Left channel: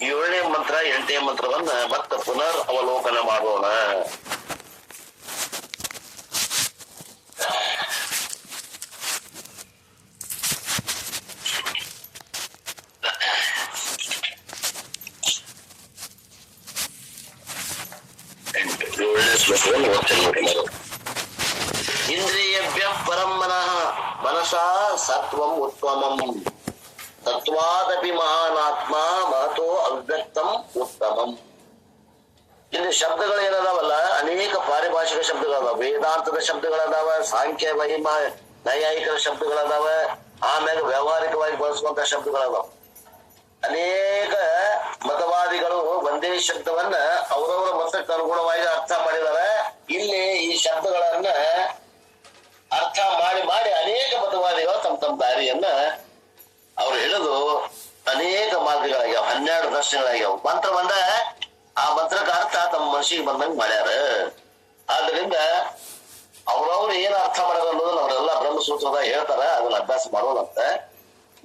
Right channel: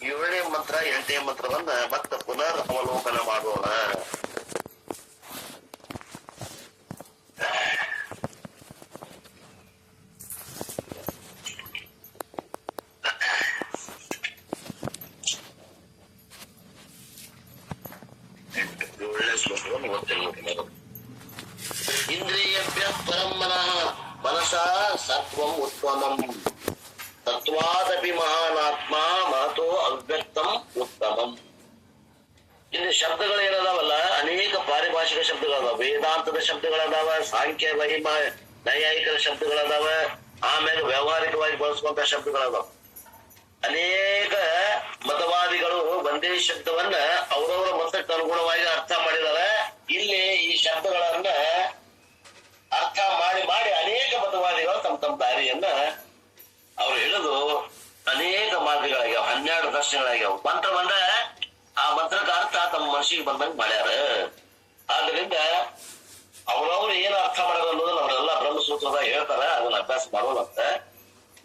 7ನೇ ಮಂತ್ರ 8ನೇ ಮಂತ್ರವನ್ನ ಮತ್ತೆ ಪುನರ್ ಅವಲೋಕನ ಮಾಡೋಣ. ಇಂದ್ರಿಯಭ್ಯ ಪರಂ ಮನಃ ಮನಸಾ ಸತ್ವಂ ಉತ್ತಮಂ ತತ್ವಾದಪಿ ಮಹಾನಾತ್ಮ ಮಹತೋ ಅವ್ಯಕ್ತಂ ಉತ್ತಮಂ. ಇಲ್ಲಿ ಶಬ್ದಗಳೇನದಾವಲ್ಲ, ಅನೇಕ ಪಾರಿಭಾಷಿಕ ಶಬ್ದಗಳದಾವ, ವೇದಾಂತದ ಶಬ್ದಗಳದಾವ, ಸಾಂಖ್ಯ ಮಹಿಮಾ ನೈಯಾಯಿಕರ ಶಬ್ದಗಳದಾವ, ಆಮ್ಯಾಗ ವ್ಯಾವಹಾರಿಕವಾಗಿ ಬಳಸುವಂತ ಶಬ್ದಗಳದಾವ. ಅನೇಕ ಮತವಾದಿಗಳು ಒಂದೇ ಶಬ್ದವನ್ನ ಅವರವರ ಮತಕ್ಕೆ ಅನುಗುಣವಾಗಿ ಅರ್ಥ ಮಾಡಿದ್ದಾರೆ. ಇಲ್ಲಿ ಈ ಶಬ್ದಗಳನ್ನ ಅರ್ಥ ಮಾಡಿ ಮಾಡಿ ಅನೇಕ ಮತವಾದಿಗಳು ತಮ್ಮ ತಮ್ಮ ದಾರಿಯನ್ನ ಅವ್ರು ಹಿಡಿದು ಅನೇಕ ಮಾರ್ಗಗಳಾಗ್ಯಾವ, 12 ಪ್ರಶ್ನೆಗಳಾಗ್ಯಾವ. ಮಂತ್ರ ಬಂದ ಆ ಮಂತ್ರಕ್ಕೆ ಅರ್ಥ ತಮ್ಮ ಮನಸ್ಸಿಗೆ ಬಂದಂಗೆ ಮಾಡ್ಯಾರ. ಆದ್ರಿಂದ ಅವ್ರವ್ರು ಏನು ಅರ್ಥ ಮಾಡ್ಯಾರ ಅನ್ನೋದನ್ನ ಅವರೆಲ್ಲ ಬ್ರಹ್ಮಸೂತ್ರದಾಗ ಹೇಳ್ತಾರ, ಅದನ್ನ ಅಭ್ಯಾಸ ಮಾಡೋಣಂತ.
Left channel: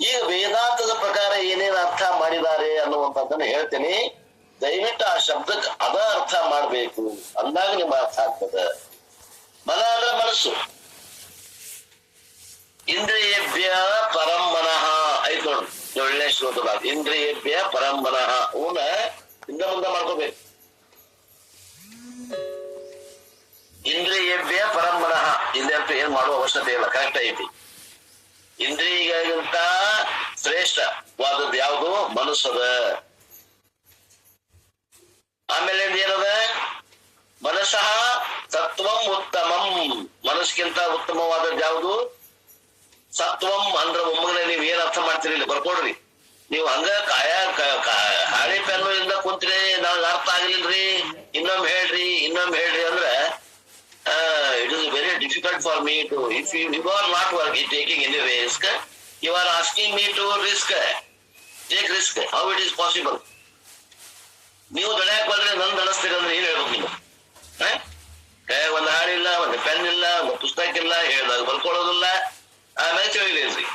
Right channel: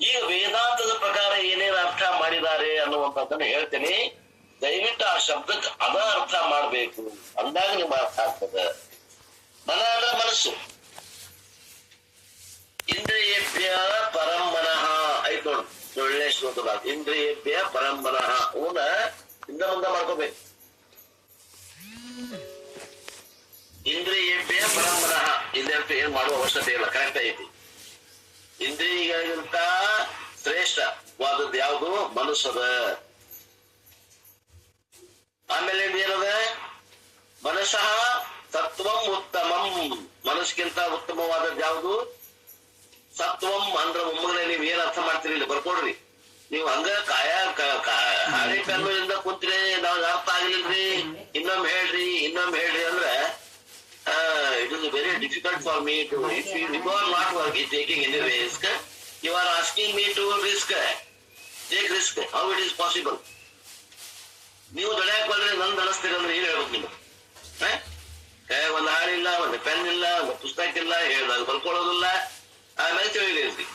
ಈಗ ವೇದಾಂತದ ಪ್ರಕಾರ ಏನೇನು ಅರ್ಥ ಮಾಡಿದ್ದಾರೆ ಅನ್ನುವಂಥದ್ದನ್ನ ಹೇಳ್ತೀನಿ. ದಯವಿಟ್ಟು ಆ ಶಬ್ದಕ್ಕೆ ಅದ ಅರ್ಥ ಮಾಡ್ಬೇಕು, ಅಂದಾಗ ನಿಮ್ಮ ಅರ್ಥ ಆಗ್ತದೆ. ಮನ ಅಂದ್ರೆ ಮನಸ್ಸು. ಇಂದ್ರಿಯೇಭ್ಯ ಪರಂ ಮನಃ ಐತ್ ನೋಡ್ರಿ, 7ನೇ ಶ್ಲೋಕದಾಗ ಇಂದ್ರಿಯೇಭ್ಯ ಪರಂ ಮನಃ ಅವನ ಹಿಂದ ಮುಂದೆ ಮಾಡ್ಕೋಬೇಕು. ಇಂದ್ರಿಯೇಭ್ಯ ಪರಂ ಮನಃ ಇಂದ್ರಿಯ ಏನ್ ಮಾಡುವ ಅವಶ್ಯಕತೆ ಇಲ್ಲ, ಕರೆಕ್ಟ್ ಐತಿ. ಇಂದ್ರಿಯಗಳಿಗಿಂತ ಶ್ರೇಷ್ಠವಾದದ್ದು ಯಾವುದು? ಮನಸ್ಸದ. ಆಮೇಲೆ ಏನದ? ಮನಸ್ಸಃ ಸತ್ವಂ ಉತ್ತಮಂ. ಮನಸ್ಸಿಗಿಂತ ಉತ್ತಮವಾದದ್ದು ಯಾವುದು? ಸತ್ವಂ ಅಂದ್ರೆ ಒಮ್ಮೆ ನೀವ್ ಏನ್ ಅರ್ಥ ಮಾಡ್ತೀರಿ ಇಲ್ಲಿ ಬರ್ಕೊಡ್ರಿ. ನೀವು ಹಂಗ ಹಾಳಿ ಪೆನ್ನಿಂದ ಕುಂತ್ರಿ, ನಾವ್ ಅರ್ಥ ಆಗ್ಲಿಲ್ರಿ, ಇನ್ನೊಮ್ಮೆ ಹೇಳ್ರಿ ಅಂದ್ರೆ it is very difficult for me to, if you are not taking any risk, you are asking me to take risk. How it is possible? ನೀವು ದೊಡ್ಡಕ್ಕೆ ಬಂದ್ರೆ ನನ್ ದಣಿಸ್ತೀರ ಅಂದ್ರೆ ಏನ್ ಹೇಳ್ಬೇಕು ನೀವು? ಒಂದು ಹಾಡಿಲ್ಲ, ಒಂದು ಪೆನ್ ಇಲ್ಲ, ಒಂದು ಪುಸ್ತಕ ಇಲ್ಲ, ಹೇಳ್ದಾಗ ಬರ್ಕೊಳ್ಳೋದಿಲ್ಲ, ಆಮೇಲೆ ತಿಳಿದ್ರಿ.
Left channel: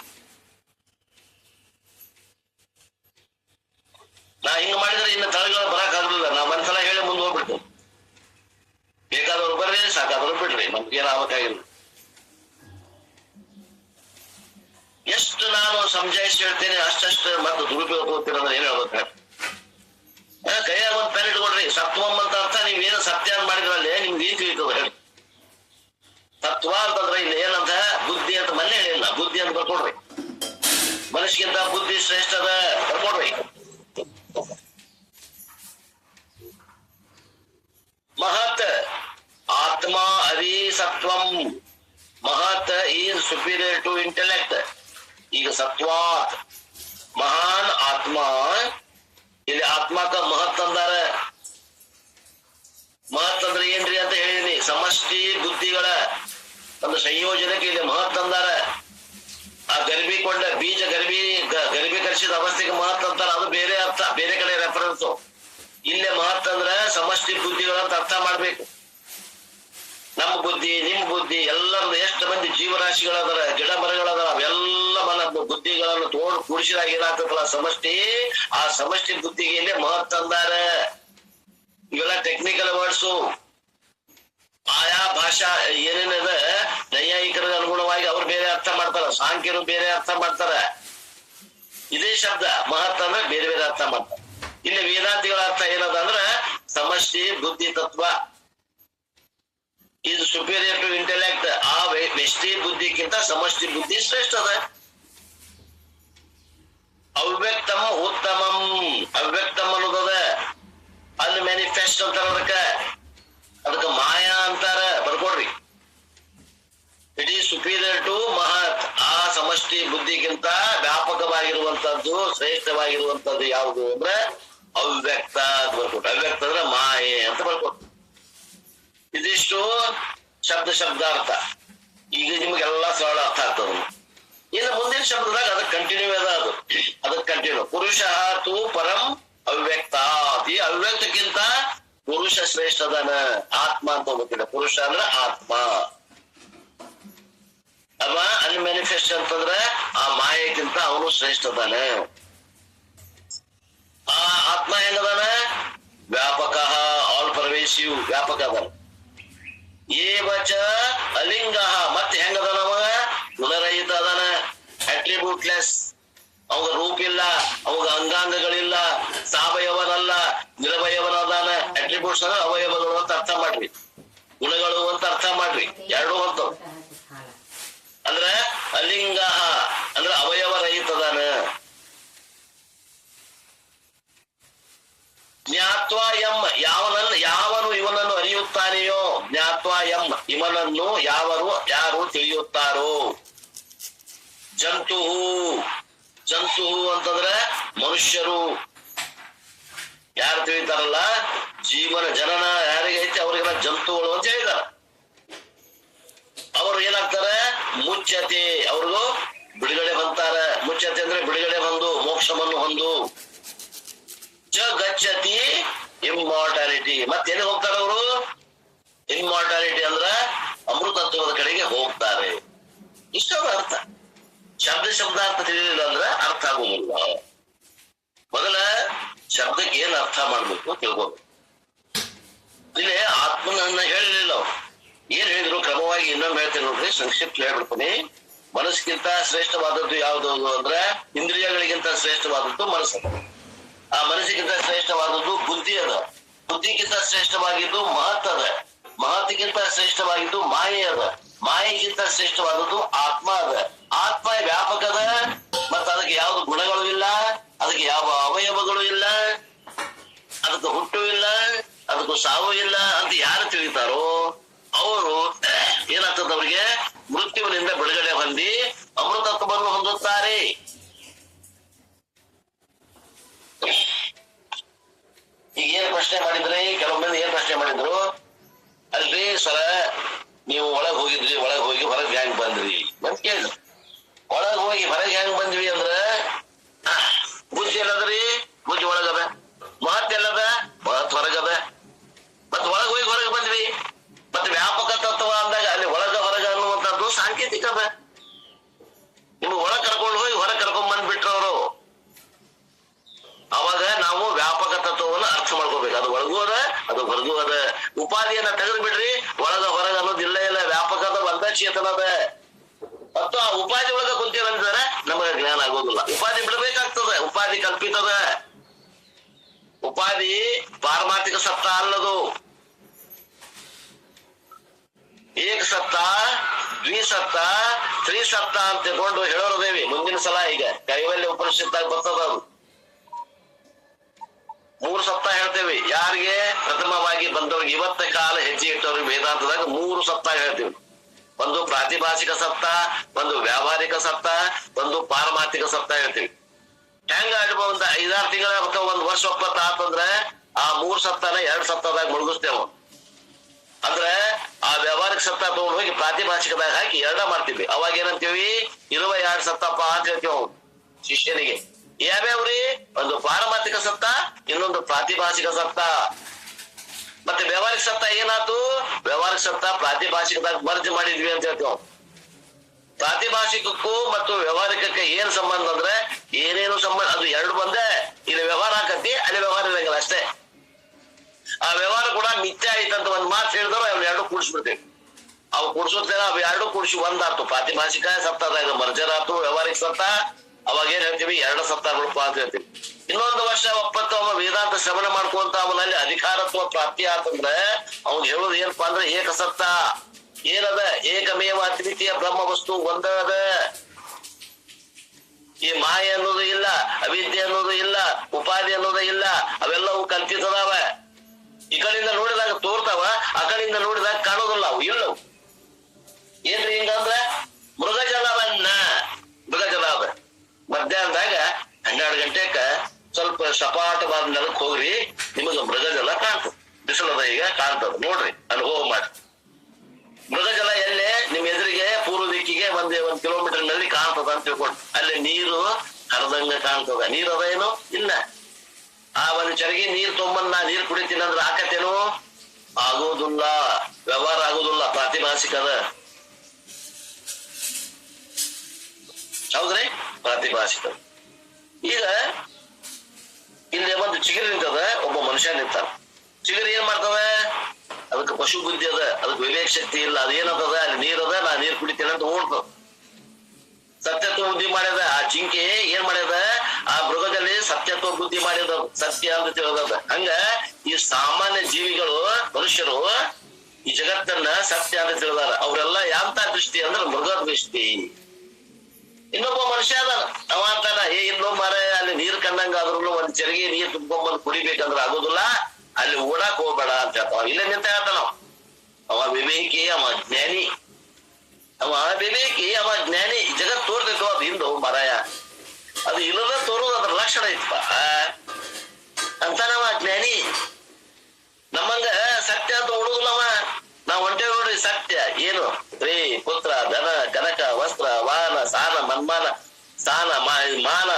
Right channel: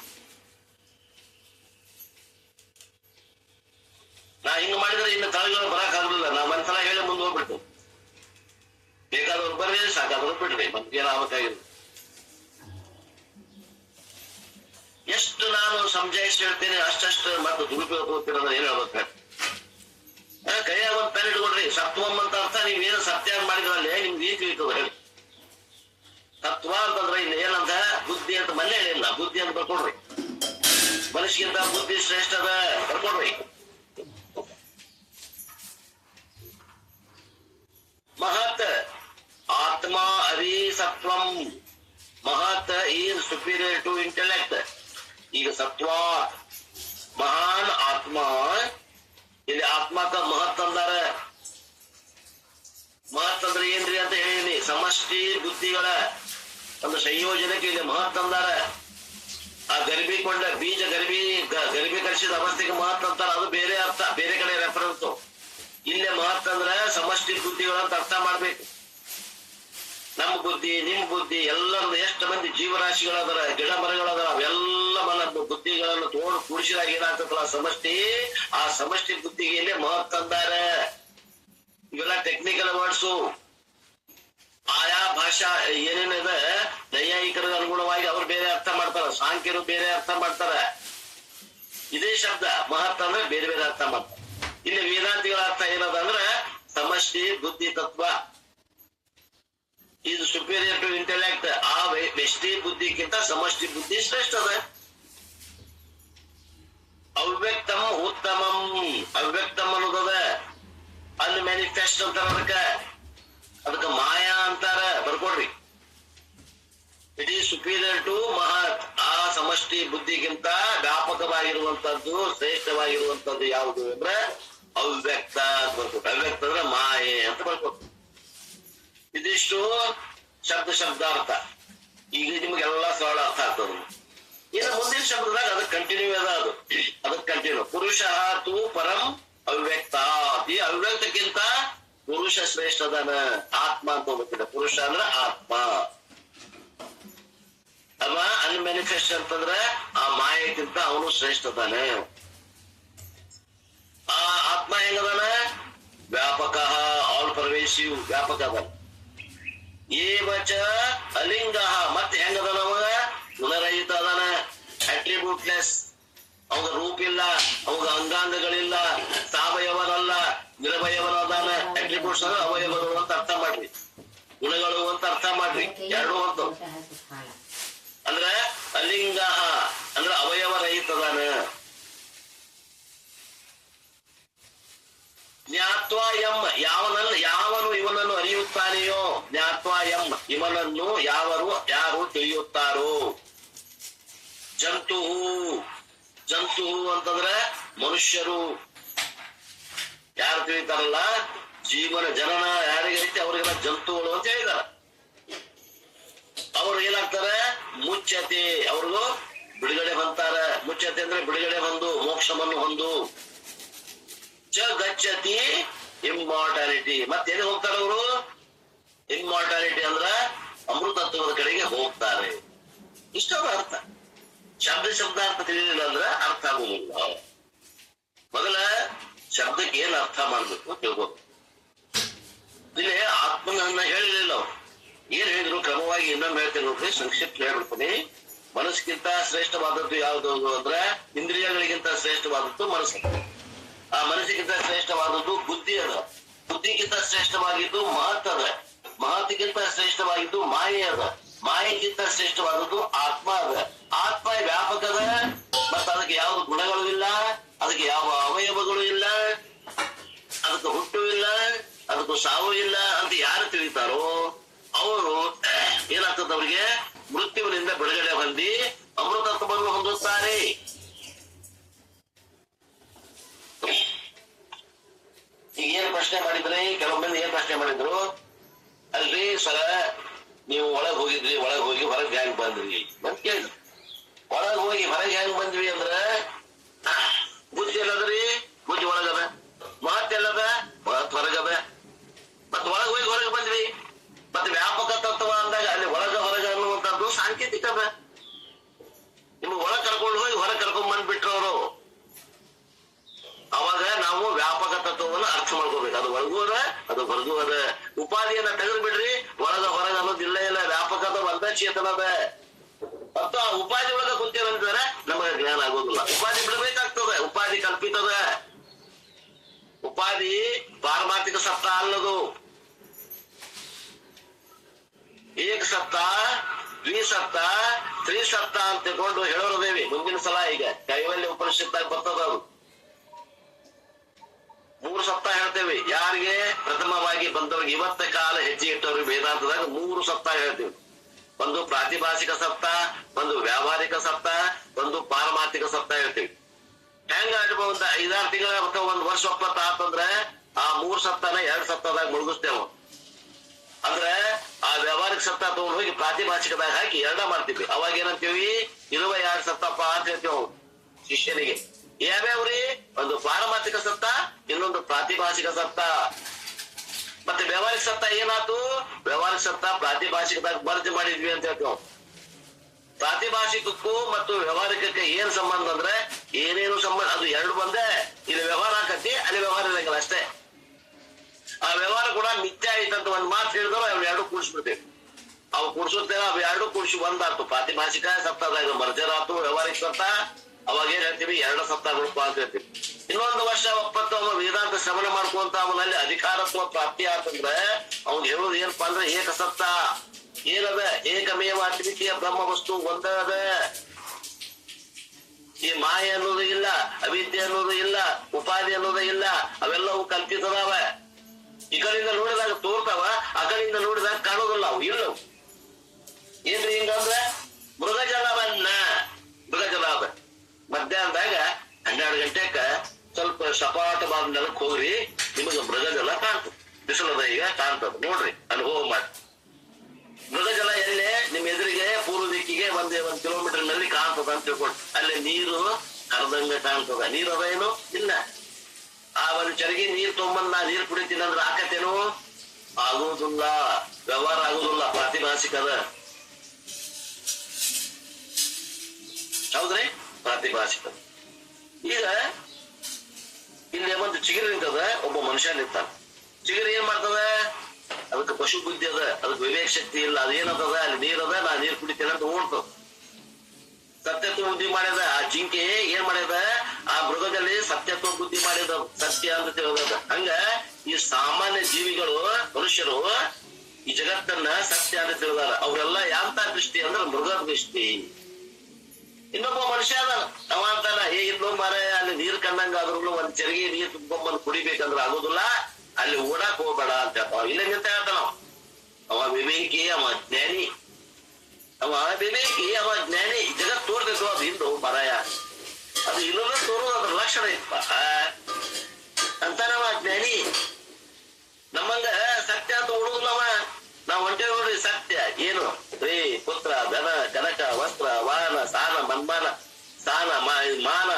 ನಾ ಹಿಂಗ ಮಾಡಿದ್ರೆ ಇನ್ನು ತಲೆಗಳು ಬರಕ್ ಆಗುದಿಲ್ಲ. ನಾ ಒಂದ್ಸಲ ಹೇಳಿ ಮುಂದೆ ಹೋಗ್ಬಿಡ್ತೇನೆ. ಬೇಕಾದವ್ರು ಬರ್ರಿ, ಸಾಕಾದವ್ರು ಬಿಡ್ರಿ, ನಮ್ಗೆ ಏನಾಗಬೇಕಾಗಿಲ್ಲ. ಎಷ್ಟು ನಾನು ಸಮಜಾಯಿಸಿ ಹೇಳ್ತೇನೆ ಅಷ್ಟಷ್ಟು ಮತ್ತೆ ದುರುಪಯೋಗ ತಗೋತೀರ ಅಂದ್ರೆ ಏನ್ ಹೇಳ್ಬೇಕು? ಕೈಯಾಗ ಒಂದ್ ಪೆನ್ ಇಟ್ಕೊಡ್ರಿ. ಸತ್ವಂ ಅಂತ ಅರ್ಥ ನೀವೇನು ಸತ್ಯ ಮಾಡಿದ್ರಲ್ಲೇ ನಿಮ್ಗೆ ಏನ್ ತಿಳಿತದ ಹೇಳಿ. ತತ್ವ ಅಂತಂದ್ರೆ ಇಲ್ಲಿ ಏನಂತ ಬುದ್ಧಿ ಅಂತ ಮನೆ ಹೇಳಿಲ್ಲ, ಬುದ್ಧಿ ಅಂತ ಬರ್ಕೊಡ್ರಿ. ಮನಸ್ಸಿಗಿಂತ ಬುದ್ಧಿ ಶ್ರೇಷ್ಠದ ಬರ್ಕೊಡ್ರಿ. ಮಹತ್ ಆತ್ಮ ಅರಿ ಸತ್ವಂ. ಮಹತ್ ಈಸ್ ಸುಪೀರಿಯರ್ ಟು ಇಂಟೆಲೆಕ್ಟ್. ಈಗ ಸತ್ವಾತ್ ಮಹಾನ್ ಆತ್ಮ. ಇಲ್ಲಿ ಆತ್ಮಕ ಮಹತ್ ಅಂದಾರ. ಮಹತ್ ಅಂದ್ರೆ ಏನ್ರಿ ಅಂತ ಹೇಳಿನಿ, ಸಮಷ್ಟಿ ಬುದ್ಧಿಗಳ ಒಂದು ಸಂಯೋಜನೆಗೆ ಇಲ್ಲಿ ಮಹತ್ ಅಂದಾರ. ಆ ಗರ್ಭಿ ಕೊಂಡ ಬೀಜ ಗರ್ಭೀಕರಿಸಿದ ಅವಸ್ಥೆಗೆ ಮಹತ್ ಅಂತಾರ. ಅದು ಬೇರೆ ಅರ್ಥ, ಬೇರೆ ಕಡೆ ರೆಫರೆನ್ಸ್. ಇಲ್ಲೇ ಮಹತ್ ಅಂದ್ರ ಸಮಷ್ಟಿ ಬುದ್ಧಿಗಳಂತ ಅರ್ಥ ಮಾಡ್ಬೇಕು. ನಮ್ಮ ಬುದ್ಧಿ, ನಿಮ್ ಬುದ್ಧಿ, ಎಲ್ಲರದ್ದು ಎಷ್ಟು ಮಂದಿ ಜೀವರಾಶಿಗಳದಾರ, ಗಿಡ ಮರಗಳದಾರ, ಅವೆಲ್ಲ ಮನ ಬುದ್ಧಿಗಳನ್ನು ತೋಡು ಕೂಡಿಸಿದಾಗ ಏನಾಗ್ತದಲ್ಲ ಸಮಷ್ಟಿ. ಆ ಸಮಷ್ಟಿ ಬುದ್ಧಿಗೆ ಇಲ್ಲೇ ಮಹತ್ ಅಂದಾರ. ಇವೆಲ್ಲ ಟೆಕ್ನಿಕಲ್ ವರ್ಡ್ಸು. ಆಯಾ ಭಾಷಾ ಏನೇನದ ನೈಯಾಯಿಕರಿಗೆ ಅನುಗುಣವಾಗಿ ಅವ್ರು ಬೇರೆ ಅರ್ಥ ಮಾಡ್ತಾರ, ಸಾಂಖ್ಯರು ಬೇರೆ ಅರ್ಥ ಮಾಡ್ತಾರ. ಇದೇ ಶಬ್ದ ಮಹತ್ ಅಂದ್ರೆ ಬೇರೆ ಬೇರೆ ಅರ್ಥ ಮಾಡ್ತಾರೆ. ಇಲ್ಲಿ ವೇದಾಂತಿಗಳ ಅರ್ಥ ಏನದ ಅಂದ್ರ ಸಮಷ್ಟಿ ಬುದ್ಧಿ ತತ್ವ ಇದು ಸುಪೀರಿಯರ್ ಟು ಇಂಟೆಲೆಕ್ಟ್. ಆ ವ್ಯಷ್ಟಿ ಬುದ್ಧಿಗಿಂತ ಸಮಷ್ಟಿ ಬುದ್ಧಿ ಶ್ರೇಷ್ಠ ಅದ. ಅವ್ಯಕ್ತಂ ಉತ್ತಮಂ. ಅವ್ಯಕ್ತಂ ಅನ್ನೋದದ ಅನ್ಮ್ಯಾನಿಫೆಸ್ಟ್ ಅಂತಾರ. ಅದಕ್ಕೆ ಮಾಯಾ ಅಂತಾರ, ಬರ್ಕೊಡ್ರಿ. ಇಟ್ ಈಸ್ ಸುಪೀರಿಯರ್ ಟು ಮಹತ್. ಆ ಸಮಷ್ಟಿ ಬುದ್ಧಿಗಿಂತ ವ್ಯಾಪಕವಾಗಿರುವಂತದ್ದು, ಶ್ರೇಷ್ಠವಾಗಿರುವಂತದ್ದು ಯಾವುದು ಅಂದ್ರೆ ಅವ್ಯಕ್ತ ಅಂತ ಬರ್ಕೊಟ್ಟು. ಅವ್ಯಕ್ತ ಅಂದ್ರೆ ಮಾಯೆ ಅಂತ ಬರ್ಕೊಟ್ಟು. ಇದಿಷ್ಟು ಶಬ್ದಾರ್ಥ. ಈಗ ನಿಮ್ಗೆಲ್ಲ ಸರಳ ಅರ್ಥ ಆಗ್ತದ. ಇನ್ನು ಮುಂದಿನ ಶಬ್ದದಾಗ ಅದಕ್ಕೆ ಕಂಟಿನ್ಯೂ ಅದ. ಅದಕ್ಕೆ ಕಂಟಿನ್ಯೂ. ಪುರುಷ ತು ಪರಂ ಅವ್ಯಕ್ತ. ಈ ಅವ್ಯಕ್ತಕ್ಕಿಂತ ಪುರುಷ ಶ್ರೇಷ್ಠದನ. ಆತ್ಮ ಅಂತ ಹೋಗ್ಬೇಕಿಲ್ಲ. ಪುರುಷ ಅಂದ್ರೆ ಆತ್ಮ ಅಲ್ವಾ? ಅನ್ಮ್ಯಾನಿಫೆಸ್ಟ್ ಅಂತಂದ್ರೆ ಆ ಮಾಯೆಗಿಂತ ಅವನು ಶ್ರೇಷ್ಠದಾನೆ. ಆ ಆತ್ಮ ಹೆಂಗದಾನ? ವ್ಯಾಪಕ, ಆಲ್ ಪರ್ವೇಸಿವ್, ವ್ಯಾಪಕ ಅದ. ಏವಚ ಅಲಿಂಗ, ಮತ್ತೆ ಹೆಂಗದನವ? ಗುಣರಹಿತ ಅದಾನ, ಅಟ್ರಿಬ್ಯೂಟ್ಲೆಸ್. ಅವಾಗ ರೂಪ ಇಲ್ಲ, ಅವಾಗ ಅಂಗಾಂಗಗಳಿಲ್ಲ, ಸಾವಯವನಲ್ಲ, ನಿರವಯವನದಾನ. ಅಟ್ರಿಬ್ಯೂಟ್ಸ್ ಅಂದ್ರೆ ಅವಯವಗಳು ಅಂತ ಅರ್ಥ ಮಾಡ್ರಿ, ಗುಣಗಳು ಅಂತ ಅರ್ಥ ಮಾಡ್ರಿ, ಎರಡೂ ಹೋಗ್ತಾವ. ಅಂದ್ರೆ ಅಲಿಂಗ ಅಂದ್ರೆ ಅವಯವ ರಹಿತದಾನ. ಜ್ಞಾತ್ವ ಎಂ, ಯಾವನು ಇವನನ್ನು ಅರಿಯುತ್ತಾನೆಯೋ, ಜ್ಞಾತ್ವ ಎಂ, ಇವನನ್ನು ಯಾರು ತಿಳಿಯುತ್ತಾರೋ. ಜಂತು ಅಂತಂದ್ರೆ ಮನುಷ್ಯರು. ಯಾರು ತಿಳಿತಾರಲ್ಲ, ಜೀವನ ಜನನ ಯಾರಿಗೈತೆ ಅವ್ರಿಗೆಲ್ಲ ಜಂತುಗಳು ಅಂತ ಹೇಳಿದಾರ. ಅವ್ರು ಏನಾಗ್ತಾರೆ? ಮುಚ್ಚತೆ, ಅವ್ರಿಗೂ ಬಿಡುಗಡೆ ಹೊಂದ್ತಾರೆ. ಮುಚ್ಚತೆ ಅಂದ್ರೆ ಬಿಡುಗಡೆ ಹೊಂದು, ಮೋಕ್ಷವನ್ನು ಹೊಂದು. ಗಚ್ಚತಿ ಇಮ್ಮಾರ್ಟಾಲಿಟಿ, ಮತ್ತೇನು ಹೋಗ್ತಾರೆ ಅವರು? ಇಮ್ಮಾರ್ಟಾಲಿಟಿ ಅಂದ್ರ ಅಮೃತತ್ವದ ಕಡೆಗೆ ಹೋಗ್ತಾರೆ. ಇಷ್ಟೊಂದು ಅರ್ಥ. ಶಬ್ದ ಅರ್ಥ ತಿಳಿಲಿಲ್ಲ ಅಂದ್ರೆ ಅರ್ಥ ಆಗುದಿಲ್ಲ. ಮೊದಲ ಶಬ್ದಕ್ಕೆ ಏನ್ ಅರ್ಥ ಮಾಡ್ಬೇಕು ತಿಳ್ಕೊಬೇಕು. ಇಲ್ಲಿ ಆತ್ಮನನ್ನ ಹೇಳಿರ್ಲಿಲ್ಲ ಅವ್ರು. ಏನ್ ಹೇಳಿದ್ರು ಕ್ರಮವಾಗಿ ಇನ್ನೊಮ್ಮೆ ಹೇಳ್ತೀನಿ ನೋಡ್ರಿ, ಸಂಕ್ಷಿಪ್ತ ಹೇಳ್ಬಿಡ್ತೀನಿ. ಮನಸ್ಸಿಗಿಂತ ಶ್ರೇಷ್ಠವಾದದ್ದು ಯಾವುದು ಅಂದ್ರೆ ಇಂದ್ರಿಯಗಳಿಗಿಂತ ಶ್ರೇಷ್ಠವಾದದ್ದು ಮನಸ್ಸು. ಆ ಮನಸ್ಸಿಗಿಂತ ಶ್ರೇಷ್ಠವಾದದ್ದು ಬುದ್ಧಿ ಅದ. ಬುದ್ಧಿಗಿಂತ ಶ್ರೇಷ್ಠವಾಗಿದ್ದು ಮಹತ್ ಅದ. ಮಹತ್ತಿಗಿಂತ ಶ್ರೇಷ್ಠವಾಗಿದ್ದು ಮಾಯೆ ಅದ. ಮಾಯೆಗಿಂತ ಶ್ರೇಷ್ಠವಾದದ್ದು ಆತ್ಮ ಅದ. ಆತ್ಮ ವ್ಯಾಪಕದ, ಮತ್ತ ಅದಕ್ಕೆ ಯಾವ್ದು ಗುಣಗಳು ಇಲ್ಲ, ಅದಕ್ಕೆ ಯಾವ ಅವಯವಗಳು ಇಲ್ಲ, ಅದಕ್ಕೆ ಹುಟ್ಟು ಇಲ್ಲ, ಅದಕ್ಕೂ ಸಾವು ಇಲ್ಲ ಅಂತ ಯಾರು ತಿಳಿತಾರೋ ಅವರು ಏನಾಗ್ತದ, ಅವ್ರಿಗೆ ಮೃತ್ಯುವಿನಿಂದ ಬಿಡುಗಡೆ ಹೊಂದಿ ಅಮೃತತ್ವವನ್ನು ಹೊಂದುತ್ತಾರೆ. ಈಗ ಏನ್ ಪ್ರಶ್ನೆ ಮಾಡಿದ್ರಿ? ಕೆಲವೊಮ್ಮೆ ಏನ್ ಪ್ರಶ್ನೆ ಮಾಡಿದ್ರು? ಅಲ್ರಿ ಸರ, ನೀವು ಒಳಗ್ ಹೋಗಿದ್ರಿ, ಒಳಗ್ ಹೋಗಿ ಹೊರಗೆ ಹೆಂಗ್ ಬಂದ್ರಿ ಅಂತ ಕೇಳಿದ್ರು. ಒಳಗ್ ಹೋಗಿ ಹೊರಗೆ ಹೆಂಗ್ ಬಂದ್ವಿ ಅಂದ್ರ ಬುದ್ಧಿ ಎಲ್ಲದ್ರಿ? ಬುದ್ಧಿ ಒಳಗದ. ಮಹತ್ ಎಲ್ಲದ? ಮಹತ್ ಹೊರಗದ. ಮತ್ ಒಳಗ್ ಹೋಗಿ ಹೊರಗೆ ಬಂದ್ವಿ. ಮತ್ತೆ ವ್ಯಾಪಕ ತತ್ವ ಅಂದಾಗ ಅಲ್ಲಿ ಒಳಗ ಹೊರಗ ಅನ್ನುವಂಥದ್ದು ಸಾಂಕೇತಿಕ ಅದ. ನಿಮ್ಗೆ ಒಳಗ್ ಕರ್ಕೊಂಡು ಹೋಗಿ ಹೊರಗೆ ಕರ್ಕೊಂಡ್ ಬಂದ್ಬಿಟ್ರು ಅವರು. ಅವಾಗ ನಾವು ವ್ಯಾಪಕ ತತ್ವವನ್ನು ಅರ್ಥ ಮಾಡ್ಕೋಬೇಕು. ಅದು ಒಳಗೂ ಅದ, ಅದು ಹೊರಗೂ ಅದ. ಉಪಾಧಿಯನ್ನ ತೆಗೆದು ಬಿಡ್ರಿ, ಒಳಗ ಹೊರಗ ಅನ್ನೋದಿಲ್ಲ. ಇಲ್ಲ, ವ್ಯಾಪಕದ ಒಂದ ಚೇತನದ. ಮತ್ತು ಆ ಉಪಾಧಿ ಒಳಗ ಕುಂತೀವಂತಾರೆ ನಮಗೆ ಜ್ಞಾನ ಆಗೋದಿಲ್ಲ. ಉಪಾಧಿ ಬಿಡ್ಬೇಕಾಗ್ತದ. ಉಪಾಧಿ ಕಲ್ಪಿತದ. ಉಪಾಧಿ ಪಾರಮಾರ್ಥಿಕ ಸತ್ತ ಅಲ್ಲದು. ಏಕ ಸತ್ತ, ದ್ವಿಸತ್ತ, ತ್ರಿಸತ್ತ ಅಂತ ತಿಳ್ಕೊಂಡು ಹೇಳೋರದೇವಿ ಮುಂದಿನ ಸಲ. ಈಗ ಕೈವಲ್ಯ ಉಪನಿಷತ್ತಾಗಿ ಬರ್ತದ ಅದು. 3 ಸಪ್ತಾಹ ಹೇಳ್ತೇವೆ. ಯಾರಿಗೆ? ಪ್ರಥಮವಾಗಿ ಬಂದವ್ರಿಗೆ, ಇವತ್ತ ಕಾಲ ಹೆಜ್ಜೆ ಇಟ್ಟವ್ರಿಗೆ ವೇದಾಂತದಾಗ 3 ಸಪ್ತಾಹ ಹೇಳ್ತೇವೆ. ಒಂದು ಪ್ರಾತಿಭಾಷಿಕ ಸಪ್ತಾಹ, ಒಂದು ವ್ಯಾವಹಾರಿಕ ಸಪ್ತಾಹ, ಒಂದು ಪಾರಮಾರ್ಥಿಕ ಸಪ್ತಾಹ ಹೇಳ್ತೀವಿ. ಹೆಂಗ ಒಂದು 5-6 ತಿಂಗಳ ಒಂದು ವರ್ಷ ಒಪ್ಪತ್ತ ಆತಂದ್ರೆ ಆ 3 ಸಪ್ತಾಹನ 2 ಸಪ್ತಾಹದಾಗ ಮುಳುಗಿಸ್ತೇವೆ. ಅಂದ್ರೆ ಆ ವ್ಯಾವಹಾರಿಕ ಸಪ್ತಾಹ ತಗೊಂಡು ಹೋಗಿ ಪ್ರಾತಿಭಾಷಿಕದಾಗ ಹಾಕಿ 2 ಮಾಡ್ತೀವಿ. ಅವಾಗ ಏನಂತೀವಿ? 22 ಸಪ್ತಾಹ ಅಂತ ಹೇಳ್ತೀವಿ ಶಿಷ್ಯನಿಗೆ. ಯಾವ್ಯಾವ್ರಿ? ಒಂದು ಪಾರಮಾರ್ಥಿಕ ಸತ್ತ, ಇನ್ನೊಂದು ಪ್ರಾತಿಭಾಷಿಕ ಸತ್ತ. ಮತ್ತೆ ವ್ಯಾವಹಾರಿಕ ಸತ್ತ ಏನಾಯ್ತು? ವ್ಯಾವಹಾರಿಕ ಸತ್ತ ಪ್ರಾತಿಭಾಷಿಕದಾಗ ಮರ್ಜ್ ಮಾಡಿದ್ವಿ ಅಂತ ಹೇಳ್ತೇವೆ. ಪ್ರಾತಿಭಾಷಿಕಕ್ಕೂ ಮತ್ತು ವ್ಯವಹಾರಿಕಕ್ಕೆ ಏನ್ ಸಂಬಂಧ ಅಂದ್ರೆ ಏನೇನು ಸಂಬಂಧ, ಅದು 2 ಬಂದೆ. ಇಲ್ಲಿ ವ್ಯವಹಾರ ಆಕತಿ, ಅಲ್ಲಿ ವ್ಯವಹಾರ ಇರಂಗಿಲ್ಲ ಅಷ್ಟೇ. ಆ ವ್ಯವಹಾರ ಕೂಡ ಮಿಥ್ಯ ಆಯ್ತಂತ ಒಂದ್ ಮಾತು ಹೇಳಿದ್ರೆ ಅವ್ 2 ಕೂಡಿಸ್ಬಿಡ್ತೇವೆ. ಅವು ಕೂಡ್ಸೋತೇವೆ, ಅವ್ 2 ಕೂಡಿಸಿ ಒಂದಾತು. ಪ್ರಾತಿಭಾಷಿಕ ಸಪ್ತಾಹದಾಗ ಮರ್ಜರ್ ಆತು, ವ್ಯವಹಾರಿಕ ಸತ್ತ. ಅವಾಗ ಏನ್ ಹೇಳ್ತೀವಿ? 2 ಸಪ್ತಾಹಗಳು ಅಂತ ಹೇಳ್ತೀವಿ. ಇನ್ನೊಂದು ವರ್ಷ ಒಪ್ಪತ್ತವ ವೇದಾಂತ ಶ್ರವಣ ಮಾಡ್ಕೊಂತ ಅವನಲ್ಲಿ ಅಧಿಕಾರತ್ವ ಪ್ರಾಪ್ತಿ ಆತಂದ್ರೆ ಅವ್ನು ಹೇಳೋದು ಏನಪ್ಪಾ ಅಂದ್ರೆ ಏಕ ಸತ್ತ. ಏನದ? ಏಕಮೇವ ಅದ್ವಿತೀಯ ಬ್ರಹ್ಮ ವಸ್ತು ಒಂದದ. ಈ ಮಾಯ ಅನ್ನೋದು ಇಲ್ಲ, ಅವಿದ್ಯೆ ಅನ್ನೋದು ಇಲ್ಲ, ಉಪಾಧಿ ಅನ್ನೋದು ಇಲ್ಲ. ಅವೆಲ್ಲವೂ ಕಲ್ಪಿತದಾವ. ಈ ಕಡೆಯಿಂದ ನೋಡಿದಾಗ ತೋರ್ತಾವ, ಆ ಕಡೆಯಿಂದ ನೋಡಿದಾಗ ಕಾಣೋದಿಲ್ಲ. ಅವು ಇಲ್ಲವು. ಏನ್ರಿ ಹಿಂಗಂದ್ರೆ ಮೃಗಜಲವನ್ನ, ಮೃಗಜಲ ಅದ. ಮಧ್ಯಾಹ್ನದಾಗ 12 ಗಂಟೆಕ ಸ್ವಲ್ಪ ಸಪಾಟವಾದ ನೆಲಕ್ಕೆ ಹೋಗ್ರಿ, ನಿಮಗೆ ಮೃಗಜಲ ಕಾಣ್ತದ. ಬಿಸಿಲದ ಈಗ ಕಾಣ್ತದ, ನೋಡ್ರಿ, ಅನುಭವ ಮಾಡಿ. ಮೃಗಜಲ ಎಲ್ಲೇ? ನಿಮ್ ಎದುರಿಗೆ ಪೂರ್ವ ದಿಕ್ಕಿಗೆ 1 ಕಿಲೋಮೀಟರ್ ನಲ್ಲಿ ಕಾಣ್ತದ ಅಂತ ತಿಳ್ಕೊಂಡು. ಅಲ್ಲಿ ನೀರು ಹರಿದಂಗ ಕಾಣ್ತದ. ನೀರ್ ಅದ ಏನು? ಇಲ್ಲ. ಆ ಒಂದು ಚರಿಗೆ ನೀರ್ ತೊಂಬಂದ್ ನಾ ನೀರ್ ಕುಡಿತೀನಿ ಅಂದ್ರೆ ಆಕತ್ತೇನು? ಆಗುವುದಿಲ್ಲ. ವ್ಯವಹಾರ ಆಗುದಿಲ್ಲ. ಪ್ರಾತಿಭಾಷಿಕ ಅದ. ಹೌದ್ರಿ? ಪ್ರಾತಿಭಾಷಿಕ. ಈಗ ಇಲ್ಲಿ ಒಂದು ಚಿಗರಿ ನಿಂತದ, ಒಬ್ಬ ಮನುಷ್ಯ ನಿಂತಾನ. ಚಿಗರಿ ಏನ್ ಮಾಡ್ತದ? ಅದಕ್ಕೆ ಪಶು ಬುದ್ಧಿ ಅದ, ಅದಕ್ಕೆ ವಿವೇಕ ಶಕ್ತಿ ಇಲ್ಲ. ಅದೇನದ? ಅಲ್ಲಿ ನೀರದ, ನಾ ನೀರ್ ಕುಡಿತೇನೆ ಅಂತ ಓಡ್ತದ. ಸತ್ಯತ್ವ ಬುದ್ಧಿ ಮಾಡ್ಯದ. ಆ ಜಿಂಕೆ ಏನ್ ಮಾಡ್ಯದ? ಆ ಮೃಗದಲ್ಲಿ ಸತ್ಯತ್ವ ಬುದ್ಧಿ ಮಾಡ್ಯದ, ಸತ್ಯ ಅಂತ ತಿಳಿದದ. ಹಂಗ ಈ ಸಾಮಾನ್ಯ ಜೀವಿಗಳು, ಮನುಷ್ಯರು ಈ ಜಗತ್ತನ್ನ ಸತ್ಯ ಅಂತ ತಿಳಿದಾರ. ಅವರೆಲ್ಲ ಯಾಂತ ದೃಷ್ಟಿ ಅಂದ್ರೆ ಮೃಗ ದೃಷ್ಟಿ. ಇನ್ನೊಬ್ಬ ಮನುಷ್ಯ ಅದಾನ, ಅವ ಅಂತಾನ, ಇಲ್ಲೋ ಮರ ಅಲ್ಲಿ ನೀರ್ ಕಂಡಂಗ ಆದ್ರೂ ಒಂದ್ ಚರಿಗೆ ನೀರ್ ತುಂಬ್ಕೊಂಡ್ಬಂದ್ ಕುಡಿಬೇಕಂದ್ರ ಆಗುದಿಲ್ಲ, ಅಲ್ಲಿ ಓಡಾಕ್ ಹೋಗ್ಬೇಡ ಅಂತ ಹೇಳ್ತಾವ. ಇಲ್ಲೇ ನಿಂತ ಹೇಳ್ತಾನ. ಅವ ವಿವೇಕಿ, ಅವ ಜ್ಞಾನಿ. ಅವ ವಿವೇಕಿ, ಅವ ಜ್ಞಾನಿ. ಜಗತ್ ತೋರ್ಬೇಕು ಅದು ಹಿಂದು ಮರಾಯ, ಅದು ಇಲ್ಲದ ತೋರುದು ಅದ್ರ ಲಕ್ಷಣ ಇತ್ತ ಅಂತ. ನಾವ ಜ್ಞಾನಿ. ನಮ್ಮಂಗ ಸತ್ಯ ಅಂತ ಓಡುದಿಲ್ಲವ. ನಾವ್ ಹೊಂಟೇವ್ ನೋಡ್ರಿ. ಸತ್ಯ ಏನು? ಸ್ತ್ರೀ, ಪುತ್ರ, ಧನ, ಕನಕ, ವಸ್ತ್ರ, ವಾಹನ, ಸಾನ, ಮನ್ಮಾನ, ಸಾನ, ಮಾನ,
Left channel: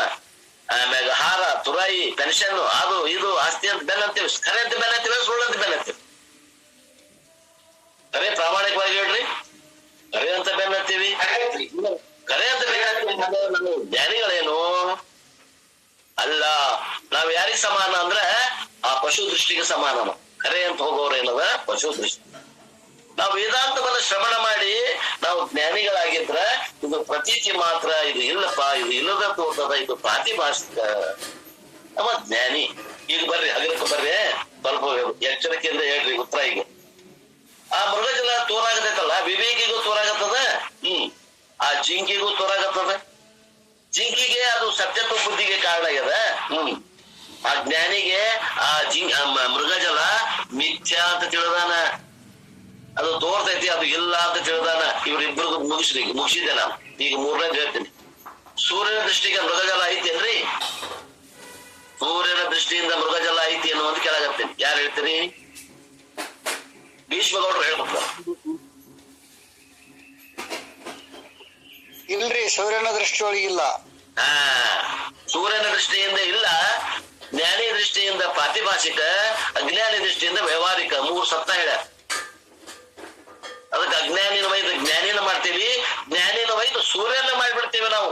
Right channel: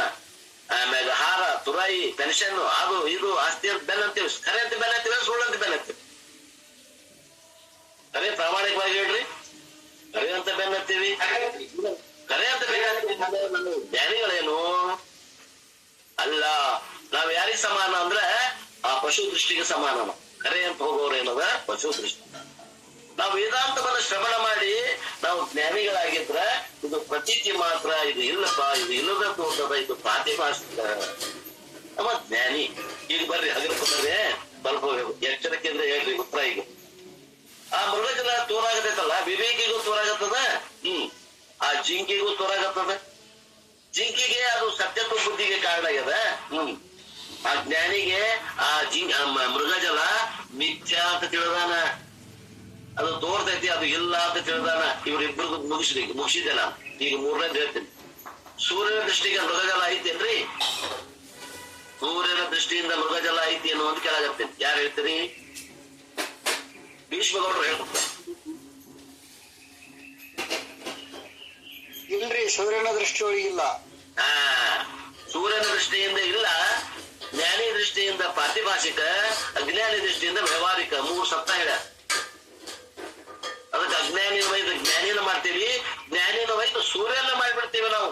ಆಮ್ಯಾಗ ಹಾರ, ತುರಾಯಿ, ಪೆನ್ಷನ್, ಅದು ಇದು ಆಸ್ತಿ ಅಂತ ಬೆನ್ನಂತೀವಿ. ಖರೆ ಅಂತ ಬೆನ್ನಂತೀವಿ, ಸುಳ್ಳು ಅಂತ ಬೆನ್ನಂತೀವಿ. ಖರೆ ಪ್ರಾಮಾಣಿಕವಾಗಿ ಹೇಳ್ರಿ, ಖರೆ ಅಂತ ಬೆನ್ನತ್ತೀವಿ. ಖರೆ ಅಂತ ಬೆನ್ನತ್ತೀವಿ. ಜ್ಞಾನಿಗಳೇನು ಅಲ್ಲ. ನಾವ್ ಯಾರಿಗ್ ಸಮಾನ ಅಂದ್ರೆ ಆ ಪಶು ದೃಷ್ಟಿಗೆ ಸಮಾನ. ಖರೆ ಅಂತ ಹೋಗೋರು ಏನದ? ಪಶು ದೃಷ್ಟಿ. ನಾವು ವೇದಾಂತವನ್ನು ಶ್ರವಣ ಮಾಡಿ ನಾವು ಜ್ಞಾನಿಗಳಾಗಿದ್ರ ಇದು ಪ್ರತೀತಿ ಮಾತ್ರ, ಇದು ಇಲ್ಲಪ್ಪ, ಇದು ಇಲ್ಲದ ತೋರ್ತದ, ಇದು ಪ್ರಾತಿಭಾಷಿಕ. ನಮ್ಮ ಜ್ಞಾನಿ. ಈಗ ಬರ್ರಿ, ಹಗರ್ಕ ಬರ್ರಿ, ಸ್ವಲ್ಪ ಎಚ್ಚರಿಕೆಯಿಂದ ಹೇಳ್ರಿ ಉತ್ತರ. ಈಗ ಆ ಮೃಗಜಲ ತೋರಾಗತೈತಲ್ಲ, ವಿವೇಕಿಗೂ ತೋರಾಗತ್ತದ, ಆ ಜಿಂಕಿಗೂ ತೋರಾಗತ್ತದ. ಜಿಂಕಿಗೆ ಅದು ಸತ್ಯತ್ವ ಬುದ್ಧಿಗೆ ಕಾರಣ ಆಗ್ಯದ. ಆ ಜ್ಞಾನಿಗೆ ಆ ಮೃಗಜಲ ಮಿಥ್ಯಾ ಅಂತ ತಿಳಿದಾನ, ಅದು ತೋರ್ತೈತಿ, ಅದು ಇಲ್ಲ ಅಂತ ತಿಳಿದಾನ. ಇವ್ರಿಬ್ರು ಮುಗಿಸಿದೆ ನಾನು. ಈಗ ಮೂರನೇದು ಹೇಳ್ತೀನಿ. ಸೂರ್ಯನ ದೃಷ್ಟಿಗೆ ಮೃಗಜಲ ಐತೇನ್ರಿ? ಸೂರ್ಯನ ದೃಷ್ಟಿಯಿಂದ ಮೃಗಜಲ ಐತಿ ಅನ್ನುವಂತ ಕೇಳಾಗತ್ತೇನೆ. ಯಾರು ಹೇಳ್ತೀರಿ? ಭೀಷ್ಮಗೌಡರು ಹೇಳ್ಬೇಕು. ಇಲ್ರಿ, ಸೂರ್ಯನ ದೃಷ್ಟಿಯೊಳಗಿಲ್ಲ. ಸೂರ್ಯನ ದೃಷ್ಟಿಯಿಂದ ಇಲ್ಲ. ಜ್ಞಾನಿ ದೃಷ್ಟಿಯಿಂದ ಪ್ರಾತಿಭಾಷಿಕ, ಅಜ್ಞಾನಿ ದೃಷ್ಟಿಯಿಂದ ವ್ಯವಹಾರಿಕ. ಮೂರು ಸತ್ತ ಹೇಳ. ಅದಕ್ಕೆ ಅಜ್ಞಾನಿನ ವೈದ್ಯ ಜ್ಞಾನಿನ ಮಾಡ್ತೀವಿ, ಜ್ಞಾನಿನ ವೈದ್ಯ ಸೂರ್ಯನ ಮಾಡಿಬಿಡ್ತೀವಿ ನಾವು.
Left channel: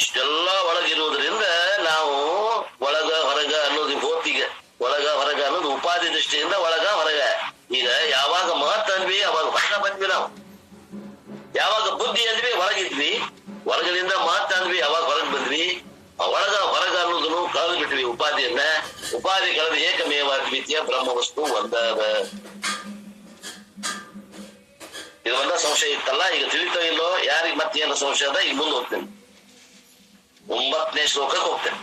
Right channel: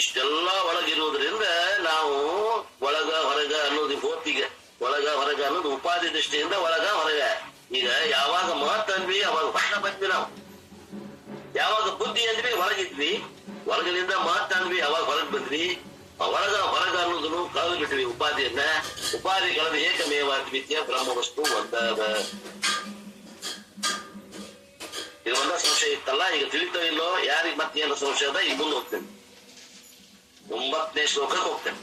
ಇಷ್ಟೆಲ್ಲ ಒಳಗಿರುವುದರಿಂದ ನಾವು ಒಳಗ ಹೊರಗ ಅನ್ನೋದು ಹೋತಿಗೆ, ಒಳಗ ಹೊರಗ ಅನ್ನೋದು ಉಪಾಧಿ ದೃಷ್ಟಿಯಿಂದ ಒಳಗ ಹೊರಗ. ಈಗ ಯಾವಾಗ ಮಹತ್ ಅಂದ್ವಿ ಅವಾಗ ಹೊರಗ ಬಂದ್ವಿ ನಾವು. ಯಾವಾಗ ಬುದ್ಧಿ ಅಂದ್ವಿ ಹೊರಗಿದ್ವಿ. ಹೊರಗದಿಂದ ಮಹತ್ ಅಂದ್ವಿ ಅವಾಗ ಹೊರಗ್ ಬಂದ್ವಿ. ಒಳಗ ಹೊರಗ ಅನ್ನೋದನ್ನು ಕಳೆದು ಬಿಟ್ವಿ ಉಪಾಧಿಯನ್ನ. ಉಪಾಧಿ ಕಳೆದು ಏಕಮೇವ ದ್ವಿತೀಯ ಬ್ರಹ್ಮ ವಸ್ತು ಒಂದಾದ. ಇದು ಒಂದ ಸಂಶಯ ಇತ್ತಲ್ಲ, ಈಗ ತಿಳಿತೋ ಇಲ್ಲೋ ಯಾರಿಗ್ ಮತ್ತೇನು ಸಂಶಯ ಅದ? ಈಗ ಮುಂದೆ ಹೋಗ್ತೇನೆ, 9ನೇ ಶ್ಲೋಕಕ್ಕೆ ಹೋಗ್ತೇನೆ.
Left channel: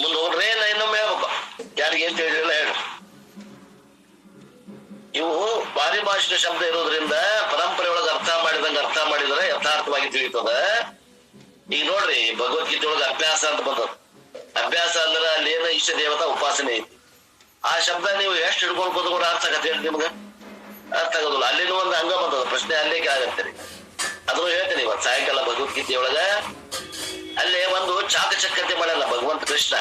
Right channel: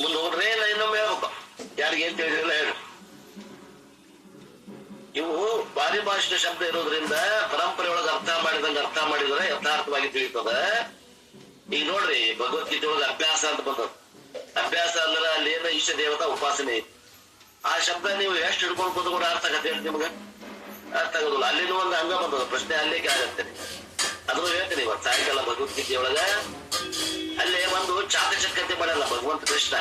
ಮುಂದೆ ಹೋಗ್ರೆ ಇನ್ನೊಮ್ಮೆ ಹೇಳ್ಬೇಕು, ಯಾರಿಗೆ ಏನ್ ತಿಳಿದಿಲ್ಲ ಹೇಳು. ಇವು ಪಾರಿಭಾಷಿಕ ಶಬ್ದ ಇರೋದ್ರಿಂದ ಪರಂಪರೆ ಒಳಗೆ ಅರ್ಥ ಮಾಡಿದ್ರೆ ಯಥಾರ್ಥವಾಗಿ ತಿಳಿತದ. ಈಗ ನೋಡ್ರಿ, ಭಗವದ್ಗೀತೆ ಒಳಗೆ ಅಭ್ಯಾಸ ಅಂತ ಬಂದದ. ಅಭ್ಯಾಸ ಅಂದ್ರೆ ಅಲ್ಲಿ ಏನೋ ಇಷ್ಟ ದೇವತಾ ಉಪಾಸನೆ ಐತಿ. ಆ ಶಬ್ದ ನೀವು ಎಷ್ಟು ಹಿಡ್ಕೊಂಡು ಕೂತ್ಕೊಂಡು ಅರ್ಥ ಆಗತ್ತೆ ನಿಮ್ಗೆ? ಅರ್ಥ ಆಗೋದಿಲ್ಲ. ಅಲ್ಲಿನೂ ಒಂದು ಅಂಗ ಬಂದದ, ಪ್ರಶ್ನೆ ಅಲ್ಲಿಗೆ ಆಗತ್ತೆ. ಅದನ್ನು ಹೇಳ್ತೇನೆ ಇವತ್ತು ಸಾಯಂಕಾಲ ಭಗವದ್ಗೀತೆ ಒಳಗ. ಅಲ್ಲೇ ಒಂದು ಚಾಕಚಕ್ಯತೆ ಮಾಡಲ್ಲ ಭಗವಂತ ಕೃಷ್ಣ.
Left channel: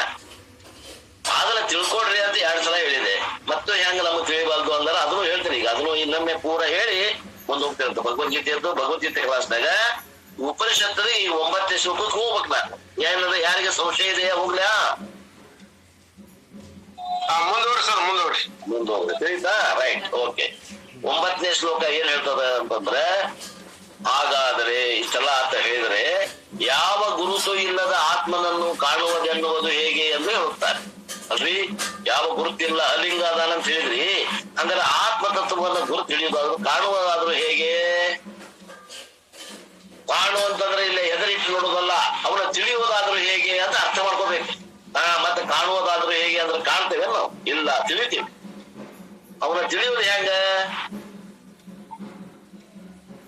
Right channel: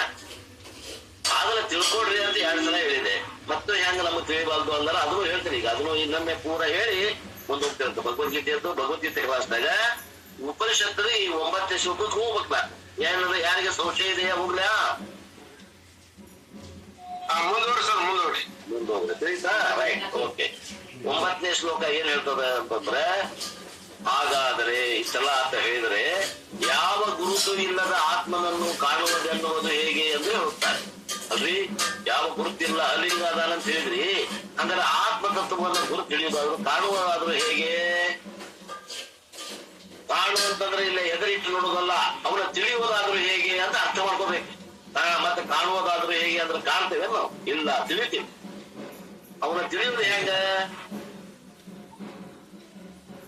ಅದನ್ನ ತಿಳ್ಕೊಡ್ರಿ ಅಂತ 2 ಸಲ ಹೇಳಿದೆ. ಮತ್ತು ಹೆಂಗ ನಮ್ಗೆ ತಿಳಿಬಾರ್ದು ಅಂದ್ರೆ ಅದನ್ನು ಹೇಳ್ತೀನಿ. ಈಗ ಅದನ್ನು ಇನ್ನೊಮ್ಮೆ ಪೂರ ಹೇಳಿ ಮುಂದೆ ಹೋಗ್ತಿರ್ತ. ಭಗವದ್ಗೀತೆ ಕ್ಲಾಸ್ನಾಗ ಉಪನಿಷತ್ತದ ಈ 9ನೇ ಶ್ಲೋಕಕ್ಕೆ ಹೋಗ್ಬೇಕು. ನಾನು ಏನಂದ್ರೆ ಯಾರಿಗೆ ಸಂಶಯ ಇದೆಯಾ ಹೋಗ್ಲಾ? ಮುಂದೋಗ್ರಿ ತಿಳಿತಾ? Right, okay. 9ನೇ ಶ್ಲೋಕ ಏನ್ ಹೇಳ್ತದ ಅಂತಂದ್ರೆ, ಹಾಗಾದರೆ ಇಷ್ಟೆಲ್ಲ ಅಂತ ಹೇಳಿದ್ರೆ ಯಾವ ಗುರುತು ಇಲ್ಲದ ಆತ್ಮನನ್ನು ಕಾಣುವುದೆನ್ನುವುದು ಹೇಗೆ ಎಂದು ಹೇಳುತ್ತಾರೆ ಅಲ್ರಿ. ಯಾವ ಗುರುತಿಲ್ಲ, ಅಲಿಂಗ ಅದಾನ ಅಂತ ಹೇಳಿದ್ರಿ. ಅಂದ್ರೆ ಆತ್ಮ ತತ್ವವನ್ನು ಗುರುತು ತಿಳಿಯುವುದಾದ್ರು, ಕಾಣುವುದಾದ್ರೂ ಹೇಗೆ? ಕಾಣುವಂತಂದ್ರೆ ಇಲ್ಲಿ ಎದುರಿಟ್ಟು ನೋಡುವುದಲ್ಲ, ಅವನ ತಿಳಿಯುವುದಾದ್ರೂ ಹೇಗೆ ಅಂತ ಅರ್ಥ ಮಾಡ್ಕೋಬೇಕು. ಮತ್ತೆ ಕಾಣುವುದಾದ್ರೂ ಹೇಗೆ ಅಂದ್ರೆ ಕಾಣ್ತೇವೆ ನಾವು? ಇಲ್ಲ, ತಿಳಿತೀವಿ. ಅವನ ತಿಳಿಯುವುದು ಹೆಂಗ?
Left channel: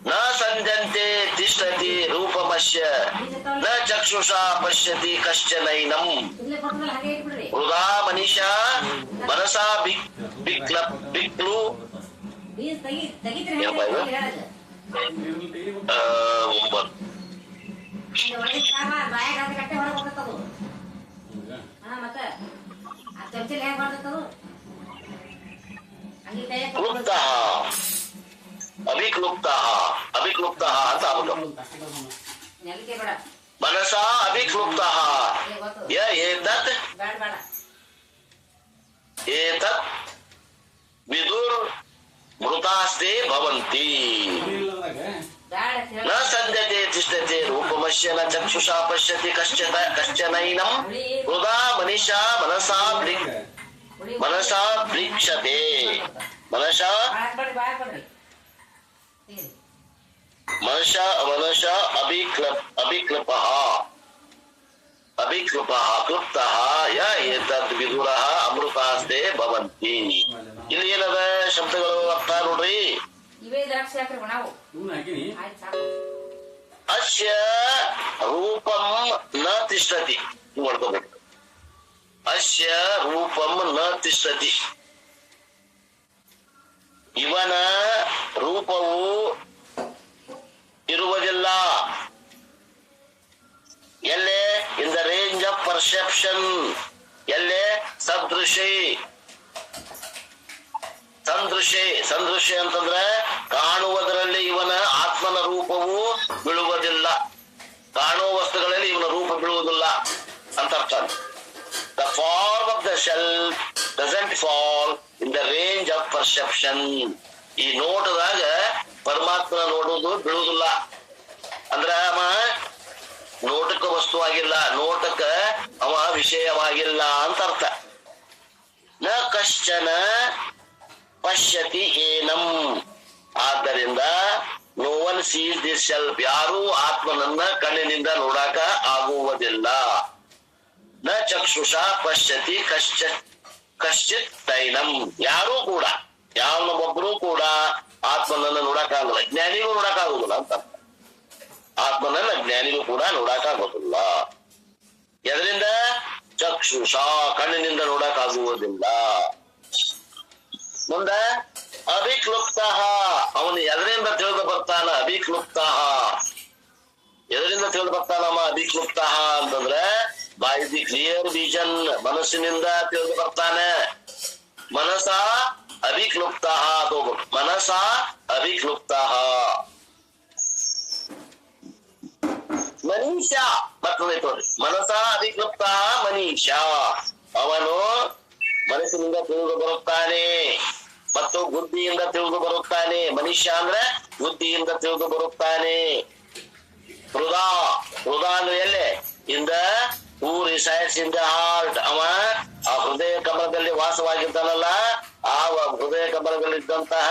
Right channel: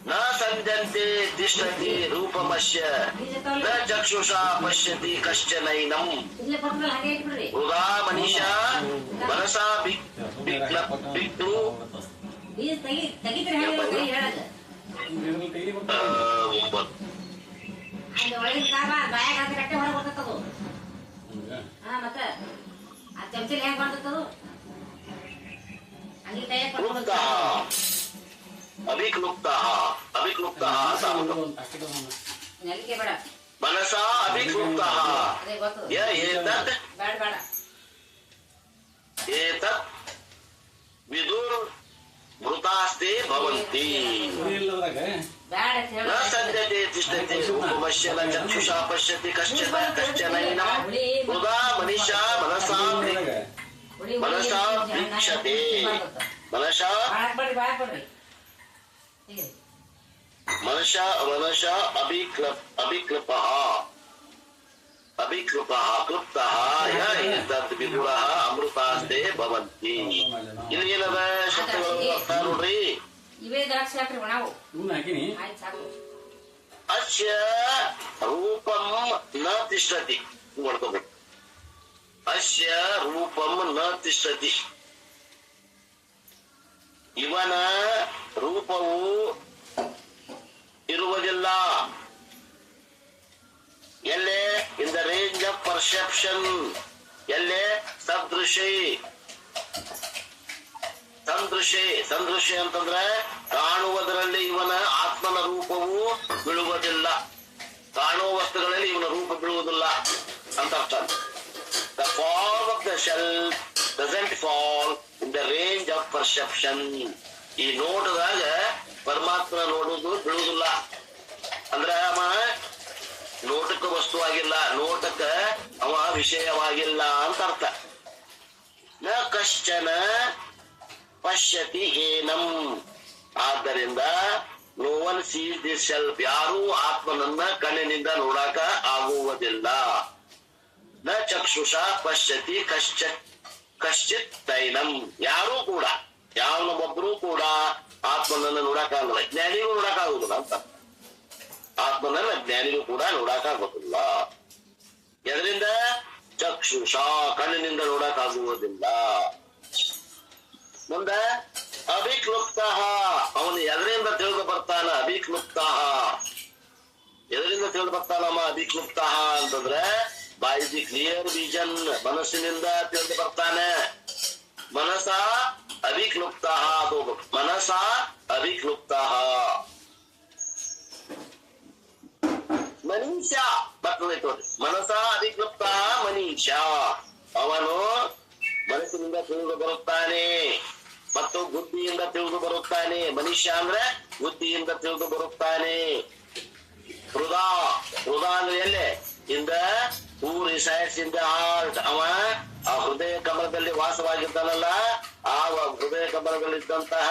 ನ ಸಂಜಂತೆ ತಿಷ್ಠತಿ ರೂಪಮಶ್ಯ ನ ಚಕ್ಷುಷಾ ಪಶ್ಯತಿ ಕಶ್ಚನೈನಂ ಹೃದಾ ಮನೀಷಾ ಮನಸಾ ಬಿಕ್ಲು. ಅಭಿಕ್ಲುಪ್ತ ಅಭಿಕ್ಲುಪ್ತ ಅಂತ ಆಗ್ಬೇಕು. ಮನಸ ಅಭಿಕ್ಲುಪ್ತ ಏತತ್ ಏತತ್ ವಿದುರ್ ಮೃತಾಸ್ತೆ ಭವಂತಿ ನ ಸದ್ಯತೆ ತಿಷ್ಠತೆ ರೂಪಮಶ್ಯ ನ ಚಕ್ಷುಷಾ ಪಶ್ಯತಿ ಕಶ್ಚನೈನಂ ಹೃದಾ ಮನಿಷಾ ಮನಸಾ ಪ್ರೀಕ್ಷತೆ ಮನಸ ಅಭಿಕ್ಲುಪ್ತಃ ಕ್ಲುಪ್ತಃ ಯ ಏತದ್ ವಿದುರಃ ಅಮೃತಾಸ್ತೆ ಭವಂತಿ. ಇಲ್ಲಿ ಏನದ ಶಬ್ದಗಳು ಅರ್ಥ ನೋಡ್ರಿ. ಅಸ್ಯ ರೂಪಂ ನ ತಿಷ್ಠತಿ ಮಾಡ್ಕೋಬೇಕು. ಅಸ್ಯ ರೂಪಂ ನ ತಿಷ್ಠತಿ, ಇವನ ರೂಪವು ಇರುವುದಿಲ್ಲ. ಎಲ್ಲೇ ಇನ್ ದ ರೇಂಜ್ ಆಫ್ ಪರ್ಸೆಪ್ಷನ್, ಎಲ್ಲೇ ಸಂದೃಶ್ಯ ಅಂತಂದ್ರೆ ಕಾಣುವುದರಲ್ಲಿ ಇವನ ಆತ್ಮನ ರೂಪವು ಬೀಳುವುದಿಲ್ಲ, ಕಾಣುವ ವಸ್ತುಗಳಲ್ಲಿ ಇವನ ರೂಪ ಬೀಳುವುದಿಲ್ಲ ಅಂತ ಅರ್ಥ. The form of the self doesn't fall in the range of perception. ಈ ನೋಟದಾಗ ಪರಮಾತ್ಮನ ನೋಡುವುದು ಬೀಳುವುದಿಲ್ಲ ಅಂದ್ರ ಅವ ನೋಟಕ್ಕೆ ವಸ್ತುವಾಗಿಲ್ಲ, ನೋಟಕ್ಕ ಅವ ವಿಷಯವಾಗಿಲ್ಲ ಅಂತ ಅರ್ಥ. ನ ಕಶ್ಚನ ಪಶ್ಯತಿ ಏನಂ, ಆದ್ದರಿಂದ no one sees this self, ಯಾರೂ ಆತ್ಮನನ್ನ ಕಣ್ಣಿನಿಂದ ನೋಡಾಕ ಆಗುವುದಿಲ್ಲ. ನ ಚಕ್ಷುಷಾ ಪಶ್ಯತಿ ಕಶ್ಚಿತ್ ತೈನಂ, ಯಾರೂ ಕೂಡ ಯಾವನೊಬ್ಬರು ಕೂಡ ಆತ್ಮನನ್ನ ನೋಡಕ್ಕಾಗಲ್ಲ, ಜ್ಞಾನಿಗೂ ನೋಡಕ್ಕಾಗುದಿಲ್ಲ ಅಂತ. ಆತ್ಮನನ್ನ ಜ್ಞಾನಿಗೂ ಕೂಡ ನೋಡಕ್ಕಾಗೋದಿಲ್ಲ. ಎದರಿಂದ? ಚಕ್ಷುಷಾ, ಕಣ್ಣಿನಿಂದ ನೋಡಕ್ಕಾಗುವುದಿಲ್ಲ. ಮುಂದ ಅಭಿಕ್ಲುಪ್ತ, ಅವನು ಎದರಿಂದ ತಿಳಿದು ಬರ್ತಾನ? ಅಭಿಕ್ಲುಪ್ತ, ಎದರಿಂದ ತಿಳಿದು ಬರ್ತಾನಮ್ಮ ಅಭಿಕ್ಲುಪ್ತ ಅಂತಂದ್ರೆ ಬೈ ದಿ ಕ್ಲಿಯರ್ ವಿಷನ್, ಮನಸ್ಸಿನಿಂದ ತಿಳಿದು ಬರ್ತಾನೆ. ಮನಸ ಅಭಿಕ್ಲುಪ್ತ, ಮನಸ ಅಭಿಕ್ಲುಪ್ತ. ಮನೀಷ ಬರ್ತದೆ ತೋರಿ, ಮನಸ ಅಭಿಕ್ಲುಪ್ತ ಮನೀಷ, ಅವನು ಮನಸ್ಸಿನಿಂದ ತಿಳಿದು ಬರುತ್ತಾನೆ ಮತ್ತು ಬುದ್ಧಿಯಿಂದ ತಿಳಿದು ಬರುತ್ತಾನೆ. ಮನುಷ್ಯ ಅಂದ್ರೆ ಬುದ್ಧಿಯಿಂದ ತಿಳಿದು ಬರುತ್ತಾನೆ. ಹೃದಯ ಅಂದ್ರೆ ಎಲ್ಲೇ? ಇಂದ ಹೂ ರಿಸೈಡ್ಸ್ ಇನ್ ದ ಹಾರ್ಟ್, ಅವ ಆ ಹೃದಯ ಕಮಲದಲ್ಲಿ ವಾಸವಾಗಿದ್ದಾನಲ್ಲ, ಆ ಹೃದಯ ಕಮಲದಲ್ಲಿದ್ದಂತಹ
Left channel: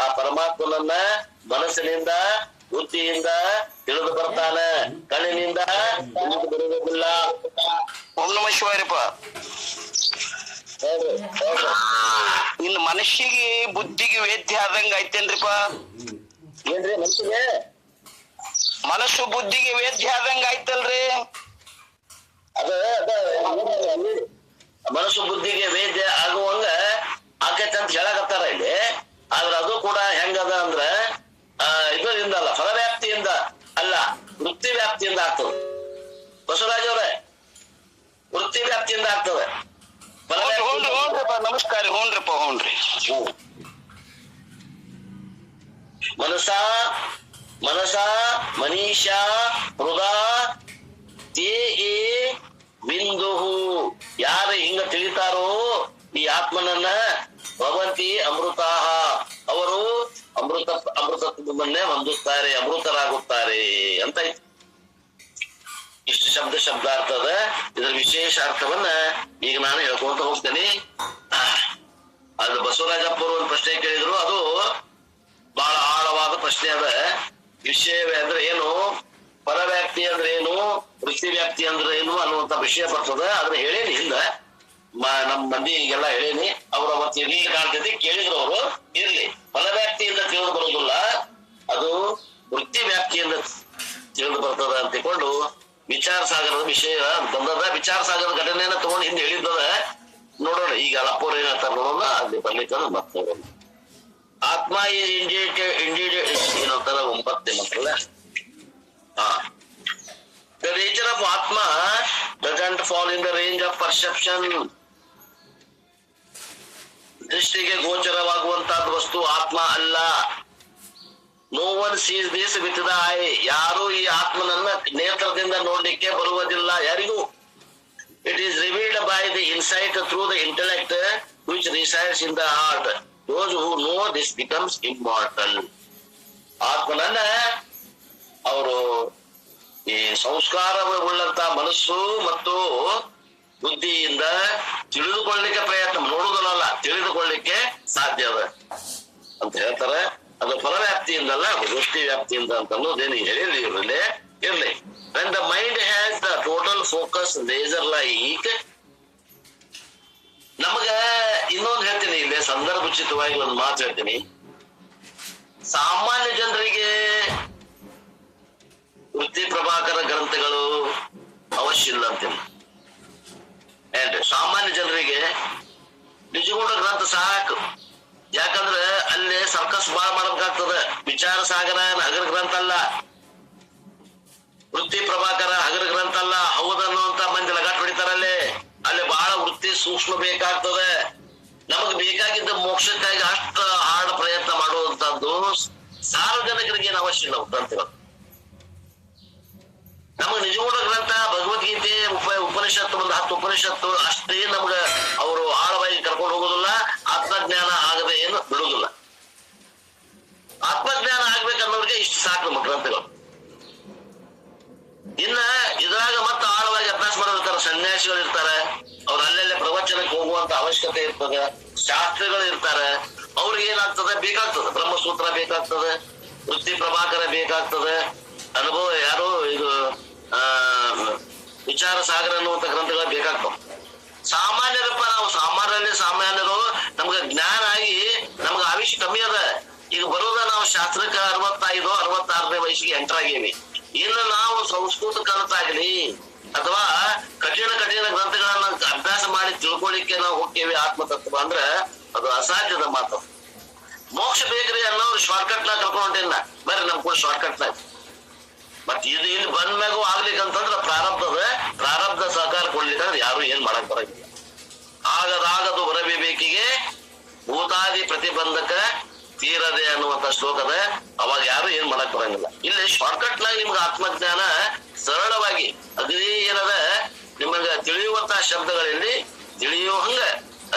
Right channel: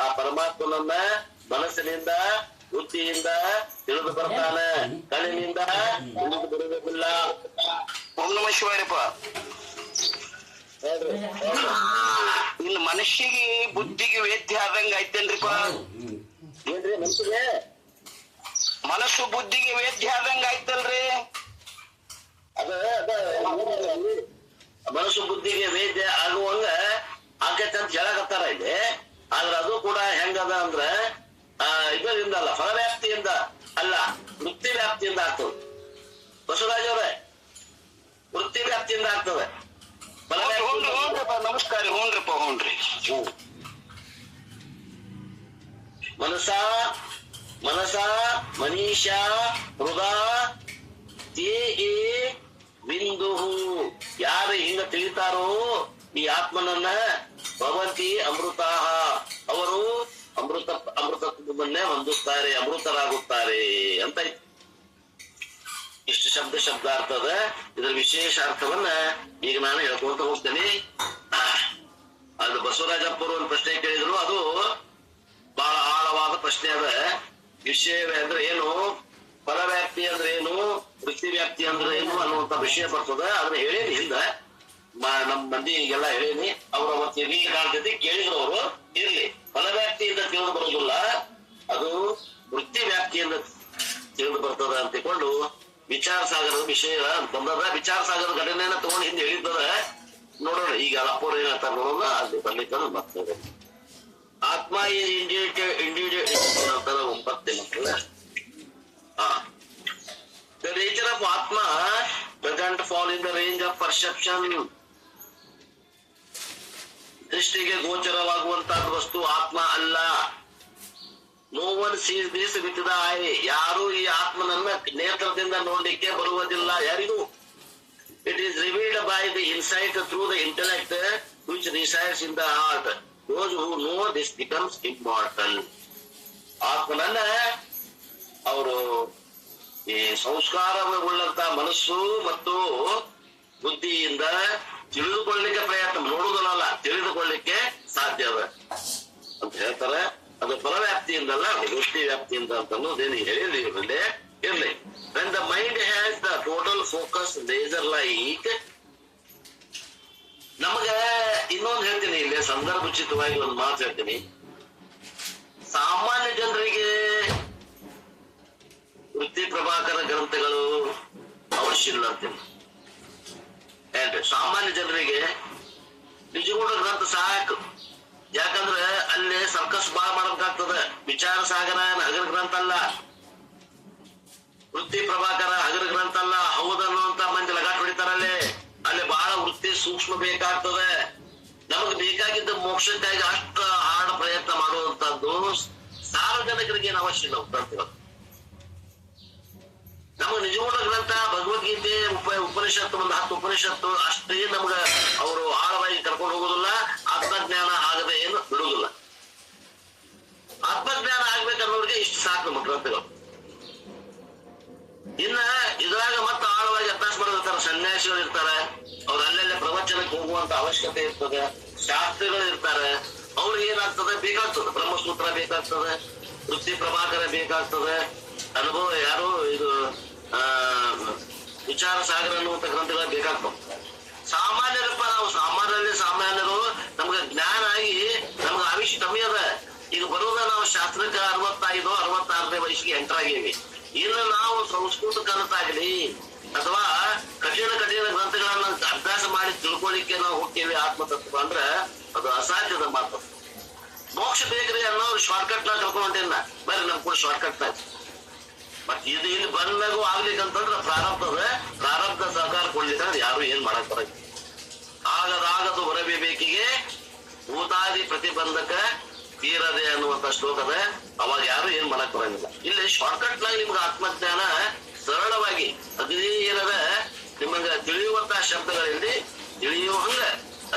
ಆ ಪರಮಾತ್ಮನನ್ನ ಮನಸ್ಸಿನಿಂದ ಬುದ್ಧಿಯಿಂದ ತಿಳಿದು ಬರ್ತಾನೆ, ಕಣ್ಣಿನಿಂದ ತಿಳಿದು ಬರುವುದಿಲ್ಲ. ಓಂ ನಮಃ ಶಿವಾಯಪ್ಪ. ಇನ್ನು ಮನುಷ್ಯಗೆ ಬುದ್ಧಿಗೆ ವೇದ್ಯ ಆದಂಗ ಐತೇನ್ರಿಪ್ಪ? ಏನ್ರಿ ಮನಸ್ಸಿಗೆ? ಮನಸ್ಸು ಬುದ್ಧಿಗೆ ವೇದ್ಯ ಆದಂಗ ಆಯ್ತಲ್ರಿ? ಅದ ಮನಸ್ಸು ಬುದ್ಧಿಗೆ ವೇದ್ಯ ಆಗುವಂಗ ಆಕೈತೆ ಅಂತ ಹೇಳಕತ್ತಾರ ಇಲ್ಲಿ. ಆದ್ರ ಅದು ಕೂಡ ಹೆಂಗದ ಅಂದ್ರ ಇದರಿಂದ ಅಲ್ಲ, ಫಲವ್ಯಾಪ್ತಿಯಿಂದ ಅಲ್ಲ, ವೃತ್ತಿ ವ್ಯಾಪ್ತಿಯಿಂದ ಆಗ್ತದೆ. ಬಸವರಾಜ್ ಅವ್ರೆ, ವೃತ್ತಿ ವ್ಯಾಪ್ತಿಯಿಂದ ಆಗ್ತದೆ. ನಮಸ್ಕಾರ. ಹ್ಞೂನ್ರಿಪ್ಪ, ಹ್ಞೂನ್ರಿ. ಮನಸ ಮನೀಷ ಹೃದಯ ತೇ ಬಿಂದು, ಯಾರು ಹಿಂಗ ತಿಳಿತಾರೋ ಈ ಆತ್ಮನನ್ನ ಭವಂತಿ ಅಮೃತ, ಅವರು ಅಮೃತತ್ವವನ್ನೇ ಹೊಂದುತ್ತಾರೆ, ಅಮೃತರಾಗುತ್ತಾರೆ ಅಂತ. ಇಷ್ಟು ಶಬ್ದಾರ್ಥದ ಇದರ ವಿಶೇಷ ಅರ್ಥವನ್ನ ಈಗ ನಾನು ಹೇಳ್ಕೊಂತ ಹೋಗ್ತೇನೆ. ಅದು ಬಸವರಾಜಪ್ಪರು ಒಂದು ಪ್ರಶ್ನೆ ಕೇಳಿದ್ರು, ಅದು ಬಹಳ ಆಳವಾದ ಪ್ರಶ್ನೆ ಅದ. ವಿಷಯ ಅಂದ್ರೆ ಏನು, ಪರವ್ಯಾಪ್ತಿ ಅಂದ್ರೆ ಏನು, ವೃತ್ತಿ ವ್ಯಾಪ್ತಿ ಅಂದ್ರೆ ಏನು ಅನ್ನುವಂತ ವಿಷಯ ಬರ್ತದ. ಅದನ್ನ ಹೇಳೇನಿ ಹಿಂದ, ನಮ್ ಮಂದಿಗೆಲ್ಲ ಹೇಳೇನಿ. ಅವ್ರ ಅವತ್ತು ಇರ್ಲಿ ಕಾಣ್ತೈತಿ, ಕೇಳಿದ್ರು ಅವರು. ಇರ್ಲಿ, ಫಲವ್ಯಾಪ್ತಿಯಿಂದ ತಿಳಿದು ಬರೋದಿಲ್ಲ, ಅದು ವೃತ್ತಿ ವ್ಯಾಪ್ತಿಯಿಂದ ತಿಳಿದು ಬರ್ತದ ಅಂತ ತಿಳ್ಕೊಂಡು ವಿಚಾರ ಸಾಗರದ ವಿಷಯ ಬಂದದ. ವಿಚಾರ ಸಾಗರದ ಘಟನೆಯನ್ನ ತಗೊಂಡು ಹಿಂದೆ ಹೇಳಿದ್ದದ. ನೋಡೋಣ ಈಗ ಅಲ್ಲಪ್ಪವ್ರು ಏನ್ ಹೇಳ್ತಾರೆ ನೋಡೋಣ, ಅಲ್ಲಿ ಬರ್ಲಿಕ್ಕೆ ಮತ್ತೆ ನೋಡೋಣ. ಆತ್ಮ ಏನಂತಾರ 9ನೇ ಮಕ್ಕಳ. The nature of Atma doesn't fall in the range of perception. ದೃಷ್ಟಿಗೆ ಗೋಚರವಾಗುವಂತಹ ವಸ್ತು ಆತ್ಮ ಅಲ್ಲ. No one sees this with the eye. ಯಾರು ಈ ಆತ್ಮನನ್ನ ನೇತ್ರದಿಂದ ನೋಡ್ಲಿಕ್ಕೆ ಬರುವುದಿಲ್ಲ ಯಾರಿಗೂ. It is revealed by the insight through the intellect which resides in the heart. Those who know this becomes immortal. ಆತ್ಮನನ್ನ ಅವರು ಈ ಸಂಸ್ಕಾರವುಳ್ಳಂತ ಮನಸ್ಸು ಮತ್ತು ಬುದ್ಧಿಯಿಂದ ತಿಳಿದುಕೊಳ್ಳಲಿಕ್ಕೆ ಪ್ರಯತ್ನ, ನೋಡುವುದಲ್ಲ ತಿಳಿದುಕೊಳ್ಳಿಕ್ಕೆ ಸಾಧ್ಯ ಅದ ಅಂತ ಹೇಳ್ತಾರೆ. ಅದು ಫಲವ್ಯಾಪ್ತಿಯಿಂದಲ್ಲ, ದೃಷ್ಟಿ ವ್ಯಾಪ್ತಿಯಿಂದ ಅಂತ ಅನ್ನೋದೇನು ಹೇಳಿ ಇರ್ಲಿ. When the mind has the total focus laser like, ನಮಗ ಇನ್ನೊಂದು ಹೇಳ್ತೀನಿ, ಇಲ್ಲಿ ಸಂದರ್ಭೋಚಿತವಾಗಿ ಒಂದು ಮಾತು ಹೇಳ್ತೀನಿ. ಸಾಮಾನ್ಯ ಜನರಿಗೆ ವೃತ್ತಿ ಪ್ರಭಾಕರ ಗ್ರಂಥಗಳು ಅವಶ್ಯ ಇಲ್ಲ ಅಂತೀನಿ. ಸಾಮಾನ್ಯ ಜನರಿಗೆ ನಿಜಗೂಢ ಗ್ರಂಥ ಸಾಕು. ಯಾಕಂದ್ರೆ ಅಲ್ಲಿ ಸರ್ಕಸ್ ಬಾಳ ಮಾಡ್ಬೇಕಾಗ್ತದ. ವಿಚಾರ ಸಾಗರ ಹಗರ ಗ್ರಂಥ ಅಲ್ಲ, ವೃತ್ತಿ ಪ್ರಭಾಕರ ಹಗರ ಗ್ರಂಥ ಅಲ್ಲ. ಹೌದನ್ನುವಂತ ಮಂದಿ ಲಗಾಟ್ ಹೊಡಿತಾರಲ್ಲಿ. ಅಲ್ಲಿ ಬಹಳ ವೃತ್ತಿ ಸೂಕ್ಷ್ಮ ಬೇಕಾಗ್ತದೆ. ನಮಗ್ ಬೇಕಾಗಿದ್ದ ಮೋಕ್ಷಕ್ಕಾಗಿ ಅಷ್ಟು ಹಾಡ ಪ್ರಯತ್ನ ಮಾಡುವಂತದ್ದು ಸಾರ್ವಜನಿಕರಿಗೆ ಏನು ಅವಶ್ಯ ಇಲ್ಲ ಗ್ರಂಥಗಳು. ನಮಗ್ ನಿಜಗೂಢ ಗ್ರಂಥ ಭಗವದ್ಗೀತೆ ಉಪನಿಷತ್ತು ಒಂದು 10 ಉಪನಿಷತ್ತು ಅಷ್ಟೇ ನಮ್ಗ ಅವರು ಆಳವಾಗಿ ಕರ್ಕೊಂಡು ಹೋಗುದಿಲ್ಲ. ಆತ್ಮಜ್ಞಾನ ಆಗದೆ ಏನು ಬಿಡುವುದಿಲ್ಲ. ಆತ್ಮಜ್ಞಾನ ಆಗ್ಬೇಕನ್ನೋರಿಗೆ ಇಷ್ಟು ಸಾಕು ನಮ್ಮ ಗ್ರಂಥಗಳು. ಇನ್ನ ಇದ್ರಾಗ ಮತ್ತೆ ಆಳವಾಗಿ ಅಭ್ಯಾಸ ಮಾಡಿರ್ತಾರೆ, ಸನ್ಯಾಸಿಗಳು ಇರ್ತಾರೆ, ಅವ್ರು ಅಲ್ಲೆಲ್ಲೇ ಪ್ರವಚನಕ್ಕೆ ಹೋಗುವಂತ ಅವಶ್ಯಕತೆ ಇರ್ತದೆ. ಶಾಸ್ತ್ರಿಗಳು ಇರ್ತಾರೆ, ಅವ್ರಿಗೆ ಏನಾಗ್ತದೆ ಬೇಕಾಗ್ತದೆ, ಬ್ರಹ್ಮಸೂತ್ರ ಬೇಕಾಗ್ತದೆ, ವೃತ್ತಿ ಪ್ರಭಾಕರ ಬೇಕಾಗ್ತದೆ, ಅನುಭವ ಯಾರು ಇದು ವಿಚಾರ ಸಾಗರ ಅನ್ನುವಂತ ಗ್ರಂಥಗಳು ಬೇಕಾಗ್ತವೆ. ಸಾಮಾನ್ಯರಪ್ಪ ನಾವು ಸಾಮಾನ್ಯರು ನಮ್ಗೆ ಜ್ಞಾನ ಆಗಿ ನಮ್ಗೆ ಆಯುಷ್ ಕಮ್ಮಿ ಅದ. ಈಗ ಬರೋದ ನಾವು ಶಾಸ್ತ್ರಕ್ಕೆ 65-66ನೇ ವಯಸ್ಸಿಗೆ ಎಂಟರ್ ಆಗೀವಿ. ಇನ್ನು ನಾವು ಸಂಸ್ಕೃತ ಕಲಿತಾಗ್ಲಿ ಅಥವಾ ಕಠಿಣ ಗ್ರಂಥಗಳನ್ನ ಅಭ್ಯಾಸ ಮಾಡಿ ತಿಳ್ಕೊಳ್ಳಿಕ್ಕೆ ನಾವು ಹೋಗ್ತೇವೆ ಆತ್ಮತತ್ವ ಅಂದ್ರೆ ಅದು ಅಸಾಧ್ಯದ ಮಾತು. ಮೋಕ್ಷ ಬೇಕ್ರಿ ಅನ್ನೋರು ಶಾರ್ಟ್ಕಟ್ ನಾಗ ಕರ್ಕೊಂಡಿಲ್ಲ, ಬರ್ರಿ ನಮ್ ಕೂಡ ಶಾರ್ಟ್ಕಟ್ ನಾಗ. ಮತ್ ಇದು ಇಲ್ಲಿ ಬಂದ್ಮ್ಯಾಗೂ ಆಗ್ಲಿಕ್ಕಂತಂದ್ರೆ ಪ್ರಾರಬ್ಧ ಸಹಕಾರ ಕೊಡ್ಲಿಕ್ಕಂದ್ರೆ ಯಾರು ಏನ್ ಮಾಡಕ್ ಬರಂಗಿಲ್ಲ. ಆಗದು ಹೊರಬೇಕಿಗೆ ಭೂತಾದಿ ಪ್ರತಿಬಂಧಕ ತೀರದೆ ಅನ್ನುವಂತ ಶ್ಲೋಕದ ಅವಾಗ ಯಾರು ಏನ್ ಮಾಡಕ್ ಬರಂಗಿಲ್ಲ. ಇಲ್ಲಿ ಶಾರ್ಟ್ಕಟ್ ನಾಗ ನಿಮ್ಗೆ ಆತ್ಮಜ್ಞಾನ ಸರಳವಾಗಿ ಅಗದಿ ಏನದ ನಿಮಗ ತಿಳಿಯುವಂತಹ ಶಬ್ದಗಳಲ್ಲಿ ತಿಳಿಯುವ ಹಂಗ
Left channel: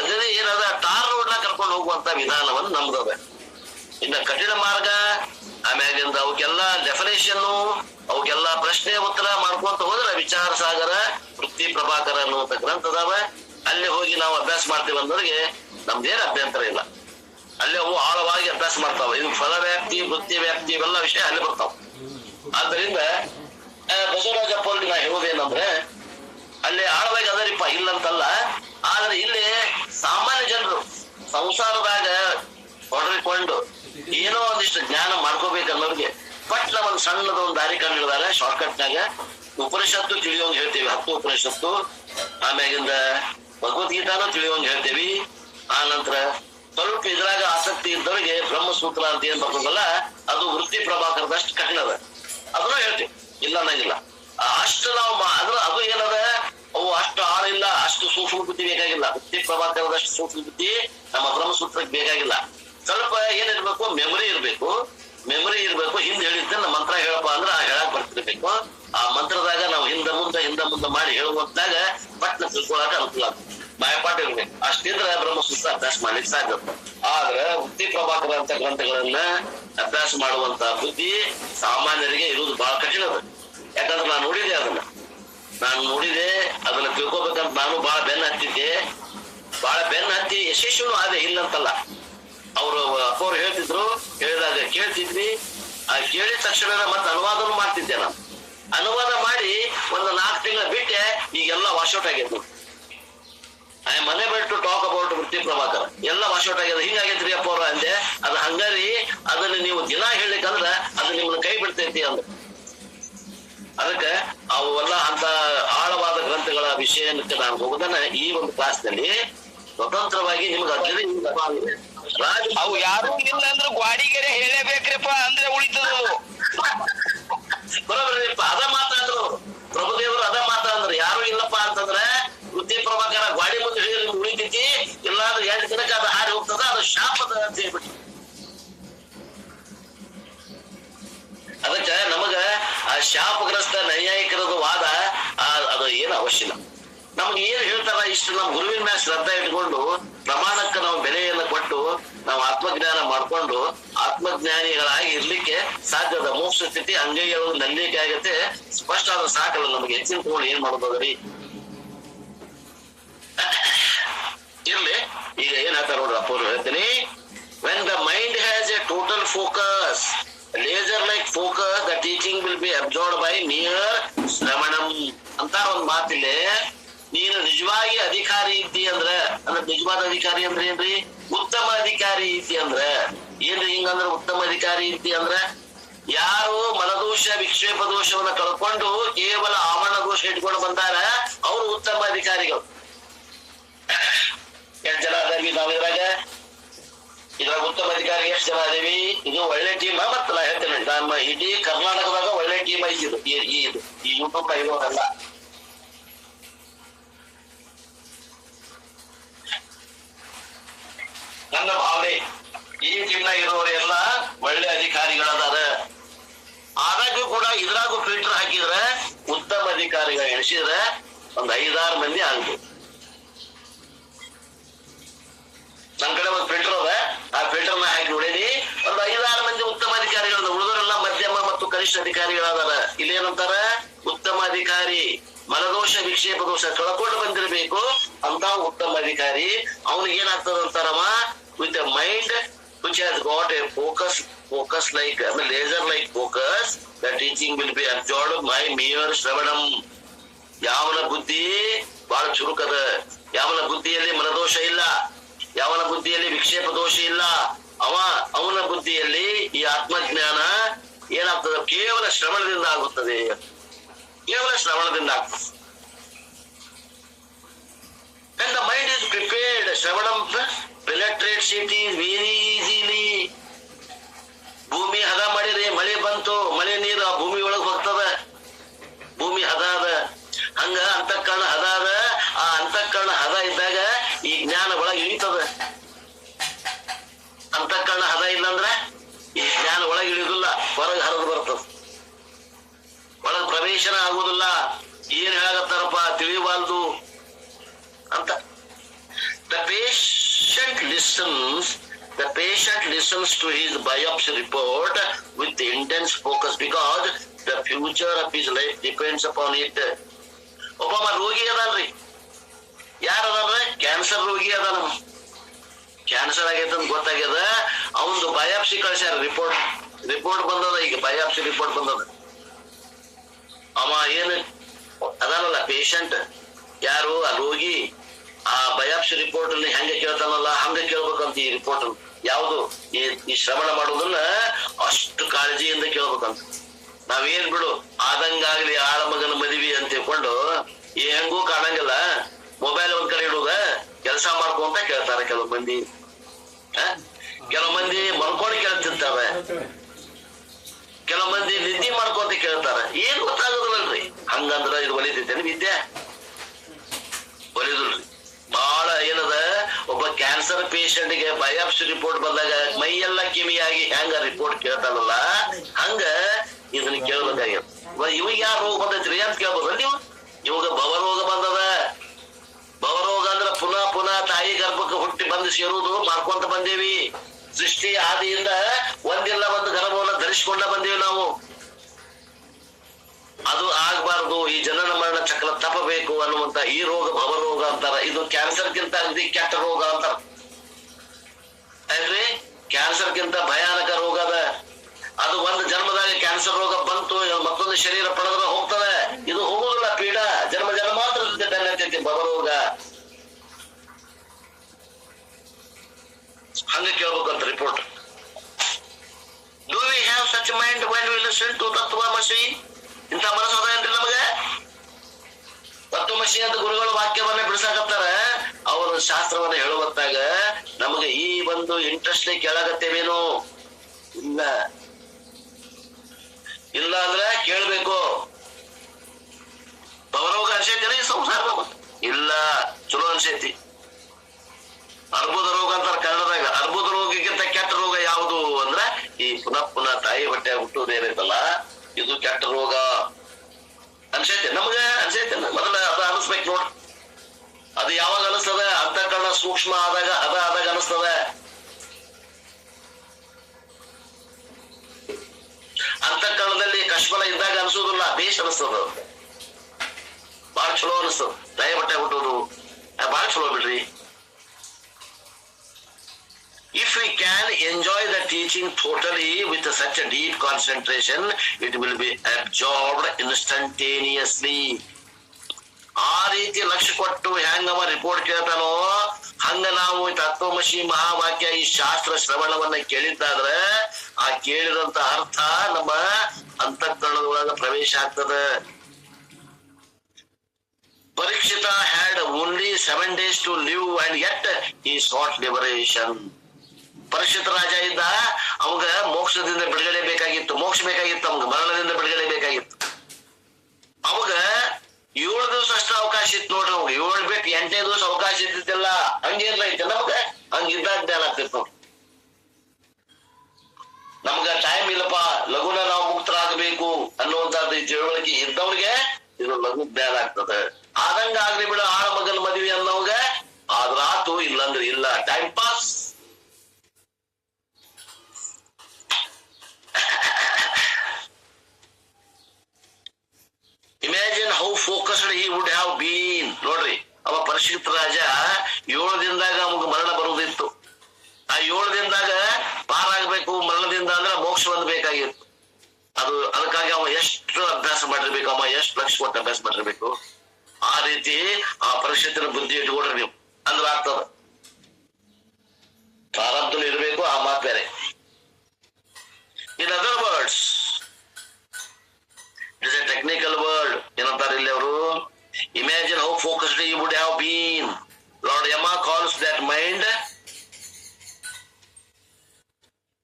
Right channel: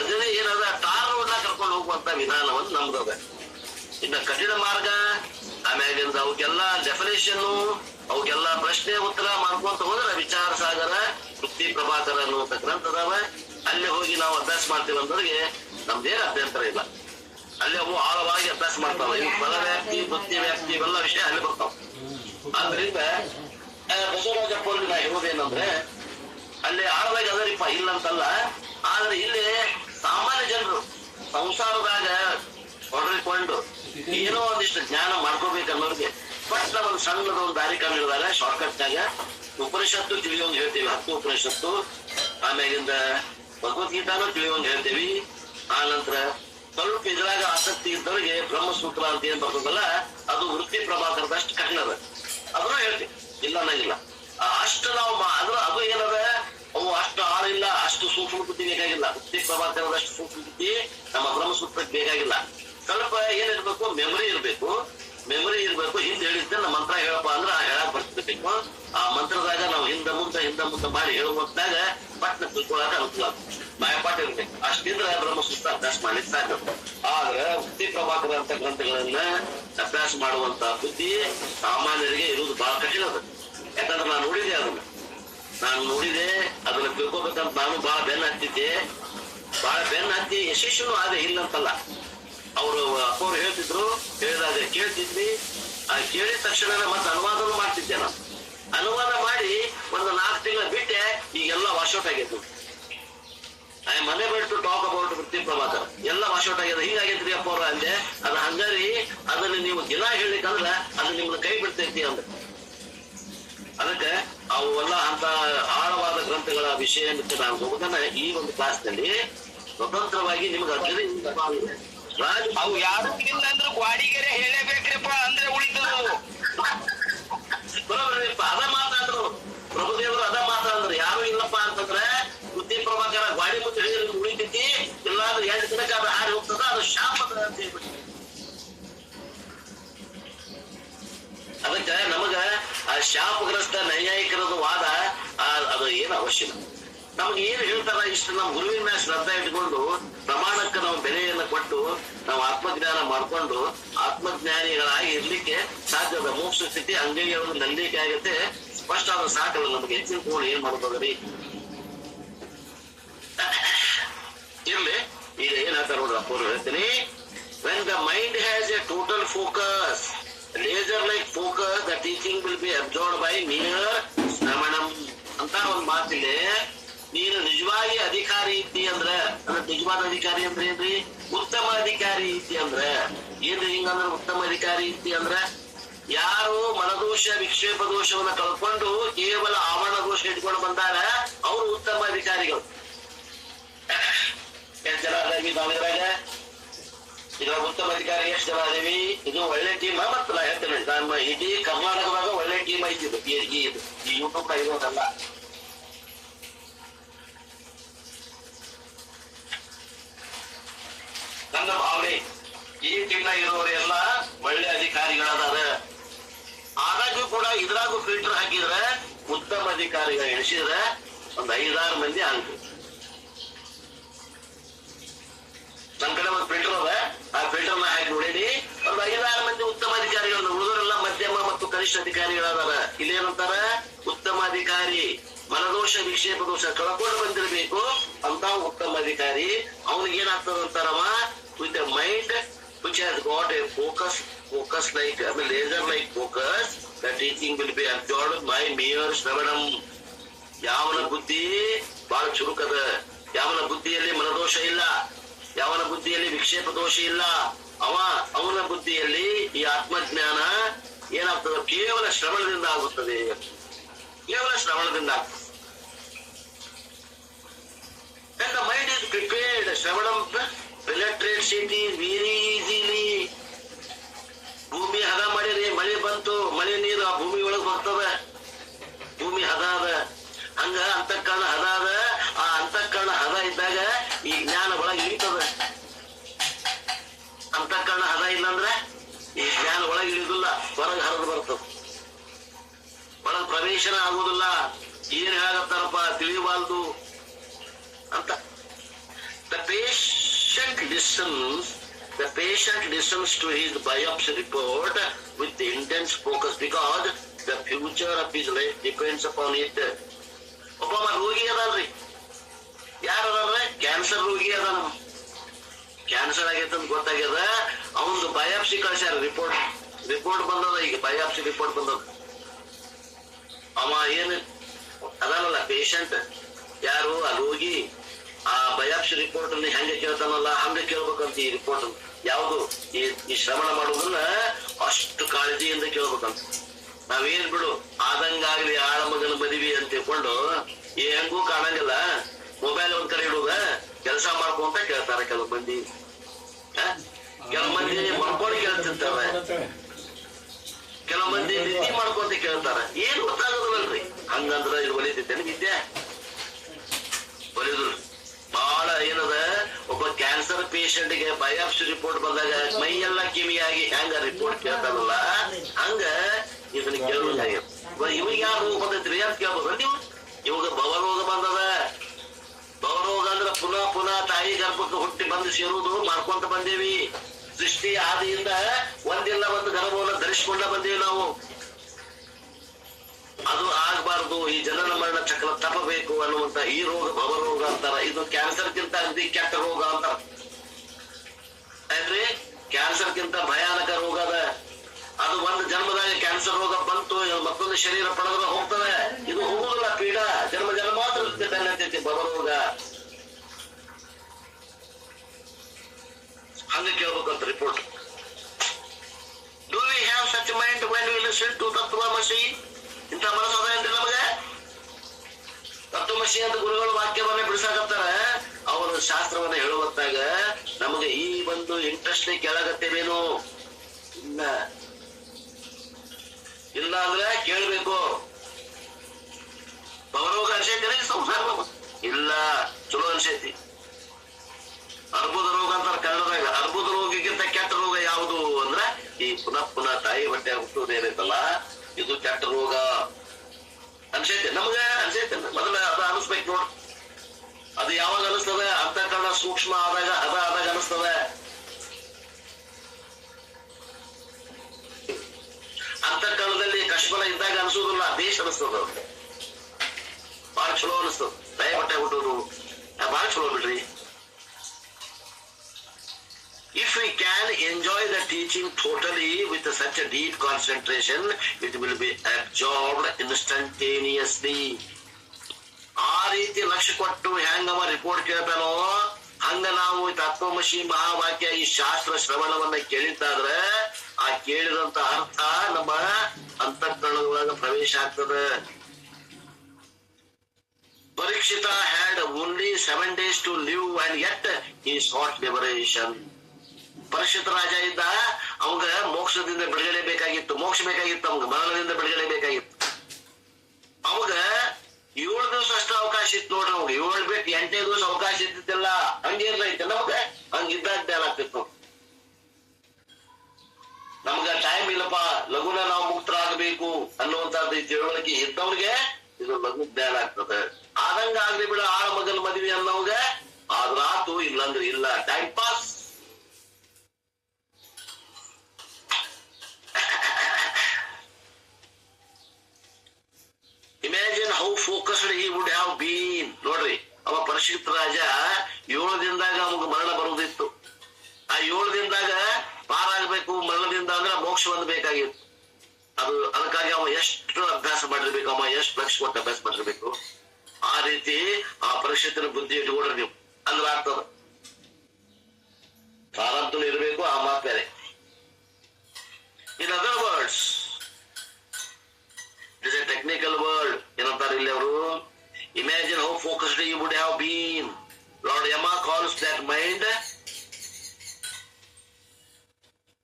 ಅಗದಿ ಏನದ ಟಾರ್ ರೋಡ್ನ ಕರ್ಕೊಂಡು ಹೋಗುವಂತ ವಿಧಾನವನ್ನು ನಮ್ದದ. ಇನ್ನ ಕಠಿಣ ಮಾರ್ಗ ಆಮ್ಯಾಗಿಂದ ಅವಕ್ಕೆಲ್ಲ ಡೆಫಿನೇಷನ್, ಅವಕ್ಕೆಲ್ಲ ಪ್ರಶ್ನೆ ಉತ್ತರ ಮಾಡ್ಕೊಂತ ಹೋದ್ರೆ ವಿಚಾರ ಸಾಗರ ವೃತ್ತಿ ಪ್ರಭಾಕರ ಅನ್ನುವಂತ ಗ್ರಂಥದವ. ಅಲ್ಲಿ ಹೋಗಿ ನಾವು ಅಭ್ಯಾಸ ಮಾಡ್ತೀವಿ ಅಂದವ್ರಿಗೆ ನಮ್ದೇನ್ ಅಭ್ಯಂತರ ಇಲ್ಲ. ಅಲ್ಲಿ ಅವು ಆಳವಾಗಿ ಅಭ್ಯಾಸ ಮಾಡ್ತಾವ. ಇವು ಫಲ ವ್ಯಾಪ್ತಿ ಬುದ್ಧಿ ವ್ಯಾಪ್ತಿ ಇವೆಲ್ಲ ವಿಷಯ ಅಲ್ಲಿ ಬರ್ತಾವ. ಆದ್ರಿಂದ ಬಸವರಾಜಪ್ಪ ಅವ್ರಿಗೆ ನಾ ಹೇಳುವುದೇನಂದ್ರೆ ಅಲ್ಲಿ ಆಳವಾಗಿ ಅದರಿಪ್ಪ ಇಲ್ಲಂತಲ್ಲ. ಆದ್ರೆ ಇಲ್ಲಿ ಸಾಮಾನ್ಯ ಜನರು ಸಂಸಾರದಾಗ ಹೊಡ್ರಿಕೊಂಡು ಏನೋ ಒಂದಿಷ್ಟು ಜ್ಞಾನ ಮಾಡ್ಕೋಬೇಕನ್ನೋರಿಗೆ ಪಟ್ನ ಒಂದ್ ಸಣ್ಣದ ಒಂದು ದಾರಿ ಕಂಡಿದ್ದಾರೆ. ಶಾರ್ಟ್ಕಟ್ ನಾಗ ಉಪನಿಷತ್ತು ತಿಳಿಯೋಂಗ್ ಹೇಳ್ತೇವಿ, 10 ಉಪನಿಷತ್ತು. ಆಮ್ಯಾಗಿಂದ ಭಗವದ್ಗೀತಾನು ತಿಳಿಯೋಂಗ್ ಹೇಳ್ತೇವಿ. ಆ ನಂತರ ಸ್ವಲ್ಪ ಇದ್ರಾಗ ಆಸಕ್ತಿ ಇದ್ದವರಿಗೆ ಬ್ರಹ್ಮಸೂತ್ರ ಅಂತ ಏನ್ ಬರ್ತದಲ್ಲ ಅದು ವೃತ್ತಿ ಪ್ರಭಾಕರದಷ್ಟು ಕಠಿಣ ಅದ, ಅದನ್ನ ಹೇಳ್ತೀವಿ, ಇಲ್ಲ ಅನ್ನಂಗಿಲ್ಲ. ಅಷ್ಟು ನಾವು ಅದು ಏನದ ಅವು ಅಷ್ಟು ಆಳಿಲ್ಲ, ಅಷ್ಟು ಸೂಕ್ಷ್ಮ ಬುದ್ಧಿ ಬೇಕಾಗಿಲ್ಲ. ವೃತ್ತಿ ಪ್ರಭಾಕರದಷ್ಟು ಸೂಕ್ಷ್ಮ ಬುದ್ಧಿ ನಮ್ಮ ಬ್ರಹ್ಮಸೂತ್ರಕ್ಕೆ ಬೇಕಾಗಿಲ್ಲ. ಸ್ವಲ್ಪ ಏನಿರ್ಬೇಕು, ಮೆಮೊರಿ ಇರ್ಬೇಕು. ಹಿಂದ್ ಹೇಳಿದ್ದನ್ನ ಮಂತ್ರ ಹೇಳಪ್ಪ ಅಂದ್ರೆ ಆ ಹೇಳಕ್ ಬರ್ತಿರ್ಬೇಕು. ಆ ಮಂತ್ರದಾಗ ನಾವು ಹಿಂದ ಮುಂದೆ ಮಾಡಿ ಹೇಳುವಂತಾಗ ಪಟ್ನ ತಿಳ್ಕೊಳಕ ಅನುಕೂಲ, ಬಾಯಪಾಠ ಇರ್ಬೇಕು. ಅಷ್ಟಿದ್ರೆ ಬ್ರಹ್ಮಸೂತ್ರ ಅಭ್ಯಾಸ ಮಾಡ್ಲಿಕ್ಕೆ ಸಾಧ್ಯ. ಆದ್ರೆ ವೃತ್ತಿ ಪ್ರಭಾಕರ ಅಂತ ಗ್ರಂಥಗಳನ್ನ ಅಭ್ಯಾಸ ಮಾಡುವಂತ ಬುದ್ಧಿ ಸಾಮಾನ್ಯರಿಗೆ ಇರುವುದು ಬಹಳ ಕಠಿಣ. ಯಾಕಂದ್ರೆ ನಾನು ನೋಡಿದೆ ಅದನ್ನ ತಿಳ್ಕೊಬೇಕಂತ ನಾನು ಬಹಳ ಬೆನ್ನ ಹತ್ತಿ ಯಶಸ್ವಿನೂ ಆದೆ, ಇಲ್ಲಂತಲ್ಲ. ಅವ್ರು ಹೇಳ್ತಿದ್ರು, ಹೇಳಿದಾಗ ಕೇಳ್ತಿದ್ವಿ. ಆ ಕೇಳಿದ ತಕ್ಷಣ ಮತ್ತೆ ಅನುವಾದನೂ ಮಾಡ್ತಿದ್ದೆ. ನಾನು ಅನುವಾದ ಮಾಡಿ ಒಂದು 4 ತಿಂಗಳ ಬಿಟ್ಟೆ ಈಗೆಲ್ಲ ವಾಶೌಟ್ ಆಗೈತೆ. ಐ ಮನೆ ಬಿಟ್ಟು ಟಾಕ್ ಅಬೌಟ್ ವೃತ್ತಿ ಪ್ರಭಾಕರ ಎಲ್ಲ ವಾಶೌಟ್ ಆಗ್ಯದ. ಹಿಂಗಾಗೈತ್ರಿ ಅಪ್ಪ ಅವ್ರ ಅಂದೆ. ಅದು ಹಂಗಾರಿ, ಅದನ್ನ ನೀವು ದಿನ ಹೇಳಿಕಂದ್ರ ಅದು ನಿಮ್ನ ಕೈ ಬಿಡ್ತೈತಿ ಅಂದ. ಅದಕ್ಕೆ ಅವೆಲ್ಲ ಅಂತ ಆಳವಾದ ಗ್ರಂಥಗಳ ವಿಷಯಕ್ಕೆ ನಾನು ಹೋಗೋದನ್ನ ಈ ಒಂದು ಕ್ಲಾಸ್ನಲ್ಲಿ ಸ್ವತಂತ್ರವಾಗಿ ನಿಮ್ಗೆ ಅವು ಯಾರು ಇಲ್ಲ ಅಂದ್ರೆ ಗ್ವಾಡಿಗೆರೆ ಹೇಳಬೇಕ್ರಿಪ್ಪ ಅಂದ್ರೆ ಉಳಿತದ. ಬರೋಬ್ರಿಪ್ಪ, ಅದ ಮಾತಾಡಿದ್ರು ಪ್ರಭುದೇವರು, ಅದ ಮಾತಾಡಿದ್ರು. ಯಾರು ಇಲ್ಲಪ್ಪ ಅಂತಂದ್ರೆ ವೃತ್ತಿ ಪ್ರಭಾಕರ ಗ್ವಾಡಿ ಮುಂದೆ ಹೇಳಿ ಉಳಿತೈತಿ, ಇಲ್ಲಾಂದ್ರೆ 2 ದಿನಕ್ಕೆ ಅದು ಹಾರಿ ಹೋಗ್ತದ, ಅದು ಶಾಪದ ಅಂತ ಹೇಳ್ಬಿಟ್ಟು. ಶಾಪಗ್ರಸ್ತ ನೈಯಾಯಿಕರದ ವಾದ ಅದು ಏನು ಅವಶ್ಯ ಇಲ್ಲ. ನಮ್ಗೆ ಏನ್ ಹೇಳ್ತಾರ ಇಷ್ಟು ನಮ್ ಗುರುವಿನ ಮೇಲೆ ಶ್ರದ್ಧೆ ಇಟ್ಕೊಂಡು ಪ್ರಮಾಣಕ್ಕೆ ನಾವು ಬೆಲೆಯನ್ನು ಕೊಟ್ಟು ನಾವು ಆತ್ಮಜ್ಞಾನ ಮಾಡ್ಕೊಂಡು ಆತ್ಮಜ್ಞಾನಿಗಳಾಗಿ ಇರ್ಲಿಕ್ಕೆ ಸಾಧ್ಯದ. ಮೋಕ್ಷ ಸ್ಥಿತಿ ಅಂಗೈಗಳು ನಲ್ಲಿಕೆ ಆಗತ್ತೆ, ಸ್ಪಷ್ಟ ಆದ ಸಾಕಲ್ಲ ನಮ್ಗೆ. ಹೆಚ್ಚಿನ ತಗೊಂಡು ಏನ್ ಮಾಡ್ಬೋದ್ರಿ? ಇರ್ಲಿ, ಈಗ ಏನ್ ಹೇಳ್ತಾರ ನೋಡ್ರಿ ಅಪ್ಪವ್ರು ಹೇಳ್ತೀನಿ. when the mind has a total focus, laser like focus, the teaching will be absorbed by mere ಶ್ರವಣಂ ಅಂತ ಒಂದ್ ಮಾತಿಲ್ಲಿ. ನೀನು ನಿಜವಾಗಿ ಅಧಿಕಾರಿ ಇದ್ದಿ ಅಂದ್ರ, ನಿಜವಾದ ಅಧಿಕಾರಿ ಅಂದ್ರೆ ಏನ್ರಿ? ಉತ್ತಮ ಅಧಿಕಾರಿ ಇದ್ದಿ ಅಂದ್ರ ಏನ್ರಿ? ಹಿಂಗಂದ್ರ ಉತ್ತಮ ಅಧಿಕಾರಿ ಇದ್ದಿ ಅಂದ್ರ ಯಾರು ಮನದೋಷ ವಿಕ್ಷೇಪ ದೋಷವನ್ನ ಕಳ್ಕೊಂಡು ಕೇವಲ ಆವರಣ ದೋಷ ಇಟ್ಕೊಂಡು ಬಂದಾಗ ಅವರು ಉತ್ತಮ ಅಧಿಕಾರಿಗಳು. ಎಷ್ಟು ಜನ ಅದೀವಿ ನಾವಿದ್ರಾಗ? ಇದ್ರಾಗ ಉತ್ತಮ ಅಧಿಕಾರಿ ಎಷ್ಟು ಜನ ಅದೀವಿ? ಇದು ಒಳ್ಳೆ ಟೀಮ್. ಮತ್ತ ನಾ ಹೇಳ್ತೇನೆ, ನಮ್ಮ ಇಡೀ ಕರ್ನಾಟಕದಾಗ ಒಳ್ಳೆ ಟೀಮ್ ಐತಿ. ಇದು ಈ ಯೂಟ್ಯೂಬ್ ಇರೋದಲ್ಲ. ನನ್ನ ಭಾವನೆ ಈ ಟೀಮ್ನ ಇರೋರೆಲ್ಲ ಒಳ್ಳೆ ಅಧಿಕಾರಿಗಳದಾರ. ಆದಾಗ್ಯೂ ಕೂಡ ಇದ್ರಾಗೂ ಫಿಲ್ಟರ್ ಹಾಕಿದ್ರೆ ಉತ್ತಮ ಅಧಿಕಾರಿಗಳು ಎಣಿಸಿದ್ರೆ ಒಂದ್ 5-6 ಮಂದಿ ಆಗ್ಬೋದು. ನನ್ ಕಡೆ ಒಂದು ಫಿಲ್ಟರ್ ಅದ, ಆ ಫಿಲ್ಟರ್ ನ ಹಾಕಿ ನೋಡೀನಿ, ಒಂದು 5-6 ಮಂದಿ ಉತ್ತಮ ಅಧಿಕಾರಿಗಳು. ಉಳಿದರೆಲ್ಲ ಮಧ್ಯಮ ಮತ್ತು ಕನಿಷ್ಠ ಅಧಿಕಾರಿಗಳಾದಾರ. ಇಲ್ಲೇನಂತಾರ? ಉತ್ತಮ ಅಧಿಕಾರಿ ಮನದೋಷ ವಿಕ್ಷೇಪ ದೋಷ ಕಳ್ಕೊಂಡು ಬಂದಿರಬೇಕು ಅಂತ ಉತ್ತಮ ಅಧಿಕಾರಿ. ಅವನಿಗೆ ಏನಾಗ್ತದಂತಾರವ? with a mind which has got a focus like laser like focus, the teaching will be absorbed by mere ಶ್ರವಣಂ. ಯಾವನ ಬುದ್ಧಿ ಬಹಳ ಚುರುಕದ, ಯಾವನ ಬುದ್ಧಿಯಲ್ಲಿ ಮನದೋಷ ಇಲ್ಲ, ಯಾವನ ಬುದ್ಧಿಯಲ್ಲಿ ವಿಕ್ಷೇಪ ದೋಷ ಇಲ್ಲ, ಅವನ ಬುದ್ಧಿಯಲ್ಲಿ ಈ ಆತ್ಮಜ್ಞಾನ ಏನಾಗ್ತದೆ? ಕೇವಲ ಶ್ರವಣದಿಂದ ಆಗುತ್ತದೆ. ಕೇವಲ ಶ್ರವಣದಿಂದ ಆಗ್ತದೆ. And the mind is prepared. ಶ್ರವಣಂ penetrates it very easily. ಭೂಮಿ ಹದ ಮಾಡಿರಿ, ಮಳೆ ಬಂತು, ಮಳೆ ನೀರು ಆ ಭೂಮಿ ಒಳಗ್ ಹೋಗ್ತದ. ಭೂಮಿ ಹದ ಅದ, ಹಂಗ ಅಂತಃಕರಣ ಹದ ಅದ. ಆ ಅಂತಃಕರಣ ಹದ ಇದ್ದಾಗ ಈ ಜ್ಞಾನ ಒಳಗೆ ಇಳಿತದ. ಅಂತಃಕರಣ ಹದ ಇಲ್ಲಂದ್ರ ಈ ಜ್ಞಾನ ಒಳಗೆ ಇಳಿದಿಲ್ಲ, ಹೊರಗೆ ಹರಿದು ಬರ್ತದ, ಒಳಗೆ ಪ್ರವೇಶನ ಆಗುದಿಲ್ಲ. ಏನ್ ಹೇಳತ್ತಾರಪ್ಪ ತಿಳಿವಾಲ್ದು ಅಂತ. The patient listens to his biopsy report with intense focus because the future of his life depends upon it. ಒಬ್ಬ ರೋಗಿ ಅದಲ್ರಿ, ಯಾರದಾರ? ಕ್ಯಾನ್ಸರ್ ರೋಗಿ ಅದಾನ. ಕ್ಯಾನ್ಸರ್ ಆಗೈತೆ ಅಂತ ಗೊತ್ತಾಗ್ಯದ. ಅವನು ಬಯಾಪ್ಸಿ ಕಳ್ಸ್ಯಾರ, ರಿಪೋರ್ಟ್ ಬಂದದ. ಈಗ ಬಯಾಪ್ಸಿ ರಿಪೋರ್ಟ್ ಬಂದದ. ಅವ ಏನು ಅದಾನಲ್ಲ ಪೇಷಂಟ್, ಯಾರು? ಆ ರೋಗಿ. ಆ ಬಯಾಪ್ಸಿ ರಿಪೋರ್ಟ್ ಅಲ್ಲಿ ಹೆಂಗೆ ಕೇಳ್ತಾನಲ್ಲ ಹಂಗ ಕೇಳ್ಬೇಕಂತ ಈ ರಿಪೋರ್ಟ್. ಯಾವುದು? ಈ ಶ್ರವಣ ಮಾಡೋದನ್ನ ಅಷ್ಟು ಕಾಳಜಿಯಿಂದ ಕೇಳ್ಬೇಕಂತ. ನಾವೇನ್ ಬಿಡು ಆದಂಗಾಗ್ಲಿ ಆಳ ಮಗನ ಮದುವೆ ಅಂತ ತಿಳ್ಕೊಂಡು ಹೆಂಗೂ ಕಾಣಂಗಿಲ್ಲ, ಮೊಬೈಲ್ ಒಂದ್ ಕಡೆ ಇಡುದ, ಕೆಲಸ ಮಾಡ್ಕೊಂತ ಕೇಳ್ತಾರ ಕೆಲವು ಮಂದಿ. ಕೆಲವು ಮಂದಿ ಮಲ್ಕೊಂಡು ಕೇಳ್ತಿರ್ತಾರ, ಕೆಲವು ಮಂದಿ ನಿದ್ದೆ ಮಾಡ್ಕೊಂತ ಕೇಳ್ತಾರ. ಏನ್ ಗೊತ್ತಾಗೋದಿಲ್ಲಲ್ರಿ. ಹಂಗಂದ್ರ ಇದು ಒಲಿತೈತೇನು ವಿದ್ಯೆ? ಒಲಿದಿಲ್ರಿ. ಬಹಳ ಏನದ, ಒಬ್ಬ ಕ್ಯಾನ್ಸರ್ ಪೇಷಂಟ್ ಗೆ ಬಯಾಪ್ಸಿ ರಿಪೋರ್ಟ್ ಬಂದಾಗ ಮೈಯೆಲ್ಲ ಕಿವಿಯಾಗಿ ಹೆಂಗ ರಿಪೋರ್ಟ್ ಕೇಳ್ತಾರಲ್ಲ ಹಂಗ ಇದನ್ನ ಕೇಳ್ಬೇಕಾಗ್ಯದ. ಇವಾಗ ಯಾವ ರೋಗ ಬಂದೈತ್ರಿ ಅಂತ ಕೇಳ್ಬೋದ್ರ ನೀವು? ಇವಾಗ ಭವರೋಗ ಬಂದದ. ಭವರೋಗ ಅಂದ್ರ ಪುನಃ ತಾಯಿ ಗರ್ಭಕ್ಕೆ ಹುಟ್ಟಿ ಬಂದು ಸೇರುವುದು ಮಾಡ್ಕೊಂತ ಬಂದೇವಿ. ಸೃಷ್ಟಿ ಆದಿಯಿಂದ ಒಂದಿಲ್ಲ ಒಂದು ಗರ್ಭವನ್ನ ಧರಿಸಿಕೊಂಡ ಬಂದೇವಿ ನಾವು. ಅದು ಆಗ್ಬಾರ್ದು, ಈ ಜನನ ಮರಣ ಚಕ್ರ ತಪ್ಪಬೇಕು ಅನ್ನುವಂತ ಈ ರೋಗ ಭವರೋಗ ಅಂತಾರ. ಇದು ಕ್ಯಾನ್ಸರ್ಗಿಂತ ಅತಿ ಕೆಟ್ಟ ರೋಗ ಅಂತಾರ. ಅಲ್ರಿ, ಕ್ಯಾನ್ಸರ್ಗಿಂತ ಭಯಾನಕ ರೋಗ ಅದ. ಅದು ಒಂದು ಜನ್ಮದಾಗ ಕ್ಯಾನ್ಸರ್ ರೋಗ ಬಂತು, ಮತ್ತೊಂದು ಶರೀರ ಪಡೆದ್ರೆ ಹೋಗ್ತದೆ. ಇದು ಹೋಗುದಿಲ್ಲ, ಪೀಡ ಜನ್ಮ ಮಾತ್ರ ಬೆನ್ನತ್ತೈತಿ ಭವರೋಗ. ಹಂಗ ಕೇಳ್ಬೇಕಂತ report. Do we have such mind when we listen to ತತ್ವಮಸಿ? ಇಂಥ ಮನಸ್ಸು ಅದ ಏನ್ರಿ ನಮಗೆ? ತತ್ವಮಸಿ ಅಂತ ಗುರುಗಳು ವಾಕ್ಯವನ್ನ ಬಿಡಿಸಾಕತ್ತಾರ. ಅವರು ಶಾಸ್ತ್ರವನ್ನ ಹೇಳುವತ್ತಾಗ ನಮಗೆ ಈ ಒಂದು ಇಂಟ್ರೆಸ್ಟ್ ಕೇಳಾಕತ್ತೇವೇನು? ಇಲ್ಲ ಅಂದ್ರೆ ಕೇಳ್ಬೇಕು. ಭವರೋಗ ಅನ್ಸೈತಿ, ಸಂಸಾರ ಇಲ್ಲ ಚಲೋ ಅನ್ಸೈತಿ. ಅರ್ಬುದ ರೋಗ ಅಂತಾರ ಕನ್ನಡದಾಗ. ಅರ್ಬುದ ರೋಗಕ್ಕಿಂತ ಕೆಟ್ಟ ರೋಗ ಯಾವುದು ಅಂದ್ರ ಈ ಪುನಃ ತಾಯಿ ಹೊಟ್ಟೆ ಹುಟ್ಟುವುದೇನೈತಲ್ಲ ಇದು ಕೆಟ್ಟ ರೋಗ ಅನ್ಸೈತೆ ನಮ್ಗ, ಅನ್ಸೈತೆ ಮೊದಲ ಅದ ಅನಿಸ್ಬೇಕು ನೋಡ್ರಿ. ಅದು ಯಾವಾಗ ಅನಿಸ್ತದ? ಅಂತಃಕರಣ ಸೂಕ್ಷ್ಮ ಆದಾಗ ಅನಿಸ್ತದ. ಅಂತಃಕರಣದಲ್ಲಿ ಕಶ್ಮಲ ಇದ್ದಾಗ ಅನಿಸೋದಿಲ್ಲ, ಬೇಷ್ ಅನಿಸ್ತದ, ಬಹಳ ಚಲೋ ಅನಿಸ್ತದ. ದಯಬಟ್ಟೆ ಹುಟ್ಟೋದು ಬಹಳ ಚಲೋ ಬಿಡ್ರಿ. If we can enjoy the teaching totally with such a deep concentration, it will be absorbed instantaneously. ಆ ರೀತಿ ಲಕ್ಷ್ಯ ಕೊಟ್ಟು ಹೆಂಗವ ರಿಪೋರ್ಟ್ ಕೇಳ್ತಾನೋ ಹಂಗ ನಾವು ತತ್ವಮಸಿ ಮಹಾವಾಕ್ಯ ಈ ಶಾಸ್ತ್ರ ಶ್ರವಣವನ್ನ ಕೇಳಿದ್ದಾದ್ರೆ ಆ ಕೇಳಿದಂತ ಅರ್ಥ ನಮ್ಮ ಅಂತಃಕರಣದೊಳಗ ಪ್ರವೇಶ ಆಗ್ತದೆ. ಪರೀಕ್ಷಿತ had only 7 days to live and yet he sought liberation. ಪರೀಕ್ಷಿತ ರಾಜ ಇದ್ದ, ಅವಾಗ ಮೋಕ್ಷದಿಂದ ಬಿಡುಗಡೆ ಬೇಕಾಗಿತ್ತು, ಮೋಕ್ಷ ಬೇಕಾಗಿತ್ತು, ಅವಾಗ ಮರಣದಿಂದ ಬಿಡುಗಡೆ ಬೇಕಾಗಿತ್ತು. ಅವಾಗ 7 ದಿವಸ ಅಷ್ಟು ಅವಕಾಶ ಇತ್ತು ನೋಡ್ರಿ. ಅವಾಗ 7 ಬಿಟ್ಟು 8ನೇ ದಿವಸ ಅವಕಾಶ ಇರ್ತಿಲ್ಲ. ಹಂಗೇನ್ರ ಐತೆ ನಮಗ, ಹಂಗಿದ್ದಾಗ ಜ್ಞಾನ ಆಗ್ತಿತ್ತು ನೋಡ್ರಿ. ನಮ್ಗ ಟೈಮ್ ಇಲ್ಲಪ್ಪ, ಲಘುನ ನಾವು ಮುಕ್ತರಾಗಬೇಕು ಅನ್ನುವಂತದ್ದು ಈ ತಿಳುವಳಿಕೆ ಇದ್ದವ್ರಿಗೆ ಇದು ಲಘು ಜ್ಞಾನ ಆಗ್ತದೆ. ಆದಂಗ ಆಗ್ಲಿ ಬಿಡ, ಆಳ ಮಗನ ಮದುವೆ ಅನ್ನೋವಾಗ ಆದ್ರಾತು, ಇಲ್ಲಂದ್ರೆ ಇಲ್ಲ, time pass. Imagine how focused he would have been. ನೋಡ್ರಿ, ಅವ ಪರೀಕ್ಷಿತ ರಾಜ 7 ದಿನದಾಗ ಅವಾಗ ಮರಣ ಬರುವುದಿತ್ತು. ಆ 7 ದಿನದಾಗ ಪಾರಾಗಬೇಕು, ಮರಣದಿಂದ ಅಂದ್ರೆ ಮೋಕ್ಷ ಬೇಕಾಗಿತ್ತು. ಅದಕ್ಕಾಗಿ ಅವ ಎಷ್ಟು ಅಭ್ಯಾಸ ಮಾಡಿರ್ಬೇಕು, ಅವ ಎಷ್ಟು ಲಕ್ಷ ಕೊಟ್ಟು ಅಭ್ಯಾಸ ಮಾಡಿರ್ಬೇಕು. ಆ ರೀತಿ ಆ ಪರೀಕ್ಷಿತನ ಬುದ್ಧಿ ಇಟ್ಕೊಡ್ರಿ ನೀವು, ಅಂದ್ರೆ ಆಗ್ತದ. ಪ್ರಾರಬ್ಧದಲ್ಲಿ ಇರಬೇಕು, ಆ ಮಾತು ಬೇರೆ. In other words, it is a technical word. ಏನಂತಾರೆ ಇಲ್ಲಿ ಅವರು? Imagine how focused he would have been. Lord Yama calls that mind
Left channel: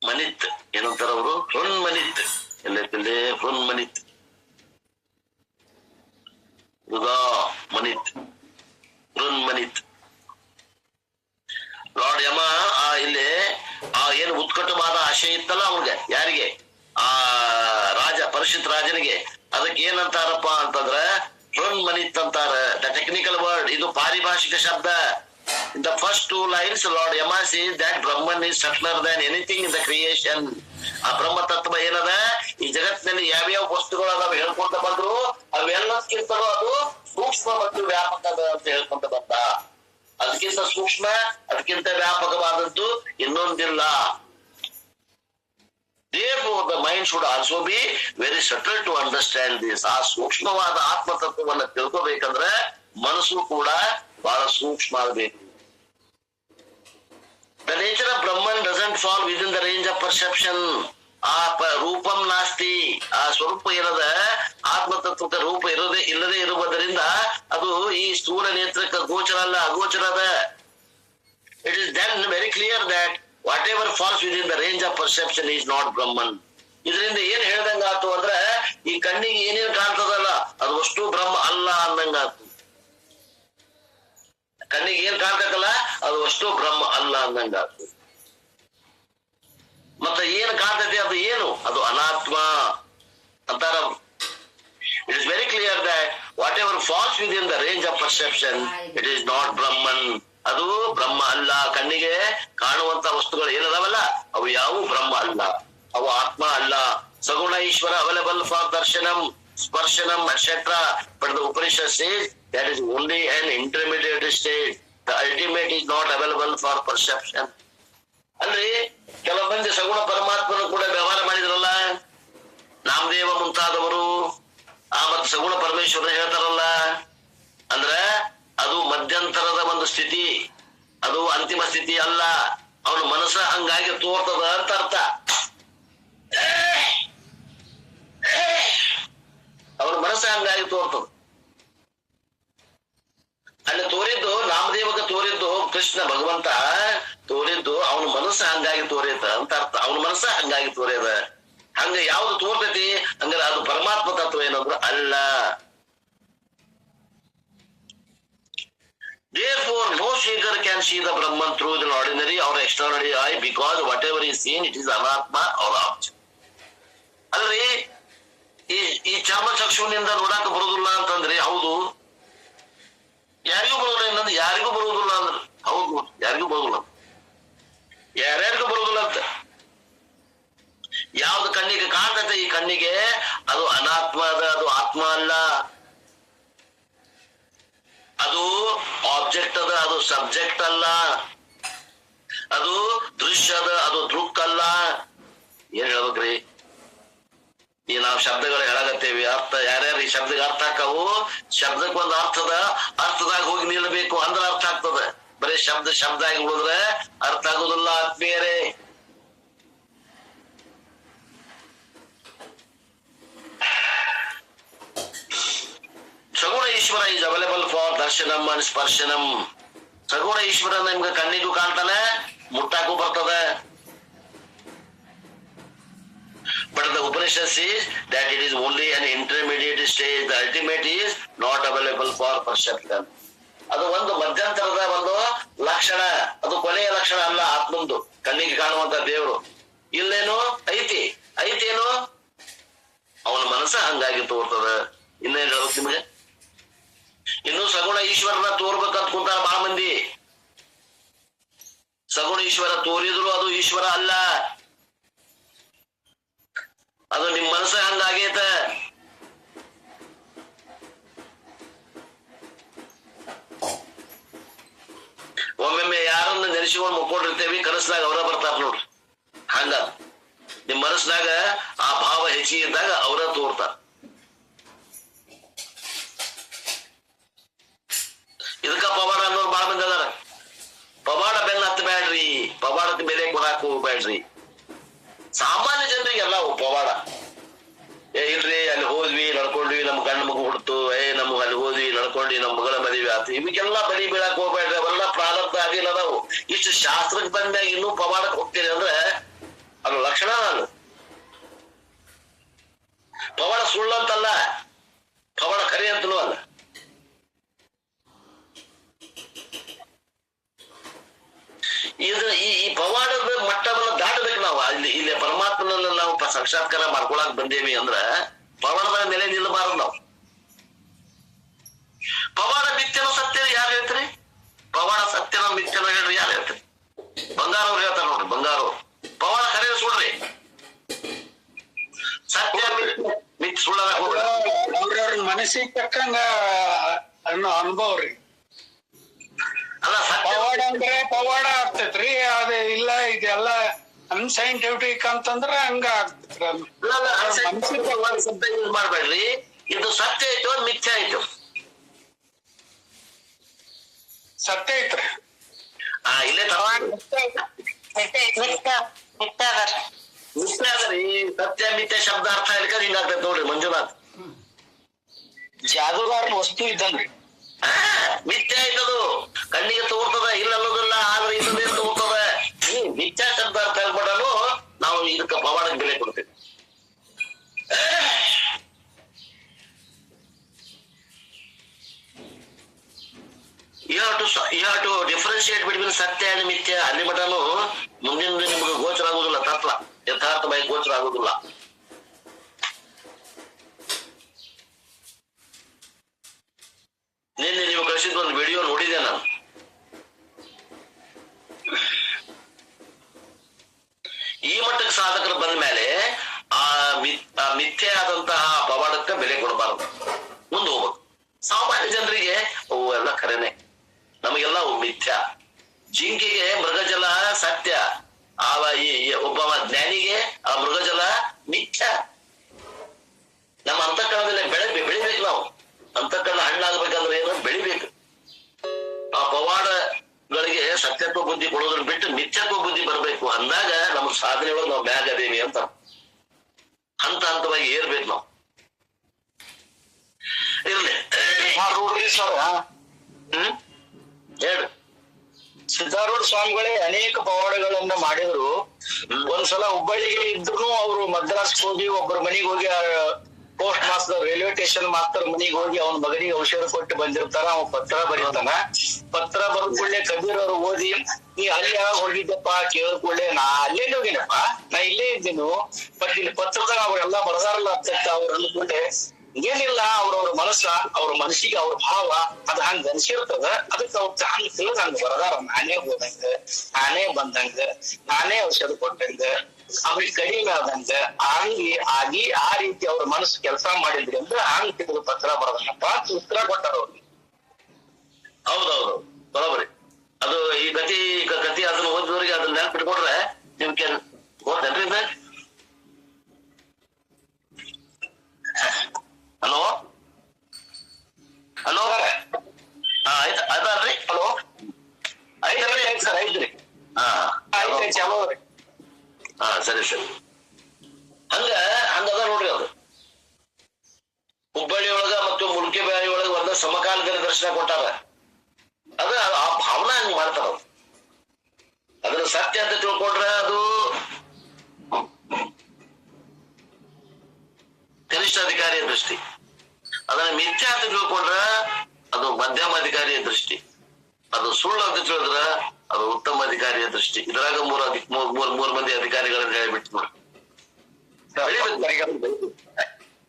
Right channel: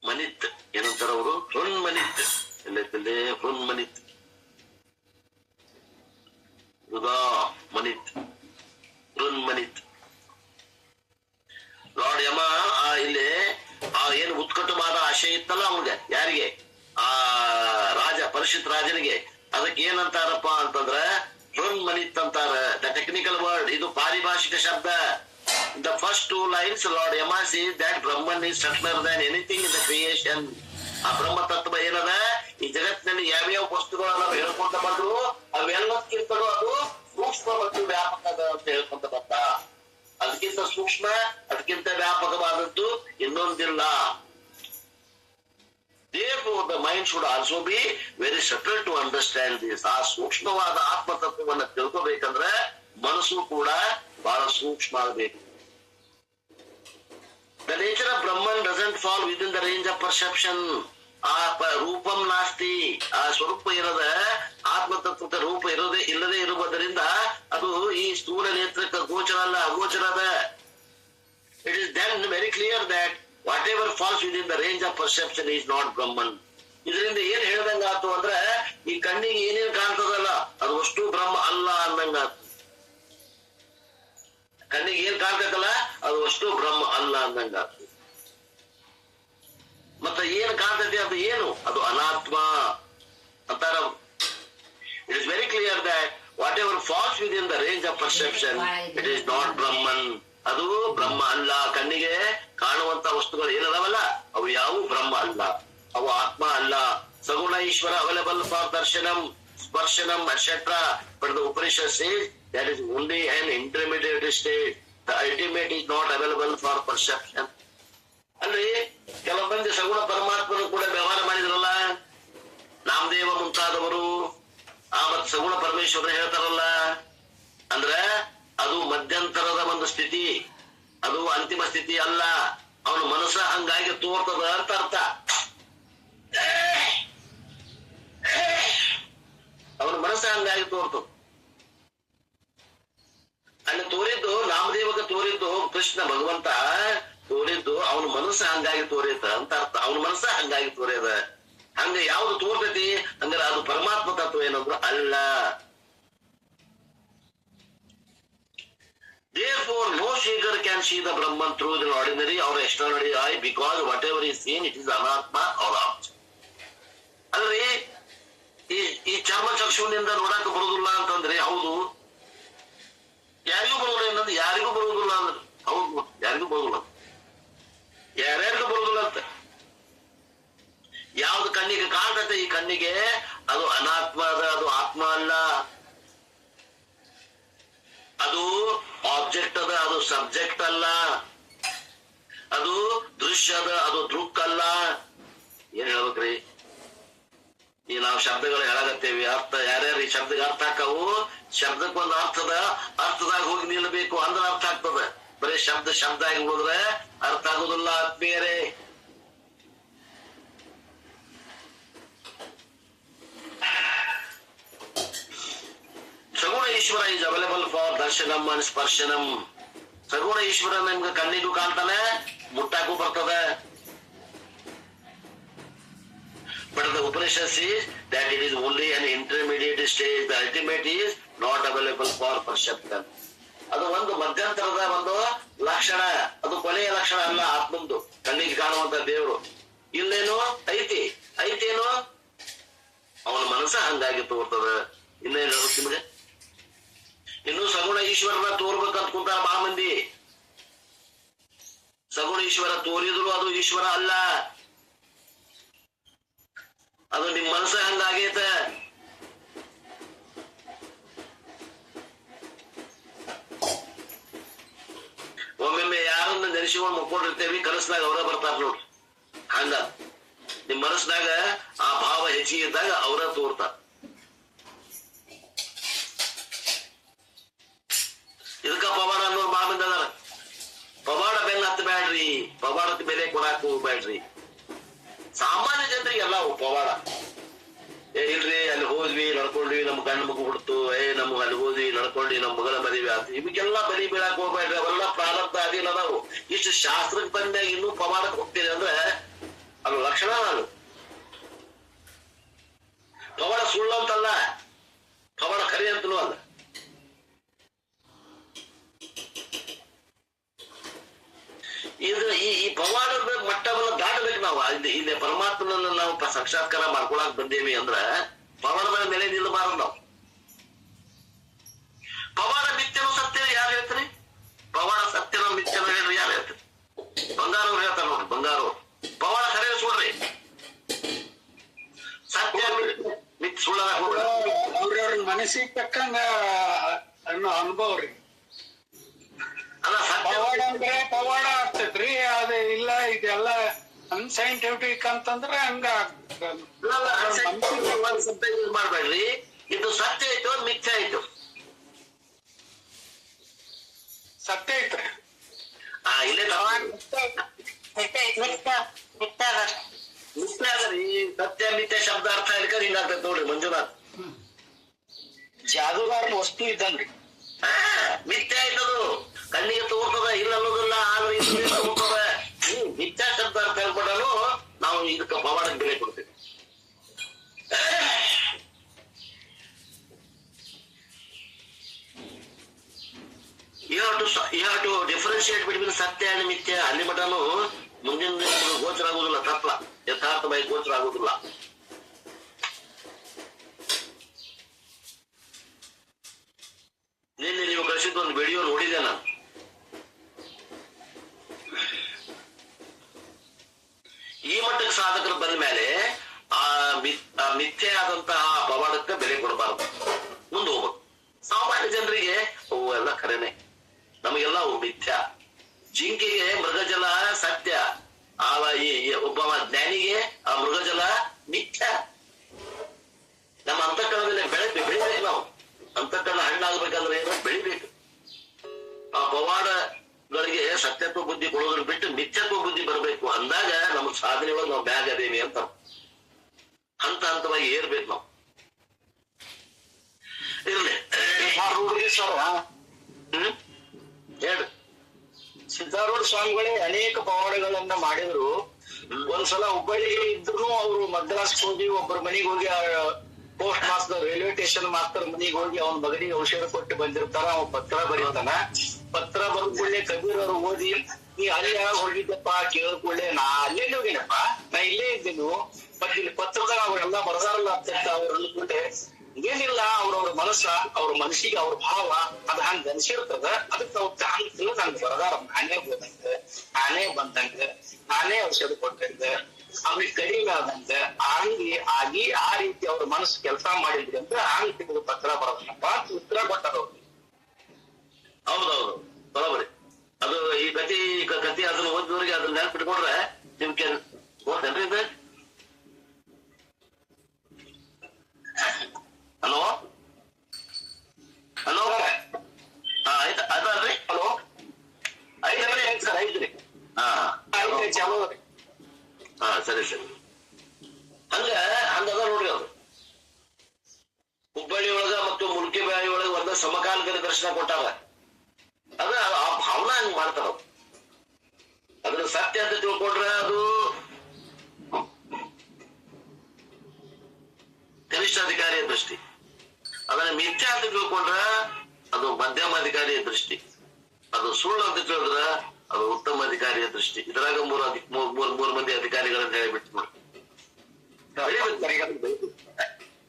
ಮನಿತ್. ಏನಂತಾರ ಅವರು? ಹೃನ್ಮನಿತ್. ಎಲ್ಲೈತಿಲ್ಲಿ? ಹೃನ್ಮನಿತ್, ಮನಿತ್, ಹೃನ್ಮನಿತ್. ಲಾರ್ಡ್ ಯಮ ಇಲ್ಲಿ ಏನು ಉತ್ಕಟವಾದ ಆಶೆ ಇತ್ತಲ್ಲ ಅವ್ನಿಗೆ, ಯಾರಿಗೆ? ಆ ರಾಜ, ಪರೀಕ್ಷಿತ ರಾಜನಿಗೆ. ಅದಕ್ಕೆ ಏನಂತಾರಪ್ಪ ಅಂತಂದ್ರ ಹೃನ್ಮನಿತ್ ಅಂತಾರ. ದ ಟೆಕ್ನಿಕಲ್ ವರ್ಡ್, ಇದು ಪಾರಿಭಾಷಿಕ ಶಬ್ದ. In the first 2 lines, Lord Yama says that Brahman is subtler than anything in the creation. ಆ ಬ್ರಹ್ಮ ತತ್ವ ಏನದ, ಈ ಜಗತ್ತಿನಲ್ಲಿ ಯಾವ್ಯಾವ ವಸ್ತುಗಳು ನಾವು ಹೇಳ್ಕೊಂತ ಬಂದ್ರು ಅವೆಲ್ಲಕ್ಕಿಂತಲೂ ಅದು ಸೂಕ್ಷ್ಮ ಮತ್ತು ವ್ಯಾಪಕದ ಅಂತ ಹೇಳ್ಕೊಂತ ಬಂದ. ಅದಕ್ಕಿಂತ ಸೂಕ್ಷ್ಮ, ಅದಕ್ಕಿಂತ ವ್ಯಾಪಕವಾದದ್ದು ಇನ್ನೊಂದಿಲ್ಲ. Therefore, the mind should also be very subtle to understand this. ಆ ಸೂಕ್ಷ್ಮವಾದ ಆತ್ಮತತ್ವವನ್ನು ತಿಳ್ಕೋಬೇಕಂದ್ರೆ ಮನಸ್ಸು ಕೂಡ ಬಹಳ ಸೂಕ್ಷ್ಮ ಆಗಬೇಕು. The nature of Brahman doesn't fall within the range of perception. ಆ ರೂಪಂ ನಾಸ್ತಿ, ಆ ಸ್ವರೂಪ ಏನದ ಆತ್ಮತತ್ವಕ್ಕೆ ರೂಪ ಇಲ್ಲದೆ ಇರುವುದರಿಂದ ಅದು ಈ ಸ್ಥೂಲ ನೇತ್ರಕ್ಕೆ ಗೋಚರ ಅಲ್ಲ, ಅಗೋಚರ ಅದ. It is then very clear that whatever falls within the range of perception is not Brahman. ಇದರಿಂದ ಏನ್ ಹೇಳ್ದಂಗಾತು ಅಂದ್ರೆ ಈ ಕಣ್ಣಿಗೆ ಏನೇನ್ ಕಾಣ್ತದಲ್ಲ ಅದು ಅಷ್ಟು ಬ್ರಹ್ಮ ಅಲ್ಲ ಅಂದಂಗಾತು. ಕಣ್ಣಿಗೆ ಏನ್ ಕಾಣ್ತದಲ್ಲ ಅದು ಅಷ್ಟು ಬ್ರಹ್ಮ ಅಲ್ಲ ಅಂದಂಗಾತು. ಮತ್ತೆ ಏನ್ ಕಾಣ್ತದೆ ಅದು ಏನು? ಅದು ಅನಾತ್ಮ ಅಂತಾರ. It is very clear that whatever falls within the range of perception, it is not Brahman. ಅದು ಬ್ರಹ್ಮ ಅಲ್ಲ. ಕಣ್ಣಿಗೆ ಕಾಣುವಂತ ವಸ್ತುಗಳು ಏನದಾವಲ್ಲ ಅವು ಯಾವ ಬ್ರಹ್ಮ ಅಲ್ಲ, ಅವು ಆತ್ಮ ಅಲ್ಲ. Saguna Ishwara available for darshanam, sparshanam etcetera. But the Upanishad says that is only an intermediate state. The ultimate is not available for perception. ಅಂದ್ರೆ ಕೆಲವು ಮಂದಿ ಸಗುಣ ಪರಮಾತ್ಮನು ಕೂಡ ವ್ಯವಹಾರ ಮಾಡಿದ್ರಲ್ಲ, ನಾಮದೇವ ಮುಂತಾದವರು. ಮತ್ತು ಸಗುಣ ಪರಮೇಶ್ವರ ಹೇಳ್ತಾರಲ್ಲ, ಅಂದ್ರ ಅದು ಮಧ್ಯಂತರದ ಒಂದು ಸ್ಥಿತಿ, ಅದು ಅಂತಿಮ ಸ್ಥಿತಿ ಅಲ್ಲ. ಅವನ ಮನಸ್ಸ ಹಂಗಾಗಿ ತೋರ್ತದ ಅಂತ ಅರ್ಥ. ಅವನ ಮನಸ್ಸ ಹಂಗಾಗಿ ತೋರ್ತದ. ಅಲ್ಲಿ ತೋರಿದ್ದು ನಾಮದೇವಗ ತೋರಿದ್ದು ಕೃಷ್ಣ ಭಗವಂತ ತೋರಿದ್ದು ಅವನ ಮನಸ್ಸ ಹಂಗಾಗಿ ತೋರಿದ ಅಂತ ಅರ್ಥ. ಅವನ ಮನಸ್ಸ ಹಂಗಾಗಿ ತೋರ್ಯದ. ಹಂಗ ಯಾವ್ದು ತೋರ್ತೈತಿ ಹಂಗಾರೆ ಅದು ಪರಮಾತ್ಮ ತತ್ವ ಏನಂದ್ರ ಅಲ್ಲ. Therefore, no seeker can see the Brahman through the ordinary or extraordinary eye, because whatever is seen, it is anatma or object. ಅಲ್ರಿ, ಪರಶುವಿನಿಂದ ನೋಡಾಕ ಬರುದಿಲ್ಲ ಅಂತಂದ್ರೆ ಹೌದು, ಯಾರಿಗೂ ಬರುದಿಲ್ಲ ಇನ್ನೊಂದು, ಯಾರಿಗೂ ಬರುವುದಿಲ್ಲ ಅಂದ್ರೆ ಹೌದು, ಯಾರಿಗೂ ಬರುದಿಲ್ಲ, ಯಾರ್ಯಾರಿಗೂ ಬರುದಿಲ್ಲ ಅಂತ. ಯಾವ್ದು ಕಣ್ಣಿಗೆ ಕಾಣ್ತದೆ ಈ ಕಣ್ಣಿಗೆ ಅದು ಅನಾತ್ಮ ಅದ, ಅದು ಆತ್ಮ ಅಲ್ಲ. ಅದು ಆಬ್ಜೆಕ್ಟ್ ಅದ, ಅದು ಸಬ್ಜೆಕ್ಟ್ ಅಲ್ಲ. ಅದು ದೃಶ್ಯ ಅದ, ಅದು ದೃಕ್ ಅಲ್ಲ. ಏನ್ ಹೇಳ್ಬೇಕ್ರಿ? ಈ ನಾವು ಶಬ್ದಗಳು ಹೇಳಾಗತ್ತೇವಿ, ಅರ್ಥ ಯಾರ್ಯಾರು ಈ ಶಬ್ದಕ್ಕೆ ಅರ್ಥ ಹಾಕವು, ಶಬ್ದಕ್ಕೊಂದು ಅರ್ಥದ, ಅರ್ಥದಾಗ ಹೋಗಿ ನಿಲ್ಲಬೇಕು ಅಂದ್ರೆ ಅರ್ಥ ಆಗ್ತದ. ಬರೀ ಶಬ್ದ ಶಬ್ದ ಆಗಿ ಹೋದ್ರೆ ಅರ್ಥ ಆಗುದಿಲ್ಲ ಆತ್ಮೀಯರೇ. Saguna Ishwara is available for darshanam and sparshanam. ಸಗುಣ ಈಶ್ವರ ನಿಮ್ಗೆ ಕಣ್ಣಿಗೂ ಕಾಣ್ತಾನೆ, ಮುಟ್ಟಾಕು ಬರ್ತದೆ. But the Upanishad says that it is only an intermediate stage. The ultimate is not available for perception. ಅದು ಒಂದು ಮಧ್ಯಂತರದ ಒಂದು ಲಕ್ಷಣ, ಅದು ಕೊನೆಯ ಲಕ್ಷಣ ಅಲ್ಲ ಆತ್ಮಂದು. ಕಣ್ಣಿಗೆ ಕಾಣುವಂತ ದೇವರು ಇಲ್ಲೇನು ಐತಿ, ಐತೇನು ಅವನ ಮನಸ್ಸ ಹಂಗಾಗಿ ತೋರ್ತದ. ಇನ್ನೇನು ಹೇಳುತ್ತೆ ನಿಮಗೆ? ಇನ್ನು ಸಗುಣ ಈಶ್ವರನ ತೋರ್ಬೇಕಂತ ಕುಂತಾರ ಬಹಳ ಮಂದಿ. ಸಗುಣ ಈಶ್ವರ ತೋರಿದ್ರು ಅದು ಈಶ್ವರ ಅಲ್ಲ, ಅದು ನಿಮ್ ಮನಸ್ಸ ಹಂಗಾಗೈತ. ಒಮ್ಮೊಮ್ಮೆ ಯಾರನ್ನ ನೆನೆಸಿಕೊಂಡು ಮುಕ್ಕೊಂಡಿರ್ತೇವಿ, ಕನಸ್ನಾಗ ಅವರ ಬರ್ತಾರ ನೋಡ್ರಿ. ಹಂಗ ನಿಮ್ ಮನಸ್ನಾಗ ಆ ಭಾವ ಹೆಚ್ಚಿಗೆ ಇದ್ದಾಗ ಅವರ ತೋರ್ತಾರ. ಇದಕ್ಕ ಪವಾಡ ಅನ್ನೋರು ಬಾಳ ಮಂದಿ ಅದಾರ. ಪವಾಡ ಬೆನ್ನ ಹತ್ತಬೇಡ್ರಿ, ಪವಾಡಕ್ಕೆ ಬೆಲೆ ಕೊಡಾಕ ಹೋಗ್ಬೇಡ್ರಿ. ಸಾಮಾನ್ಯ ಜನರಿಗೆ ಎಲ್ಲ ಪವಾಡ. ಇಲ್ರಿ ಅಲ್ಲಿ ಹೋದ್ವಿ ನಡ್ಕೊಂಡ್ವಿ, ನಮ್ ಗಂಡ ಮಗು ಹುಡ್ತು, ನಮ್ಗೆ ಅಲ್ಲಿ ಹೋದ್ವಿ ನಡ್ಕೊಂಡ್ವಿ, ನಮ್ ಮಗಳ ಮದುವೆ ಆತು, ಇವಕ್ಕೆಲ್ಲ ಬಲಿ ಬೀಳಾಕ್ ಹೋಗ್ಬೇಡ್ರಿ. ಅವೆಲ್ಲ ಪ್ರಾರಬ್ಧ ಆಗಿಲ್ಲ ಅದಾವು. ಇಷ್ಟು ಶಾಸ್ತ್ರಕ್ಕೆ ಬಂದಾಗ ಇನ್ನೂ ಪವಾಡಕ್ಕೆ ಹೋಗ್ತೀರಿ ಅಂದ್ರೆ ಅದು ಲಕ್ಷಣ ನಾನು. ಪವಾಡ ಸುಳ್ಳಂತಲ್ಲ, ಪವಾಡ ಖರೆ ಅಂತಲೂ ಅಲ್ಲ. ಈ ಪವಾಡದ ಮಟ್ಟವನ್ನು ದಾಟಬೇಕು ನಾವು. ಇಲ್ಲಿ ಪರಮಾತ್ಮನನ್ನ ನಾವು ಸಾಕ್ಷಾತ್ಕಾರ ಮಾಡ್ಕೊಳಕ್ ಬಂದೇವಿ ಅಂದ್ರ ಪವಾಡದ ಮೇಲೆ ನಿಲ್ಲಬಾರದು ನಾವು. ಪವಾಡ ಮಿಥ್ಯನೋ ಸತ್ಯ ಯಾರು ಹೇಳ್ತೀರಿ? ಪವಾಡ ಸತ್ಯನೋ ಮಿಥ್ಯನೋ ಹೇಳ್ರಿ, ಯಾರು ಹೇಳ್ತೀರಿ? ಬಂಗಾರ ಅವ್ರು ಹೇಳ್ತಾರ ನೋಡ್ರಿ. ಬಂಗಾರ ಪವಾಡ ಖರೆ ಸುಳ್ರಿ, ಸತ್ಯ ಮಿಥ್ ಸುಳ್ಳದ ಅವ್ರವ್ರ ಮನಸ್ಸಿಗೆ ತಕ್ಕಂಗ ಅನ್ನೋ ಅನುಭವ ರೀ. ಅಲ್ಲ ಪವಾಡ ಅಂದ್ರೆ ಪವಾಡ ಆಗ್ತೈತ್ರಿ, ಅದ ಇಲ್ಲ ಇದೆಲ್ಲ ಅನ್ಸೈಂಟಿಫಿಕ್ ಅಂತಂದ್ರ ಹಂಗ ಶಬ್ದ ಯೂಸ್ ಮಾಡ್ಬೇಡ್ರಿ. ಇದು ಸತ್ಯ ಆಯ್ತು, ಮಿಥ್ಯ ಆಯ್ತು. ಸತ್ಯ ಐತ್ರಿ. ಇಲ್ಲೇ ಮಿಥ್ಯ ಅದರಿ. ಸತ್ಯ ಮಿಥ್ಯ ಶಬ್ದ ಅರ್ಥ ಹಿಡ್ಕೊಂಡು ಹಿಂಗಾಗ್ತೈತೆ ನೋಡ್ರಿ ಮಂಜುನಾಥ್. ಜಾದೂಗಾರ ವಸ್ತು ಇದ್ದಂಗ್ರಿ. ಮಿಥ್ಯ ಆಯ್ತದು, ಕಣ್ಣಿಗೆ ತೋರ್ತದ, ಇಲ್ಲ ಅನ್ನೋದಿಲ್ಲ, ಆದ್ರೆ ಇದು ತೋರ್ತದ. ಮಿಥ್ಯಾ ಶಬ್ದ ಅರ್ಥ ಹೇಳ್ಕೊಡಲು ನಾವು ಇದಕ್ಕೆ ಪವಾಡಕ್ಕೆ ಬೆಲೆ ಕೊಡ್ತೇವೆ. You have to differentiate between ಸತ್ಯ and ಮಿಥ್ಯ. ಅಲ್ಲಿ ಮಟನು ಮುಂದಿನ ನಿಮಗೆ ಗೋಚರ ಆಗುದಿಲ್ಲ, ತತ್ವ ಯಥಾರ್ಥವಾಗಿ ಗೋಚರ ಆಗುದಿಲ್ಲ. ನಿನ್ನೆ ನೀವು ಕಳಿಸಿದ ಒಂದು ವಿಡಿಯೋ ನೋಡಿದೆ ನಾನು. ಈ ಮಟ್ಟಕ್ಕೆ ಸಾಧಕರು ಬಂದ ಮೇಲೆ ಆ ಮಿಥ್ಯೆ ಆದಂತಹ ಪವಾಡಕ್ಕೆ ಬೆಲೆ ಕೊಡಬಾರದು, ಮುಂದೆ ಹೋಗ್ಬೇಕು. ಸಾಮಾನ್ಯ ಜನರಿಗೆ ಅವು ಎಲ್ಲ ಖರೇನೆ, ನಮಗೆಲ್ಲ ಅವು ಮಿಥ್ಯ. ಜಿಂಕೆಗೆ ಮೃಗಜಲ ಸತ್ಯ, ಒಬ್ಬ ಜ್ಞಾನಿಗೆ ಆ ಮೃಗಜಲ ಮಿಥ್ಯ. ನಮ್ಮ ಅಂತಃಕರಣದಲ್ಲಿ ಬೆಳಿಬೇಕು ನಾವು. ಅಂತಃಕರಣ ಹಣ್ಣಾಗಬೇಕಂದ್ರೆ ಏನು? ಬೆಳಿಬೇಕು. ಆ ಪವಾಡಗಳಿಗೆ ಸತ್ಯತ್ವ ಬುದ್ಧಿ ಕೊಡೋದ್ರ ಬಿಟ್ಟು ಮಿಥ್ಯತ್ವ ಬುದ್ಧಿ ಬರಬೇಕು. ಅಂದಾಗ ನಮ್ಮ ಸಾಧನೆ ಒಳಗೆ ನಾವು ಮ್ಯಾಗ ಅದೇವಿ ಅಂತ ಹಂತ ಹಂತವಾಗಿ ಏರ್ಬೇಕು ನಾವು. ಇರ್ಲಿ ಹೇಳು. ಸಿದ್ದಾರೂಢ ಸ್ವಾಮಿಗಳೇ ಅನೇಕ ಪವಾಡಗಳನ್ನ ಮಾಡಿದ್ರು. ಒಂದ್ಸಲ ಹುಬ್ಬಳ್ಳಿಗೆ ಇದ್ರು ಅವರು ಮದ್ರಾಸ್ಗೆ ಹೋಗಿ ಒಬ್ಬರ ಮನೆಗೆ ಹೋಗಿ post master railway station master ಮನೆಗೆ ಹೋಗಿ ಅವನ ಮಗನಿಗೆ ಔಷಧ ಕೊಟ್ಟು ಬಂದಿರ್ತಾರ. ಅವ ಪತ್ರ ಬರೀತಾನ. ಪತ್ರ ಬರೆದ ಕೂಡಲೇ ಕಬೀರ್ ಅವರು ಓದಿ, ನೀ ಅಲ್ಲಿ ಯಾವಾಗ ಹೋಗಿದ್ದಪ್ಪ ಕೇಳಿದ ಕೂಡಲೇ, ನಾ ಅಲ್ಲೇ ಹೋಗಿನಪ್ಪ, ನಾ ಇಲ್ಲೇ ಇದ್ದೀನಿ, ಮತ್ತೆ ಇಲ್ಲಿ ಪತ್ರದಾಗ ಅವ್ರೆಲ್ಲ ಬರದಾರಲ್ಲ ಅಂತ ಅವ್ರು ಅಂದ್ಕೊಂಡೆ. ಏನಿಲ್ಲ ಅವ್ರವ್ರ ಮನಸ್ಸ, ಅವ್ರ ಮನಸ್ಸಿಗೆ ಅವ್ರ ಭಾವ ಅದ್ ಹಂಗ ಅನ್ಸಿರ್ತದ. ಅದಕ್ಕೆ ಅವ್ರ ಹಂಗ ತಿಳಿದ್ ಹಂಗ ಬರದಾರ. ನಾನೇ ಹೋದಂಗ, ನಾನೇ ಬಂದಂಗ, ನಾನೇ ಔಷಧ ಕೊಟ್ಟಂಗ, ಅವ್ರಿಗೆ ಕಡಿಮೆ ಆದಂಗ ಆಗಿ ಆ ರೀತಿ ಅವ್ರ ಮನಸ್ಸು ಕೆಲಸ ಮಾಡಿದ್ರಿ ಅಂದ್ರೆ ಹಂಗ ತಿಳಿದು ಪತ್ರ ಬರದಪ್ಪ ಅಂತ ಉತ್ತರ ಕೊಟ್ಟಾರ ಅವ್ರಿಗೆ. ಹೌದೌದು, ಬರೋಬರಿ. ಅದು ಈ ಕತಿ ಅದನ್ನ ಓದಿದವ್ರಿಗೆ ಅದನ್ನ ನೆನ್ಪಿಟ್ಕೊಟ್ರೆ ನಿಮ್ಗೆ ಗೊತ್ತೇನ್ರಿ ಇದು? ಹಲೋ ಹಲೋ, ಆಯ್ತು ಅದಲ್ರಿ? ಹಲೋ, ಐತ್ರಿ ಸರ್ ಐತ್ರಿ. ಹಾ ಚಲೋ. ಹಾ ಸರಿ ಸರಿ. ಹಂಗದ ನೋಡ್ರಿ. ಅದು ಹುಬ್ಬಳ್ಳಿ ಒಳಗ ಮತ್ತು ಮುಲ್ಕಿಬೇರಿ ಒಳಗ ಒಂದ ಸಮಕಾಲದಲ್ಲಿ ದರ್ಶನ ಕೊಟ್ಟಾರ. ಅದ ಆ ಭಾವನಾ ಹಂಗ ಮಾಡ್ತಾರ. ಅದನ್ನ ಸತ್ಯ ಅಂತ ತಿಳ್ಕೊಂಡ್ರೆ ಅದು ಕನಿಷ್ಠ ಅಧಿಕಾರಿಯ ದೃಷ್ಟಿ. ಅದನ್ನ ಮಿಥ್ಯ ಅಂತ ತಿಳ್ಕೊಂಡ್ರ ಅದು ಮಧ್ಯಮ ಅಧಿಕಾರಿಯ ದೃಷ್ಟಿ. ಅದು ಸುಳ್ಳು ಅಂತ ತಿಳಿದ್ರ ಅದು ಉತ್ತಮ ಅಧಿಕಾರಿಯ ದೃಷ್ಟಿ. ಇದ್ರಾಗ ಮೂರ್ ಮಂದಿ ಅಧಿಕಾರಿಗಳನ್ನ ಹೇಳಿಬಿಟ್ಟು ನೋಡಿ.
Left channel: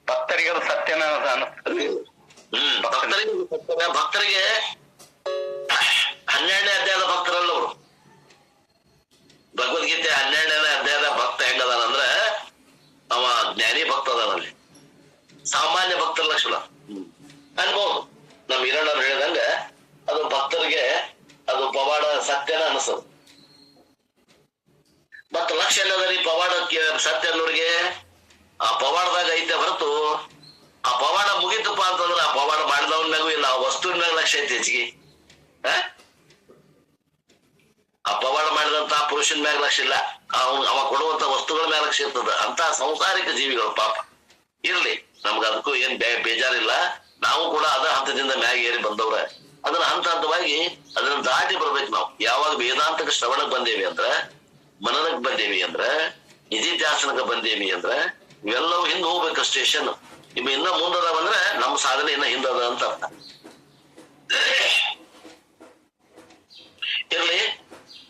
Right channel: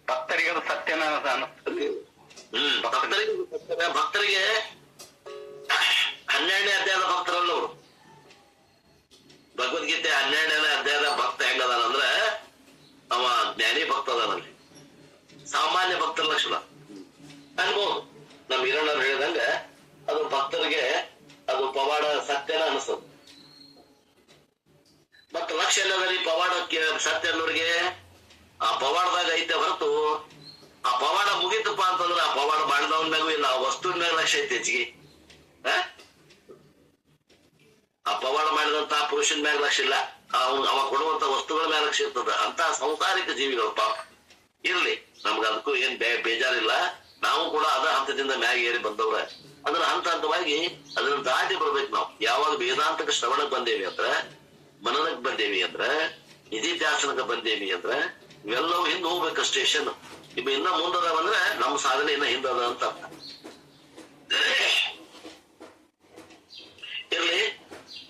ಭಕ್ತರಿಗೆ ಅದು ಸತ್ಯನ ಭಕ್ತರಿಗೆ 12ನೇ ಅಧ್ಯಾಯದ ಭಕ್ತರಲ್ಲ ಅವರು. ಭಗವದ್ಗೀತೆ 12ನೇ ಅಧ್ಯಾಯದ ಭಕ್ತ ಹೆಂಗದಾನಂದ್ರ ಅವ ಜ್ಞಾನಿ ಭಕ್ತ ಅದಾನಲ್ಲಿ, ಸಾಮಾನ್ಯ ಭಕ್ತರ ಲಕ್ಷಣ ಅನ್ಬೋದು. ನಮ್ ಹಿರಣ್ಣವ್ರು ಹೇಳಿದಂಗ ಅದು ಭಕ್ತರಿಗೆ ಅದು ಪವಾಡ ಸತ್ಯನ ಅನಿಸೋದು. ಮತ್ತ ಲಕ್ಷ್ಯ ಏನದರಿ ಪವಾಡಕ್ಕೆ ಸತ್ಯ ಅನ್ನೋರಿಗೆ ಆ ಪವಾಡದಾಗ ಐತೆ ಹೊರತು ಆ ಪವಾಡ ಮುಗಿತಪ್ಪ ಅಂತಂದ್ರ ಆ ಪವಾಡ ಮಾಡಿದವನ್ನಾಗೂ ಇಲ್ಲ, ಆ ವಸ್ತುವಿನ ಮ್ಯಾಗ ಲಕ್ಷ್ಯ ಐತಿ ಹೆಚ್ಚಿಗೆ. ಆ ಪವಾಡ ಮಾಡಿದಂತ ಪುರುಷನ ಮ್ಯಾಗ ಲಕ್ಷ್ಯ ಇಲ್ಲ, ಅವ ಕೊಡುವಂತ ವಸ್ತುಗಳ ಮ್ಯಾಗ ಲಕ್ಷ್ಯ ಇರ್ತದ. ಅಂತ ಸಂಸಾರಿಕ ಜೀವಿಗಳು ಪಾಪ. ಇರ್ಲಿ, ನಮ್ಗ ಅದಕ್ಕೂ ಏನ್ ಬೇಜಾರಿಲ್ಲ. ನಾವು ಕೂಡ ಅದ ಹಂತದಿಂದ ಮ್ಯಾಗ ಏರಿ ಬಂದವ್ರ. ಅದನ್ನ ಹಂತ ಹಂತವಾಗಿ ಅದನ್ನ ದಾಟಿ ಬರ್ಬೇಕು ನಾವು. ಯಾವಾಗ ವೇದಾಂತಕ ಶ್ರವಣಕ್ ಬಂದೇವಿ ಅಂದ್ರ, ಮನನಕ್ ಬಂದೇವಿ ಅಂದ್ರ, ನಿಧಿಧ್ಯಾಸನಕ್ಕೆ ಬಂದೇವಿ ಅಂದ್ರ ಇವೆಲ್ಲವೂ ಹಿಂದ್ ಹೋಗ್ಬೇಕು ಸ್ಟೇಷನ್. ಇವ್ ಇನ್ನ ಮುಂದದಾವಂದ್ರೆ ನಮ್ಮ ಸಾಧನೆ ಇನ್ನ ಹಿಂದದ ಅಂತ ಅರ್ಥ. ಇರ್ಲಿ,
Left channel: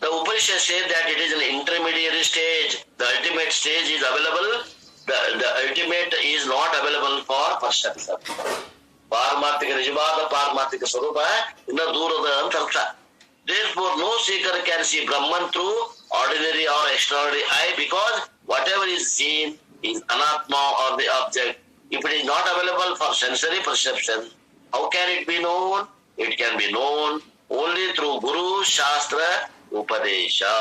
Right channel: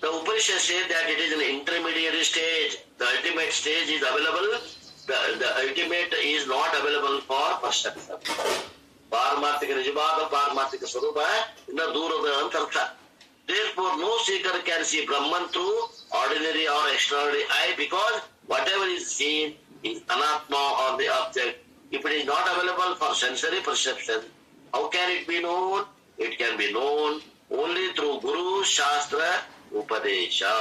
the Upanishad says that it is an intermediary stage. The ultimate stage is available. The ultimate is not available for perception. ಪಾರಮಾರ್ಥಿಕ ನಿಜವಾದ ಪಾರಮಾರ್ಥಿಕ ಸ್ವರೂಪ ಇನ್ನ ದೂರದ ಅಂತ ಅರ್ಥ. Therefore, no seeker can see Brahman through ordinary or extraordinary eye, because whatever is seen is anatma or the object. If it is not available for sensory perception, how can it be known? It can be known only through Guru Shastra Upadesha.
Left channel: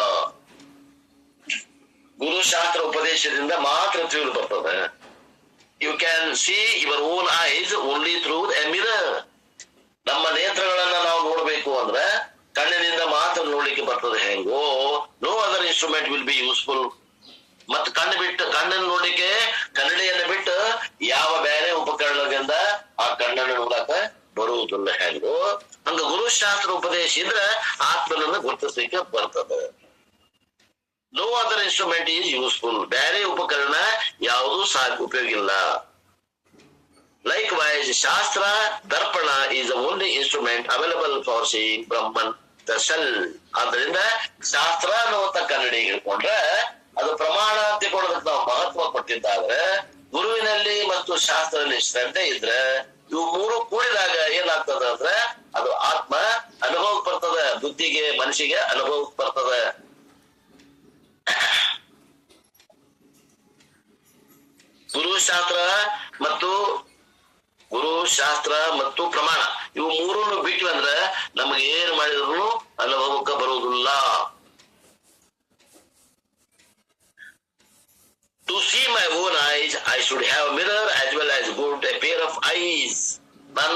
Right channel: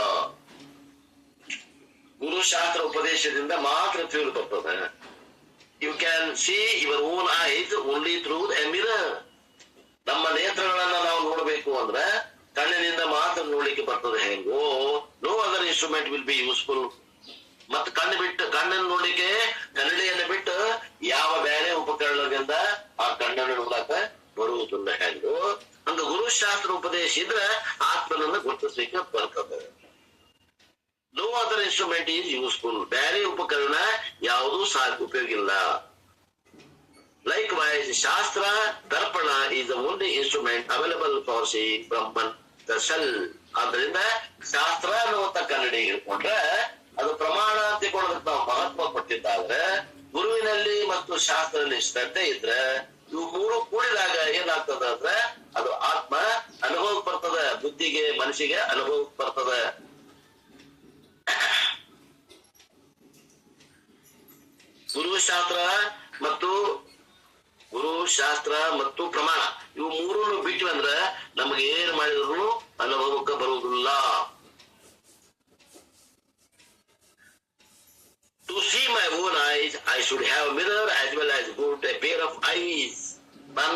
Guru Shastra Upadeshadinda ಮಾತ್ರ ತಿಳಿದು ಬರ್ತದೆ. You can see your own eyes only through a mirror. ನಮ್ಮ ನೇತ್ರಗಳನ್ನ ನಾವು ನೋಡ್ಬೇಕು ಅಂದ್ರೆ ಕಣ್ಣಿನಿಂದ ಮಾತ್ರ ನೋಡ್ಲಿಕ್ಕೆ ಬರ್ತದೆ. ಹೆಂಗೋ no other instrument will be useful. ಮತ್ ಕಣ್ಣನ್ನು ನೋಡ್ಲಿಕ್ಕೆ ಕನ್ನಡಿಯನ್ನು ಬಿಟ್ಟು ಯಾವ ಬೇರೆ ಉಪಕರಣದಿಂದ ಆ ಕಣ್ಣನ್ನು ನೋಡಕ ಬರುವುದಿಲ್ಲ. ಹೆಂಗೋ ಹಂಗ ಗುರುಶಾಸ್ತ್ರ ಉಪದೇಶ ಇದ್ರೆ ಆತ್ಮನನ್ನು ಗುರುತಿಸ್ಲಿಕ್ಕೆ ಬರ್ತದೆ. No other instrument is useful. ಬೇರೆ ಉಪಕರಣ ಯಾವುದು ಉಪಯೋಗ ಇಲ್ಲ. Likewise, Shastra Darpana is the only instrument available for seeing Brahman, the self. ಆದ್ದರಿಂದ ಶಾಸ್ತ್ರ ಅನ್ನುವಂತ ಕನ್ನಡಿ ಹಿಡ್ಕೊಂಡ್ರೆ ಅದು ಪ್ರಮಾಣ ಅಂತ ಕೊಡೋದಕ್ಕೆ ನಾವು ಮಹತ್ವ ಕೊಟ್ಟಿದ್ದಾದ್ರೆ, ಗುರುವಿನಲ್ಲಿ ಮತ್ತು ಶಾಸ್ತ್ರದಲ್ಲಿ ಶ್ರದ್ಧೆ ಇದ್ರೆ ಇವು ಮೂರು ಕೂಡಿದಾಗ ಏನಾಗ್ತದ ಅಂದ್ರೆ ಅದು ಆತ್ಮ ಅನುಭವಕ್ಕೆ ಬರ್ತದೆ. ಬುದ್ಧಿಗೆ ಮನಸ್ಸಿಗೆ ಅನುಭವಕ್ಕೆ ಬರ್ತದೆ. ಗುರುಶಾಸ್ತ್ರ ಮತ್ತು ಪ್ರಮಾಣ ಇವು ಮೂರನ್ನು ಬಿಟ್ಟು ಅಂದ್ರೆ ನಮಗೆ ಏನ್ ಮಾಡಿದ್ರು ಅನುಭವಕ್ಕೆ ಬರುವುದಿಲ್ಲ. To see my own eyes, I should have a mirror as well as good a pair of eyes. ನಾನು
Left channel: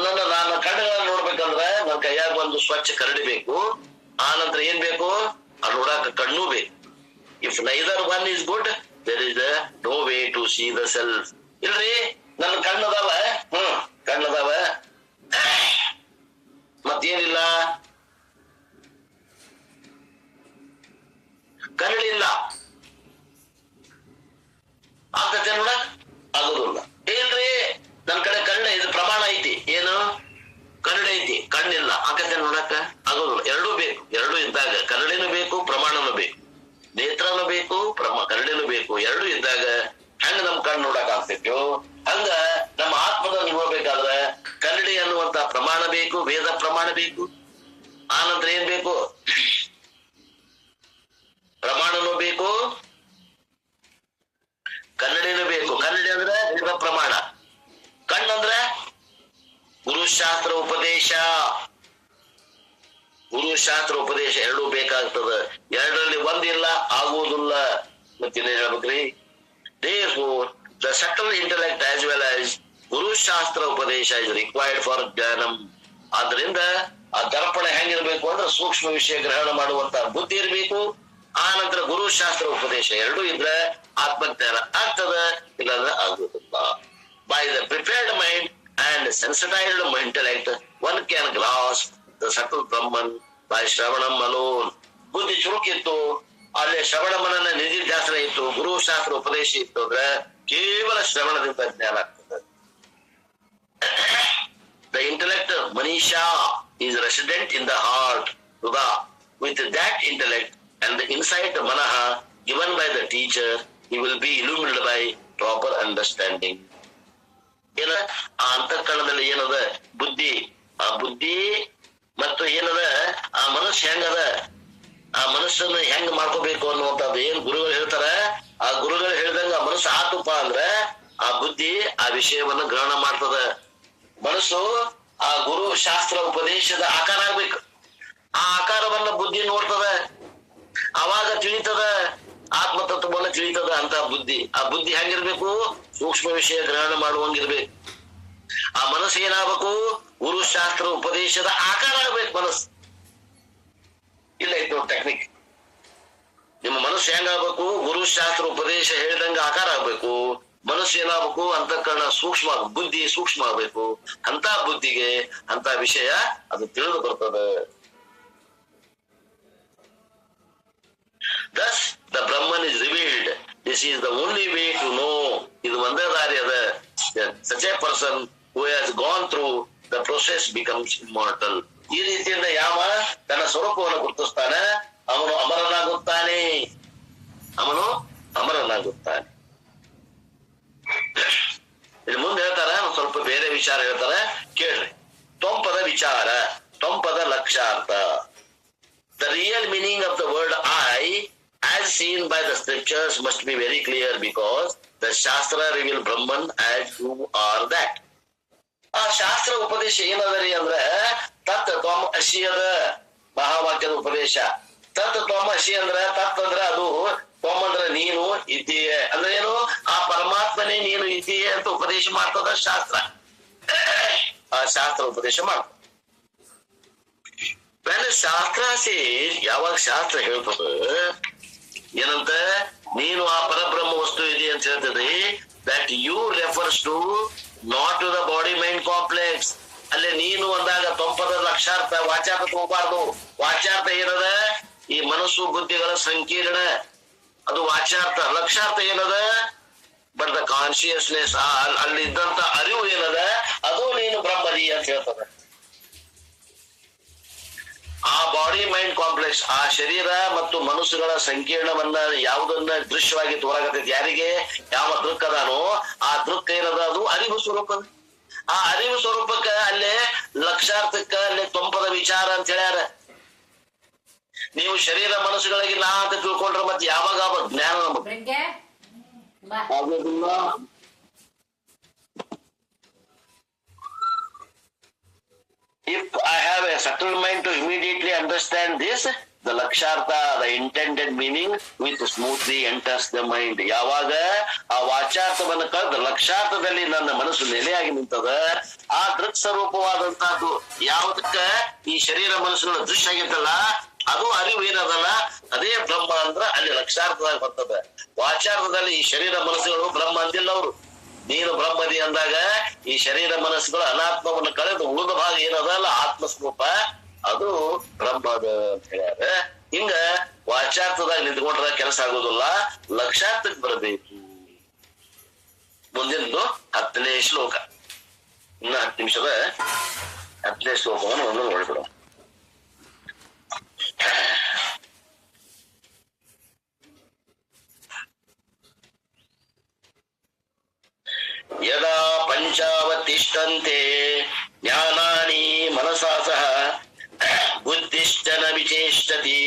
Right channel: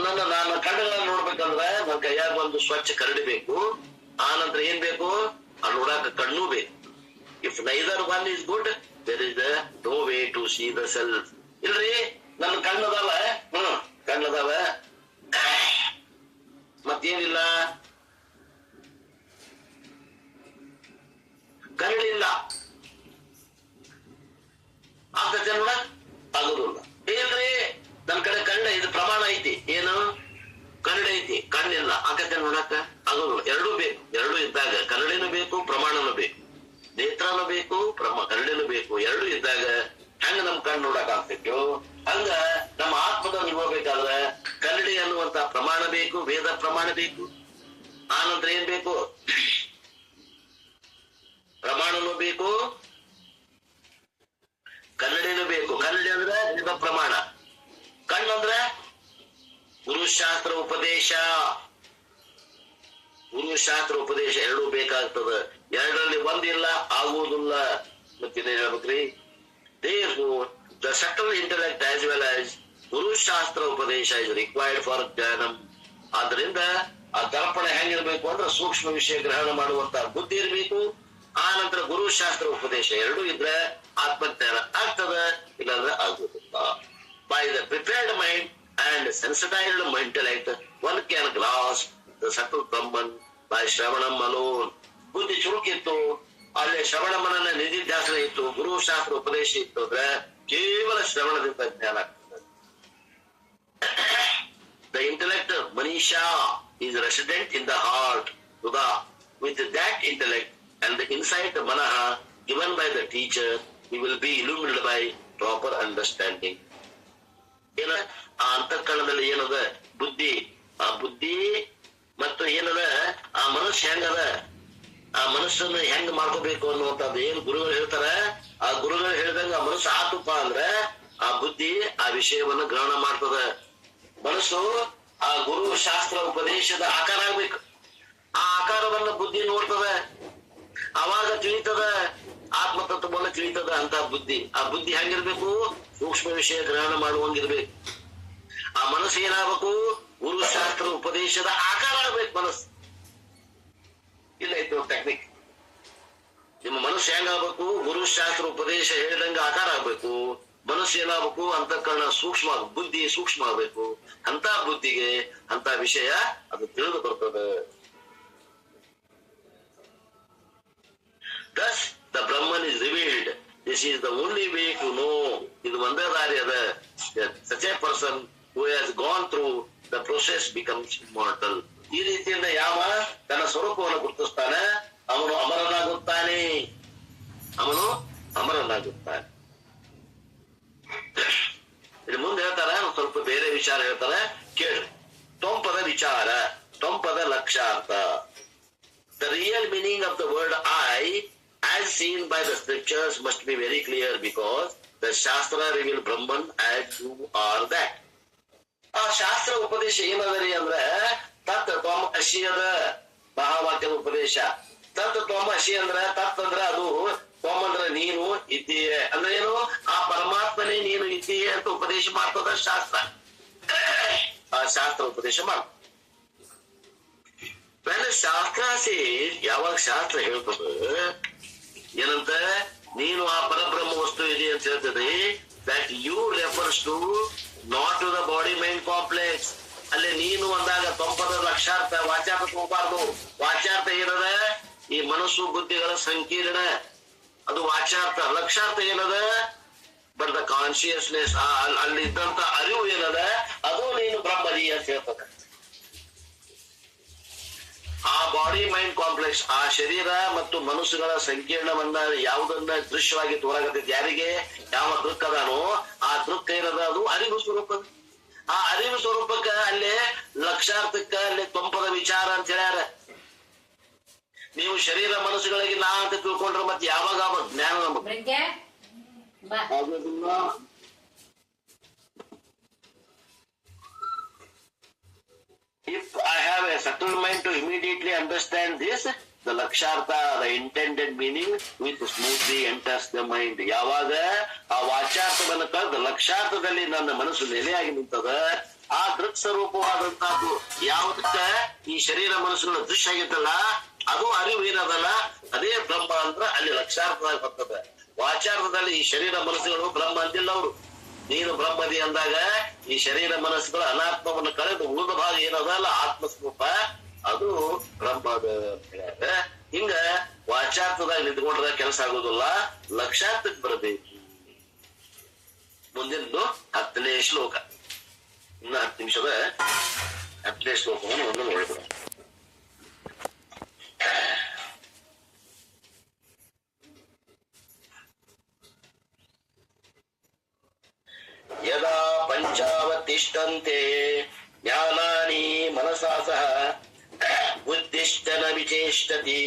ಕಣ್ಣುಗಳನ್ನ ನೋಡ್ಬೇಕಂದ್ರೆ ನನ್ನ ಕೈಯಾಗ ಒಂದು ಸ್ವಚ್ಛ ಕರಡಿ ಬೇಕು. ಆ ನಂತರ ಏನ್ ಬೇಕು? ಅಲ್ಲಿ ನೋಡಾಕ ಕಣ್ಣು ಬೇಕು. If neither one is good, there is no way to see the self. ಇಲ್ರಿ, ನನ್ನ ಕಣ್ಣದಾವ, ಕಣ್ಣದಾವ, ಮತ್ತೇನಿಲ್ಲ, ಕರಡಿಲ್ಲ, ಆಗತ್ತೆ ನೋಡ ಆಗುದಿಲ್ಲ. ಏನ್ರಿ, ನನ್ ಕಡೆ ಕಣ್ಣ ಇದು ಪ್ರಮಾಣ ಐತಿ, ಏನು ಕನ್ನಡ ಐತಿ, ಕಣ್ಣಿಲ್ಲ, ಆಗತ್ತೆ ನೋಡಕ ಆಗುದಿಲ್ಲ. ಎರಡೂ ಬೇಕು. ಎರಡೂ ಇದ್ದಾಗ ಕನ್ನಡಿನೂ ಬೇಕು, ಪ್ರಮಾಣನೂ ಬೇಕು, ನೇತ್ರನೂ ಬೇಕು, ಕನ್ನಡಿನೂ ಬೇಕು. ಎರಡೂ ಇದ್ದಾಗ ಹೆಂಗ ನಮ್ ಕಣ್ಣು ನೋಡಕ್ ಆಗ್ತೈತೋ ಹಂಗ ನಮ್ಮ ಆತ್ಮದ ಪ್ರಮಾಣ ಬೇಕು, ವೇದ ಪ್ರಮಾಣ ಬೇಕು. ಆನಂತರ ಏನ್ ಬೇಕು? ಪ್ರಮಾಣನೂ ಬೇಕು, ಕನ್ನಡಿನೂ ಬೇಕು. ಕನ್ನಡಿ ಅಂದ್ರೆ ವೇದ ಪ್ರಮಾಣ, ಕಣ್ಣಂದ್ರೆ ಗುರುಶಾಸ್ತ್ರ ಉಪದೇಶ. ಗುರುಶಾಸ್ತ್ರ ಉಪದೇಶ ಎರಡೂ ಬೇಕಾಗ್ತದ. ಎರಡರಲ್ಲಿ ಒಂದಿಲ್ಲ ಆಗುವುದಿಲ್ಲ. ಮತ್ತೇನೇನ್ ಹೇಳ್ಬೇಕ್ರಿ? Therefore, the subtle intellect as well as Guru Shastra Upadesha is required for Jnanam. ಆದ್ರಿಂದ ಆ ದರ್ಪಣ ಹೆಂಗಿರ್ಬೇಕು ಅಂದ್ರೆ ಸೂಕ್ಷ್ಮ ವಿಷಯ ಗ್ರಹಣ ಮಾಡುವಂತಹ ಬುದ್ಧಿ ಇರಬೇಕು. ಆ ನಂತರ ಗುರು ಶಾಸ್ತ್ರ ಉಪದೇಶ ಎರಡೂ ಇದ್ರೆ ಆತ್ಮಜ್ಞಾನ ಆಗ್ತದ, ಇಲ್ಲಾಂದ್ರೆ ಆಗುದಿಲ್ಲ. By the prepared mind and sensitized intellect, one can grasp the subtle Brahman by Shravanam alone. ಬುದ್ಧಿ ಚುರುಕಿತ್ತು, ಅಲ್ಲಿ ಶ್ರವಣ ಮನನ ನಿಧಿಧ್ಯಾಸನ ಇತ್ತು, ಗುರು ಶಾಸ್ತ್ರ ಉಪದೇಶ ಇತ್ತು ಅಂದ್ರೆ ಕೇವಲ ಶ್ರವಣದಿಂದ ಜ್ಞಾನ ಆಗ್ತದೆ. The intellect of Manisha is resident in the heart. With that intellect and the insight of Manaha given by the teacher, he will be illuminated by proper understanding. ಏನ ಆ ಅಂತಃಕರಣದಲ್ಲಿ ಏನದ ಬುದ್ಧಿ, ಆ ಬುದ್ಧಿ ಮತ್ತು ಏನದ ಆ ಮನಸ್ಸು ಹೆಂಗದ, ಆ ಮನಸ್ಸನ್ನು ಹೆಂಗ್ ಮಾಡ್ಕೋಬೇಕು ಅನ್ನುವಂಥದ್ದು ಏನ್ ಗುರುಗಳು ಹೇಳ್ತಾರ, ಆ ಗುರುಗಳು ಹೇಳಿದಂಗ ಆ ಮನಸ್ಸು ಆತುಪ್ಪ ಅಂದ್ರೆ ಆ ಬುದ್ಧಿ ಆ ವಿಷಯವನ್ನು ಗ್ರಹಣ ಮಾಡ್ತದ. ಮನಸ್ಸು ಆ ಗುರು ಶಾಸ್ತ್ರ ಉಪದೇಶದ ಆಕಾರ ಆಗ್ಬೇಕು. ಆ ಆಕಾರವನ್ನ ಬುದ್ಧಿ ನೋಡ್ತದ, ಅವಾಗ ತಿಳಿತದ, ಆತ್ಮತತ್ವವನ್ನು ತಿಳಿತದ ಅಂತ ಬುದ್ಧಿ. ಆ ಬುದ್ಧಿ ಹೆಂಗಿರ್ಬೇಕು? ಸೂಕ್ಷ್ಮ ವಿಷಯ ಗ್ರಹಣ ಮಾಡುವಂಗಿರ್ಬೇಕು. ಆ ಮನಸ್ಸು ಏನಾಗಬೇಕು? ಗುರು ಶಾಸ್ತ್ರ ಉಪದೇಶದ ಆಕಾರ ಆಗ್ಬೇಕು ಮನಸ್ಸು. ಇಲ್ಲ ಇದು ಟೆಕ್ನಿಕ್. ನಿಮ್ಮ ಮನಸ್ಸು ಹೆಂಗಾಗಬೇಕು? ಗುರು ಶಾಸ್ತ್ರ ಉಪದೇಶ ಹೇಳಿದಂಗ ಆಕಾರ ಆಗ್ಬೇಕು. ಮನಸ್ಸು ಏನಾಗಬೇಕು? ಅಂತಃಕರಣ ಸೂಕ್ಷ್ಮ, ಬುದ್ಧಿ ಸೂಕ್ಷ್ಮ ಆಗ್ಬೇಕು. ಅಂತ ಬುದ್ಧಿಗೆ ಅಂತ ವಿಷಯ ಅದು ತಿಳಿದು ಬರ್ತದೆ. Thus the Brahman is revealed. This is the only way to know. ಇದು ಒಂದೇ ದಾರಿ ಅದ. Such a person who has gone through the process becomes immortal. ಈ ರೀತಿಯಿಂದ ಯಾವ ತನ್ನ ಸ್ವರೂಪವನ್ನು ಗುರುತಿಸ್ತಾನೆ ಅವನು ಅಮರನಾಗುತ್ತಾನೆ. ಅವನು ಅಮರನಾಗುತ್ತಾನೆ. ಇಲ್ಲಿ ಮುಂದೆ ಹೇಳ್ತಾರ, ಸ್ವಲ್ಪ ಬೇರೆ ವಿಚಾರ ಹೇಳ್ತಾರ, ಕೇಳ್ರಿ. ತ್ವಂಪದ ವಿಚಾರ, ತ್ವಂಪದ ಲಕ್ಷಾರ್ಥ. The real meaning of the word I, as seen by the scriptures, must be very clear because the Shastra reveal Brahman as who are that. ಆ ಶಾಸ್ತ್ರ ಉಪದೇಶ ಏನದರಿ ಅಂದ್ರೆ ತತ್ ತ್ವಂ ಅಸಿ ಅದ ಮಹಾವಾಕ್ಯದ ಉಪದೇಶ. ತತ್ ತ್ವಂ ಅಸಿ ಅಂದ್ರೆ ತತ್ ಅಂದ್ರೆ ಅದು, ತ್ವಂ ಅಂದ್ರೆ ನೀನು ಇದ್ದೀಯೆ ಅಂದ್ರೆ ಏನು? ಆ ಪರಮಾತ್ಮನೇ ನೀನು ಇದ್ದೀಯೆ ಅಂತ ಉಪದೇಶ ಮಾಡ್ತದ ಶಾಸ್ತ್ರ. ಆ ಶಾಸ್ತ್ರ ಉಪದೇಶ ಮಾಡ. ಶಾಸ್ತ್ರ ಯಾವಾಗ ಶಾಸ್ತ್ರ ಹೇಳ್ತದ ಏನಂತ, ನೀನು ಆ ಪರಬ್ರಹ್ಮ ವಸ್ತು ಇದೆ ಅಂತ ಹೇಳ್ತದೆ. That you refers to not to the body mind complex. ಅಲ್ಲಿ ನೀನು ಅಂದಾಗ ತೊಂಪದ ಲಕ್ಷಾರ್ಥ, ವಾಚಾರ್ಥ ಹೋಗಬಾರ್ದು. ವಾಚಾರ್ಥ ಏನದ? ಈ ಮನಸ್ಸು ಬುದ್ಧಿಗಳ ಸಂಕೀರ್ಣ, ಅದು ವಾಚಾರ್ಥ. ಲಕ್ಷಾರ್ಥ ಏನದ? ಬಟ್ ದ ಕಾನ್ಶಿಯಸ್ನೆಸ್, ಅಲ್ಲಿದ್ದಂತ ಅರಿವು ಏನದ ಅದು ನೀನು ಬ್ರಹ್ಮದಿ ಅಂತ ಹೇಳ್ತದೆ. ಆ ಬಾಡಿ ಮೈಂಡ್ ಕಾಂಪ್ಲೆಕ್ಸ್, ಆ ಶರೀರ ಮತ್ತು ಮನಸ್ಸುಗಳ ಸಂಕೀರ್ಣವನ್ನ ಯಾವುದನ್ನ ದೃಶ್ಯವಾಗಿ ತೋರಾಗತೈತಿ, ಯಾರಿಗೆ ಯಾವ ದೃಕ್ ಅದಾನೋ ಆ ದೃಕ್ ಏನದ ಅದು ಅರಿವು ಸ್ವರೂಪ. ಆ ಅರಿವು ಸ್ವರೂಪಕ್ಕ ಅಲ್ಲೇ ಲಕ್ಷಾರ್ಥಕ್ಕ ಅಲ್ಲೇ ತೊಂಪದ ವಿಚಾರ ಅಂತ ಹೇಳ್ಯಾರ. ನೀವು ಶರೀರ ಮನಸ್ಸುಗಳಿಗೆ ನಾ ಅಂತ ತಿಳ್ಕೊಂಡ್ರೆ ಮತ್ತೆ ಯಾವಾಗ ಜ್ಞಾನ ಆಗೋದಿಲ್ಲ. If I have a subtle mind to immediately understand this, the lakshartha, the intended meaning, with smoothly enters the mind. ಯಾವಾಗ ಆ ವಾಚಾರ್ಥವನ್ನು ಕಳೆದ ಲಕ್ಷಾರ್ಥದಲ್ಲಿ ನನ್ನ ಮನಸ್ಸು ನೆಲೆಯಾಗಿ ನಿಂತದ, ಆ ದೃಕ್ ಸ್ವರೂಪವಾದಂತಹದ್ದು ಯಾವುದಕ್ಕ ಈ ಶರೀರ ಮನಸ್ಸುಗಳ ದೃಶ್ಯ ಆಗಿರ್ತಲ್ಲ ಅದು ಅರಿವು ಏನದಲ್ಲ ಅದೇ ಬ್ರಹ್ಮ ಅಂದ್ರ ಅಲ್ಲಿ ಲಕ್ಷಾರ್ಥದಾಗ ಬರ್ತದೆ. ವಾಚಾರ್ಥದಲ್ಲಿ ಈ ಶರೀರ ಮನಸ್ಸುಗಳು ಬ್ರಹ್ಮ ಅಂದಿಲ್ಲ ಅವರು. ನೀನು ಬ್ರಹ್ಮದಿ ಅಂದಾಗ ಈ ಶರೀರ ಮನಸ್ಸುಗಳು ಅನಾತ್ಮವನ್ನು ಕಳೆದು ಉಳಿದ ಭಾಗ ಏನದಲ್ಲ ಆತ್ಮಸ್ವರೂಪ ಅದು ಬ್ರಹ್ಮ ಅಂತ ಹೇಳ್ಯಾರ. ಹಿಂಗ ವಾಚಾರ್ಥದಾಗ ನಿಂತ್ಕೊಂಡ್ರ ಕೆಲಸ ಆಗೋದಿಲ್ಲ, ಲಕ್ಷಾರ್ಥಕ್ಕೆ ಬರಬೇಕು. ಮುಂದಿನದು 10ನೇ ಶ್ಲೋಕ. ಇನ್ನು 10 ನಿಮಿಷದ 10ನೇ ಶ್ಲೋಕವನ್ನು ಒಂದು ನೋಡ್ಬಿಡ. ಯದಾ ಪಂಚಾವತಿಷ್ಠಂತೆ ಜ್ಞಾನಾನಿ ಮನಸಾ ಸಹ ಬುದ್ಧಿಶ್ಚ ನ ವಿಚೇಷ್ಟತಿ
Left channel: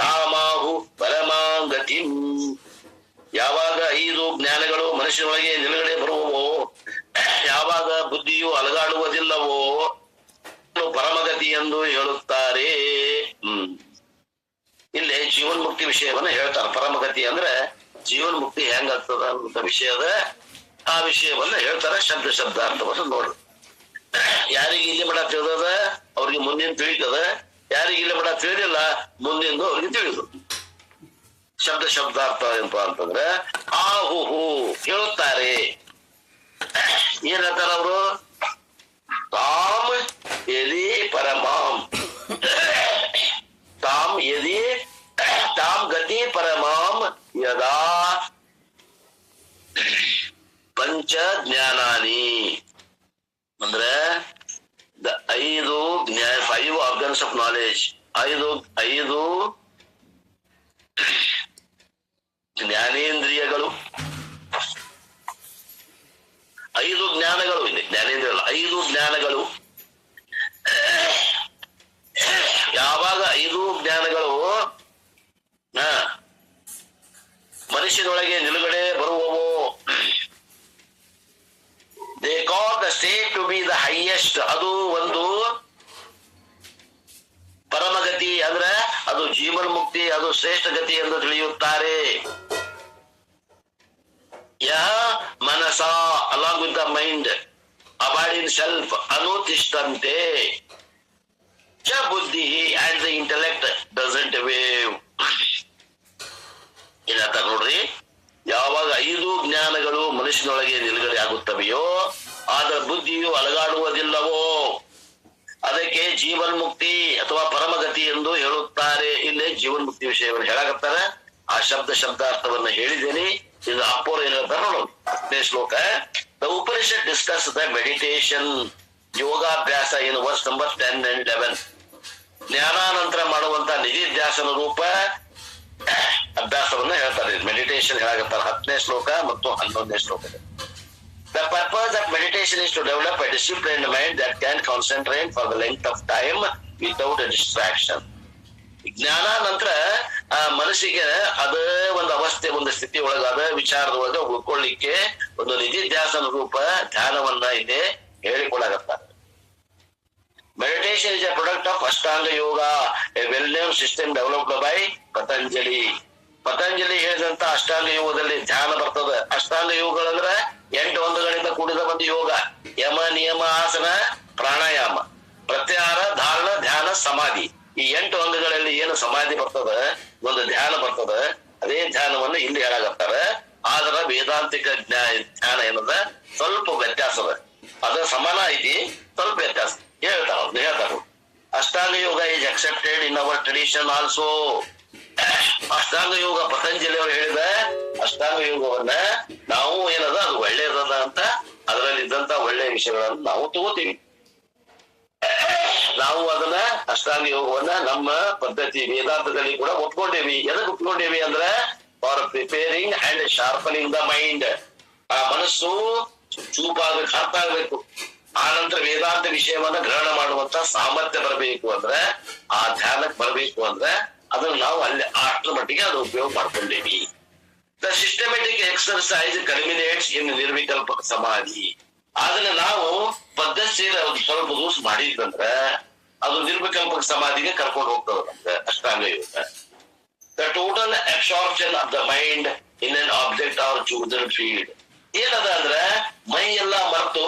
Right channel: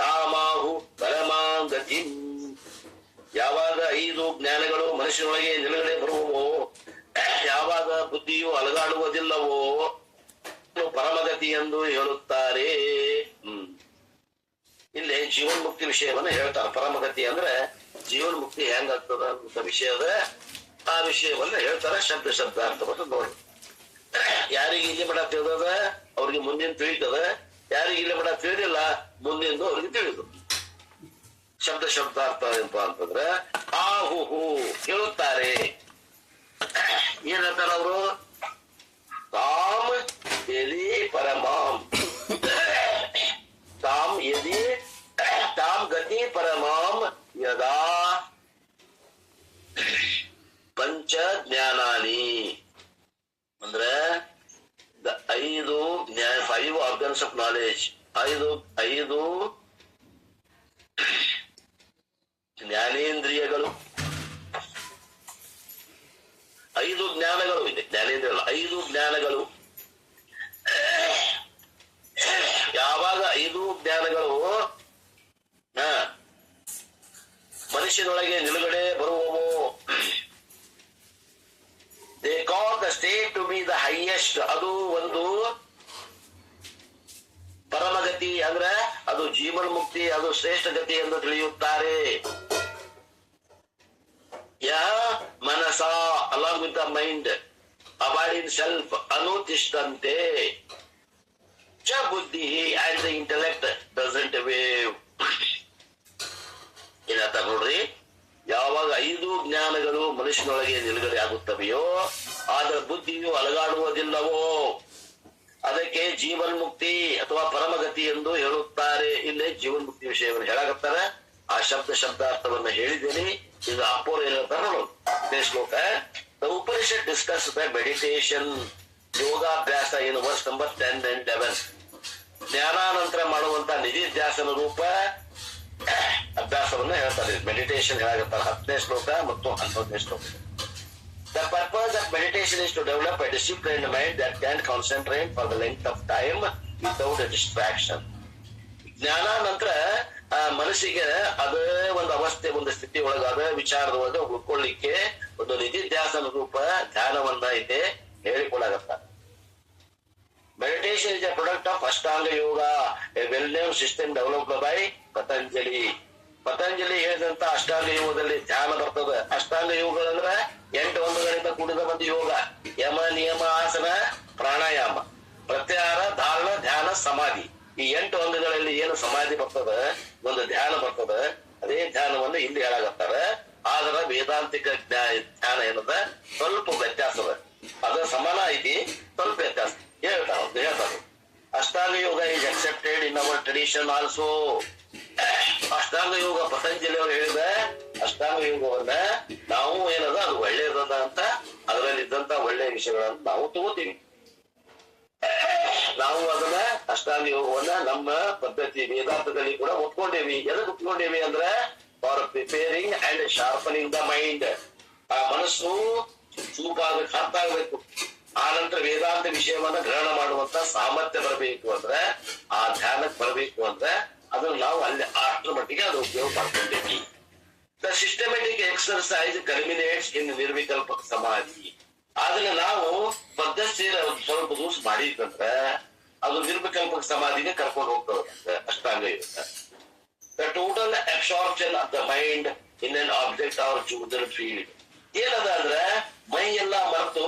ತಾಮಾಹು ಪರಮಾಗತಿಂ. ಯಾವಾಗ 5 ಜ್ಞಾನಗಳು ಮನಸ್ಸಿನೊಳಗೆ ನಿಲುಗಡೆ ಬರುವವೋ, ಯಾವಾಗ ಬುದ್ಧಿಯು ಅಲಗಾಡುವುದಿಲ್ಲವೋ ಪರಮಗತಿ ಎಂದು ಹೇಳುತ್ತಾರೆ. ಇಲ್ಲಿ ಜೀವನ್ಮುಕ್ತಿ ವಿಷಯವನ್ನು ಹೇಳ್ತಾರೆ. ಪರಮಗತಿ ಅಂದ್ರೆ ಜೀವನ್ಮುಕ್ತಿ ಹೆಂಗಾಗ್ತದ ಅಂತ ವಿಷಯದ ಆ ವಿಷಯವನ್ನ ಹೇಳ್ತಾರೆ. ಶಬ್ದಾರ್ಥವನ್ನು ನೋಡ್ರಿ. ಯಾರಿಗೆ ಇಲ್ಲಿ ಮಠ ತಿಳಿದದ ಅವ್ರಿಗೆ ಮುಂದಿನ ತಿಳಿತದ, ಯಾರಿಗೆ ಇಲ್ಲಿ ಮಠ ತಿಳಿದಿಲ್ಲ ಮುಂದಿಂದು ಅವ್ರಿಗೆ ತಿಳಿದು. ಶಬ್ದಾರ್ಥ ಏನಪ್ಪ ಅಂತಂದ್ರೆ ಆಹುಹು ಹೇಳುತ್ತಾರೆ. ಏನ್ ಹೇಳ್ತಾರ ಅವರು? ತಾಮ್ ಯದಿ ಪರಮಾಂ, ತಾಮ್ ಯದಿ ತಾಮ್ ಗತಿ ಪರಮಾಂ ಯದಾ ಪಂಚ ಜ್ಞಾನಾನಿ ಅಂದ್ರೆ 5 ಆರ್ಗನ್ಸ್ ಆಫ್ ನಾಲೆಜ್, 5 ಜ್ಞಾನೇಂದ್ರಿಯಗಳು, 5 ಜ್ಞಾನಗಳು ಇದೆ. ಜ್ಞಾನೇಂದ್ರಿಯ 5 ಜ್ಞಾನಗಳು. ಯಾವಾಗ 5 ಜ್ಞಾನಗಳು ಮನುಷ್ಯನೊಳಗೆ ನಿಲುಗಡೆ ಬರುವವೋ, they call the state to be the highest. ಅದು ಒಂದು ಪರಮಗತಿ ಅಂದ್ರೆ ಅದು ಜೀವನ್ ಮುಕ್ತಿ, ಅದು ಶ್ರೇಷ್ಠ ಗತಿ ಎಂದು ತಿಳಿಯುತ್ತಾರೆ. ಯಹ ಮನಸ along with the mind abide in self ಅನುತಿಷ್ಠಂತೆ ಚ ಬುದ್ಧಿ and the intellect doesn't wave. ಏನಂತ ನೋಡ್ರಿ, ಯಾವಾಗ 5 ಜ್ಞಾನಗಳು ಮನುಷ್ಯನೊಳಗೆ ನಿಲುಗಡೆ ಆಗುತ್ತವೆಯೋ ಆದ ಬುದ್ಧಿಯು ಅಲಗಾಡುವುದಿಲ್ಲವೋ ಅದಕ್ಕೆ ಜೀವನ್ಮುಕ್ತಿ ಅಥವಾ ಪರಮಗತಿ ಎಂದು ಹೇಳುತ್ತಾರೆ. ಇಲ್ಲೇ ಜೀವನ್ಮುಕ್ತಿ ವಿಷಯವನ್ನು ಹೇಳಕತ್ತಾರ. ಆ ಶಬ್ದಾರ್ಥವನ್ನು ಹೇಳಿದ್ದೇನೆ. ಇದು ಅಪ್ಪೋರು ಏನ್ ಹೇಳ್ತಾರೆ ನೋಡೋದು ಶ್ಲೋಕ. The Upanishad discuss the meditation, ಯೋಗಾಭ್ಯಾಸ ಇನ್ ವರ್ಸ್ ನಂಬರ್ 10 and 11. ಜ್ಞಾನಾನಂತರ ಮಾಡುವಂತ ನಿಧಿಧ್ಯಾಸನ ರೂಪ ಅಭ್ಯಾಸವನ್ನ ಹೇಳ್ತಾರೆ. ಮೆಡಿಟೇಷನ್ ಹೇಳಾಗತ್ತಾರೆ 10ನೇ ಶ್ಲೋಕ ಮತ್ತು 11ನೇ ಶ್ಲೋಕ. The purpose of meditation is to develop a disciplined mind that can concentrate for the length of time without a distraction. ಜ್ಞಾನ ನಂತರ ಆ ಮನಸ್ಸಿಗೆ ಅದ ಒಂದು ಅವಸ್ಥೆ, ಒಂದು ಸ್ಥಿತಿ ಒಳಗಾದ ವಿಚಾರದೊಳಗ ಉಳ್ಕೊಳ್ಳಿಕ್ಕೆ ಒಂದು ನಿಧಿಧ್ಯಾಸನ ರೂಪ ಧ್ಯಾನವನ್ನ ಇದೆ ಹೇಳಿಕೊಡಾಗತ್ತ. Meditation is a product of Ashtanga Yoga, a well-known system developed by Patanjali. Patanjali ಹೇಳಿದಂತ ಅಷ್ಟಾಂಗ ಯೋಗದಲ್ಲಿ ಧ್ಯಾನ ಬರ್ತದ. ಅಷ್ಟಾಂಗ ಯೋಗಗಳಂದ್ರ 8 ಅಂಗಗಳಿಂದ ಕೂಡಿದ ಒಂದು ಯೋಗ. ಯಮ, ನಿಯಮ, ಆಸನ, ಪ್ರಾಣಾಯಾಮ, ಪ್ರತ್ಯಾಹಾರ, ಧಾರಣ, ಧ್ಯಾನ, ಸಮಾಧಿ. ಈ 8 ಅಂಗಗಳಲ್ಲಿ ಏನು ಸಮಾಧಿ ಬರ್ತದ, ಒಂದು ಧ್ಯಾನ ಬರ್ತದ, ಅದೇ ಧ್ಯಾನವನ್ನು ಇಲ್ಲಿ ಹೇಳಾಗತ್ತಾರ. ಆದ್ರ ವೇದಾಂತಿಕ ಧ್ಯಾನ ಏನದ ಸ್ವಲ್ಪ ವ್ಯತ್ಯಾಸ ಅದ. ಅದ ಸಮಾನ ಐತಿ, ಸ್ವಲ್ಪ ವ್ಯತ್ಯಾಸ ಹೇಳ್ತಾರ. Ashtanga yoga is accepted in our tradition also. ಅಷ್ಟಾಂಗ ಯೋಗ ಪತಂಜಲಿ ಅವರು ಹೇಳಿದ ಅಷ್ಟಾಂಗ ಯೋಗವನ್ನ ನಾವು ಏನದ ಅದು ಒಳ್ಳೇದದ ಅಂತ, ಅದರಲ್ಲಿದ್ದಂತ ಒಳ್ಳೆಯ ವಿಷಯಗಳನ್ನು ನಾವು ತಗೋತೀವಿ. ನಾವು ಅದನ್ನ ಅಷ್ಟಾಂಗ ಯೋಗವನ್ನ ನಮ್ಮ ಪದ್ಧತಿ ವೇದಾಂತದಲ್ಲಿ ಕೂಡ ಒಪ್ಕೊಂಡೇವಿ. ಎದಕ್ ಒಪ್ಕೊಂಡೇವಿ ಅಂದ್ರ for preparing and sharpening the mind. ಆ ಮನಸ್ಸು ಚೂಪಾಗಬೇಕು, ಅರ್ಥಾಗಬೇಕು. ಆ ನಂತರ ವೇದಾಂತ ವಿಷಯವನ್ನ ಗ್ರಹಣ ಮಾಡುವಂತ ಸಾಮರ್ಥ್ಯ ಬರಬೇಕು ಅಂದ್ರೆ, ಆ ಧ್ಯಾನಕ್ಕೆ ಬರಬೇಕು ಅಂದ್ರೆ ಅದನ್ನ ನಾವು ಅಲ್ಲಿ ಅಷ್ಟರ ಮಟ್ಟಿಗೆ ಅದು ಉಪಯೋಗ ಮಾಡ್ಕೊಂಡೇವಿ. ದ ಸಿಸ್ಟಮೆಟಿಕ್ ಎಕ್ಸರ್ಸೈಸ್ ಕಲ್ಮಿನೇಟ್ಸ್ ಇನ್ ನಿರ್ವಿಕಲ್ಪಕ ಸಮಾಧಿ. ಅದನ್ನ ನಾವು ಪದ್ಧತಿ ಸ್ವಲ್ಪ ದಿವಸ ಮಾಡಿದ್ರಂದ್ರ ಅದು ನಿರ್ವಿಕಲ್ಪಕ ಸಮಾಧಿಗೆ ಕರ್ಕೊಂಡು ಹೋಗ್ತದೆ ಅಷ್ಟಾಂಗ ಯೋಗ. The total absorption of the mind in an object or chosen field. ಏನದ ಅಂದ್ರ ಮೈ ಎಲ್ಲ ಮರೆತು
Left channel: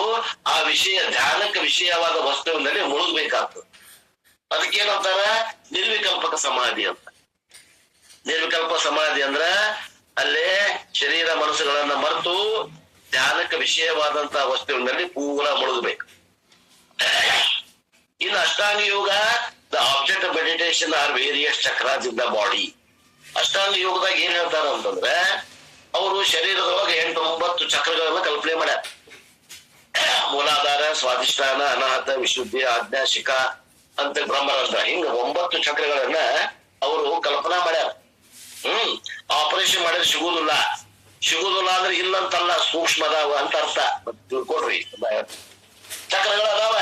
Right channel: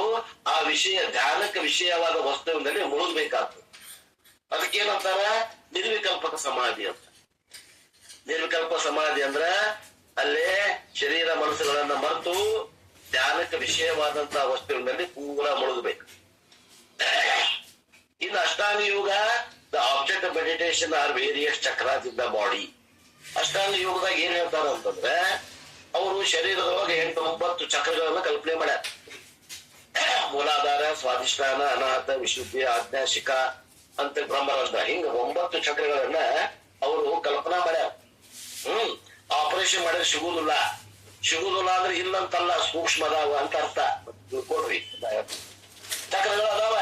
ಆ ವಿಷಯ, ಧ್ಯಾನಕ್ಕೆ ವಿಷಯವಾದ ವಸ್ತುವಿನಲ್ಲಿ ಮುಳುಗಬೇಕಾಗ್ತದೆ. ಅದಕ್ಕೇನಂತಾರ ನಿರ್ವಿಕಲ್ಪಕ ಸಮಾಧಿ ಅಂತ. ನಿರ್ವಿಕಲ್ಪ ಸಮಾಧಿ ಅಂದ್ರ ಅಲ್ಲೇ ಶರೀರ ಮನಸ್ಸುಗಳನ್ನ ಮರೆತು ಧ್ಯಾನಕ್ಕೆ ವಿಷಯವಾದಂತ ವಸ್ತುವಿನಲ್ಲಿ ಪೂರ ಮುಳುಗಬೇಕು. ಇನ್ನು ಅಷ್ಟಾಂಗ ಯೋಗ, the object of meditation are various chakras in the body. ಅಷ್ಟಾಂಗ ಯೋಗದಾಗ ಏನ್ ಹೇಳ್ತಾರ ಅಂತಂದ್ರೆ ಅವರು ಶರೀರದೊಳಗೆ 8-9 ಚಕ್ರಗಳನ್ನ ಕಲ್ಪನೆ ಮಾಡ್ಯಾರ. ಮೂಲಾಧಾರ, ಸ್ವಾಧಿಷ್ಠಾನ, ಅನಾಹತ, ವಿಶುದ್ಧಿ, ಆಜ್ಞಾ, ಶಿಖಾ ಅಂತ ಬ್ರಹ್ಮರಂಧ್ರ, ಹಿಂಗ 9 ಚಕ್ರಗಳನ್ನ ಅವರು ಕಲ್ಪನಾ ಮಾಡ್ಯಾರ. ಆಪರೇಷನ್ ಮಾಡಿದ್ರೆ ಸಿಗುದಿಲ್ಲ ಅಂದ್ರೆ ಇಲ್ಲಂತಲ್ಲ, ಸೂಕ್ಷ್ಮ ಅದಾವ ಅಂತ ಅರ್ಥ. ತಿಳ್ಕೊಡ್ರಿ, ಚಕ್ರಗಳು ಅದಾವ.